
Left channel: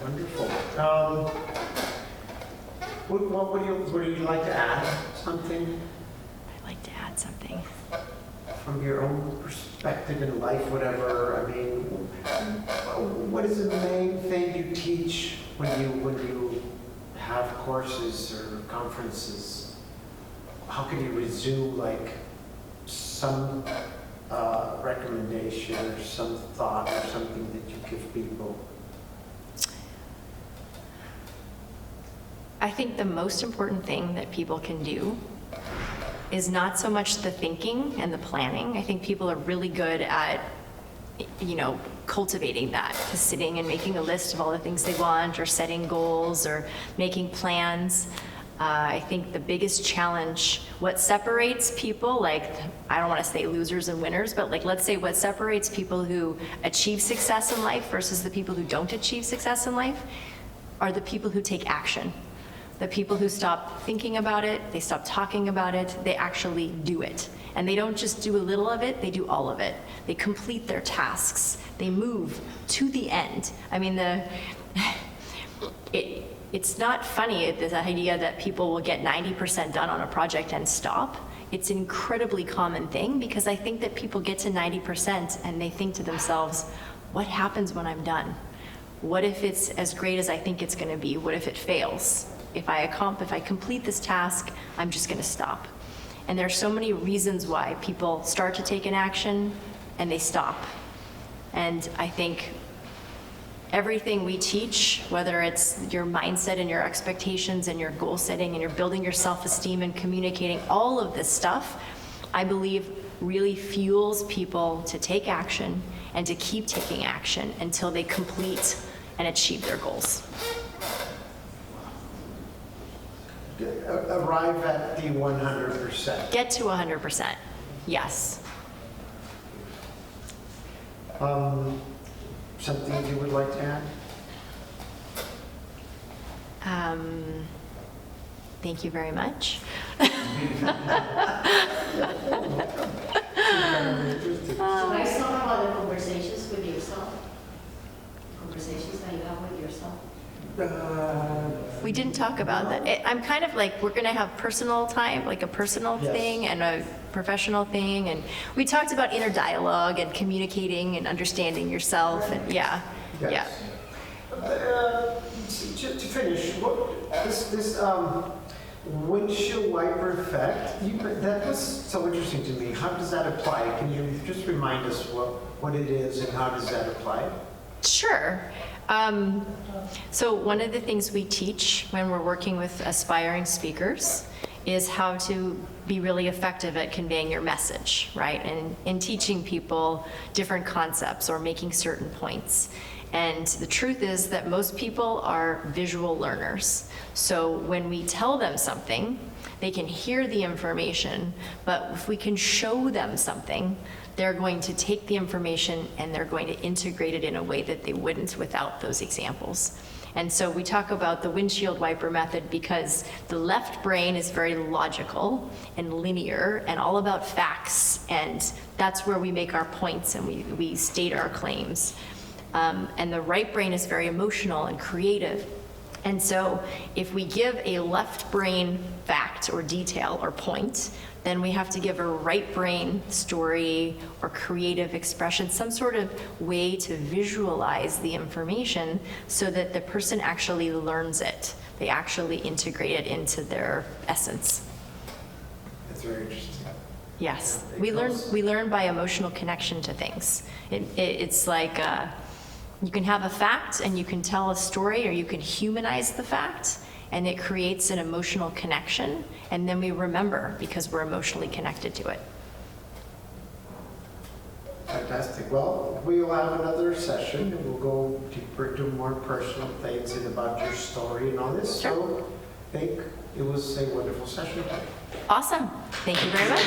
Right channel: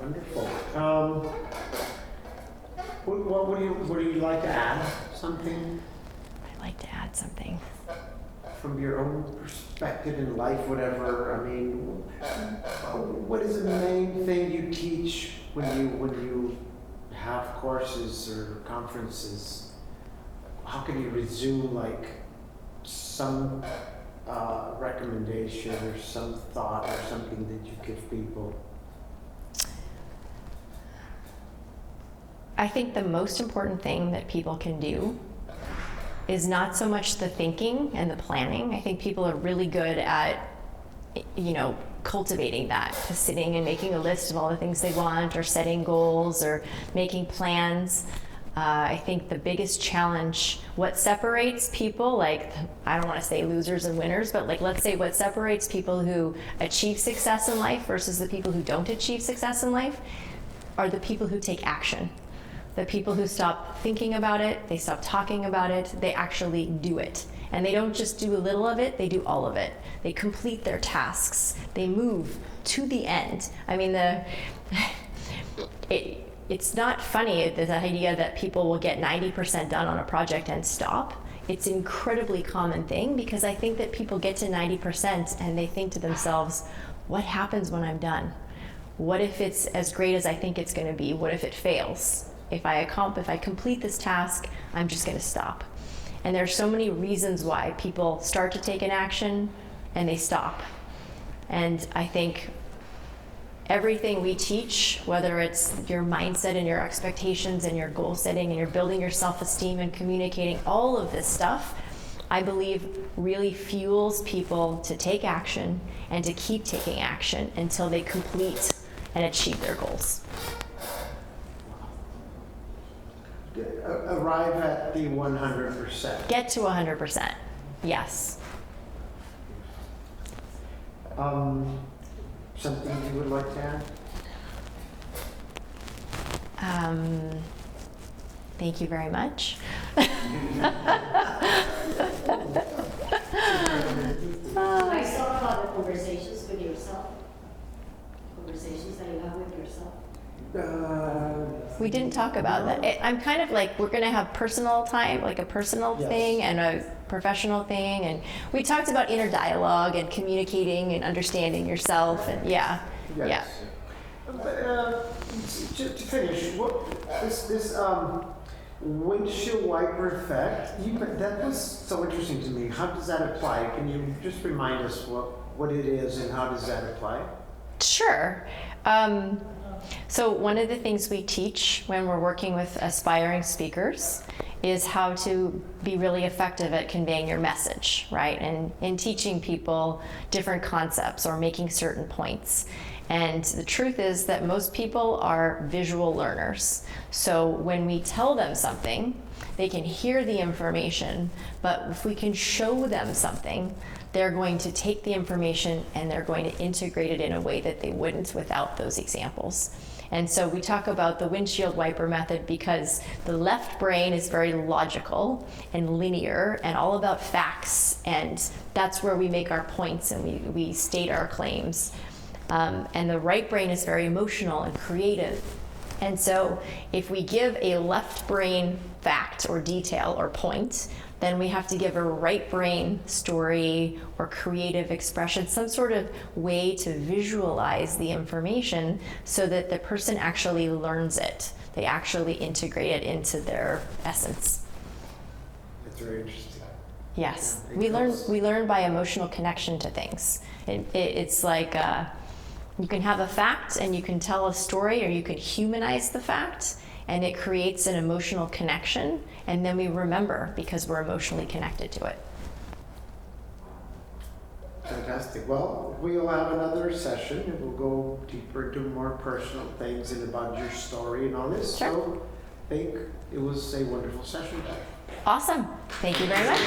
Wonderful. What would you like to add? Something I'd like to add something. from your own perspective in life, whatever. I mean, what is the main thing you teach when you have courses or conferences? How can you resume like some recommendation or some thought or something that you give people? I think the most important thing that people can do is not so much the thinking and the planning. I think people are really good at, cultivating that, just sitting and making a list of all the things they want, or setting goals, or making plans. I think the biggest challenge, what separates people, like, I don't want to say losers and winners, but like, let's say what separates people who achieve success in life versus the people who don't achieve success in life are the people who take action. The people who stop thinking about it, they stop talking about it, they actually do it. And they don't just do a little of it, they do all of it. They complete their tasks. They move to the end. I mean, it's not funny, this idea that people will get 90% done on a project and stop. It's an incredibly common thing, because I think that people get to 90% and they think to themselves, what happens when I'm done? What if it's as great as I think it's going to be? What if it fails? If I complete this task, I'm just going to stop. And there's so many reasons why people start to take an action and they stop. And I think everything we teach, whether it's your mindset and your expectations and your goal setting and you're building your self-esteem and communicating, all of this stuff, I believe really fuels people to take action and to keep taking action until they complete and achieve their goals. Arrive at the 100%. Get to 100%, yes. Something you would like to add? Thank you very much. Nice talk about the conversations with yourself. Conversations that you have with yourself. We didn't talk about that. I'm kind of like, we're going to have personal time, like a personal Yes. thing and a professional thing. And we talked about inner dialogue and communicating and understanding yourself. And yeah. Yes. To finish, this windshield wiper effect, that was so interesting to me. How does that apply? Can you just remind us what it is and how does that apply? Sure. So one of the things we teach when we're working with aspiring speakers is how to be really effective at conveying your message, right? And in teaching people different concepts or making certain points. And the truth is that most people are visual learners. So when we tell them something, they can hear the information, but if we can show them something, they're going to take the information and they're going to integrate it in a way that they wouldn't without those examples. And so we talk about the windshield wiper method because the left brain is very logical and linear and all about facts, and that's where we make our points and we state our claims. And the right brain is very emotional and creative. And so if we give a left brain fact or detail or point, then we have to give a right brain story or creative expression, some sort of way to visualize the information so that the person actually learns it. They actually integrate it into their essence. That's very interesting. Yes, we learn by emotional connection to things. It's like you can have a fact and you can tell a story, or you can humanize the fact, and it creates an emotional connection, and then we remember because we're emotionally connected to it. Fantastic. Well, we will have another session and we'll go deeper to more personal things and about your story and all this. Sure. So I think it was a wonderful session. Awesome. Thank you very much.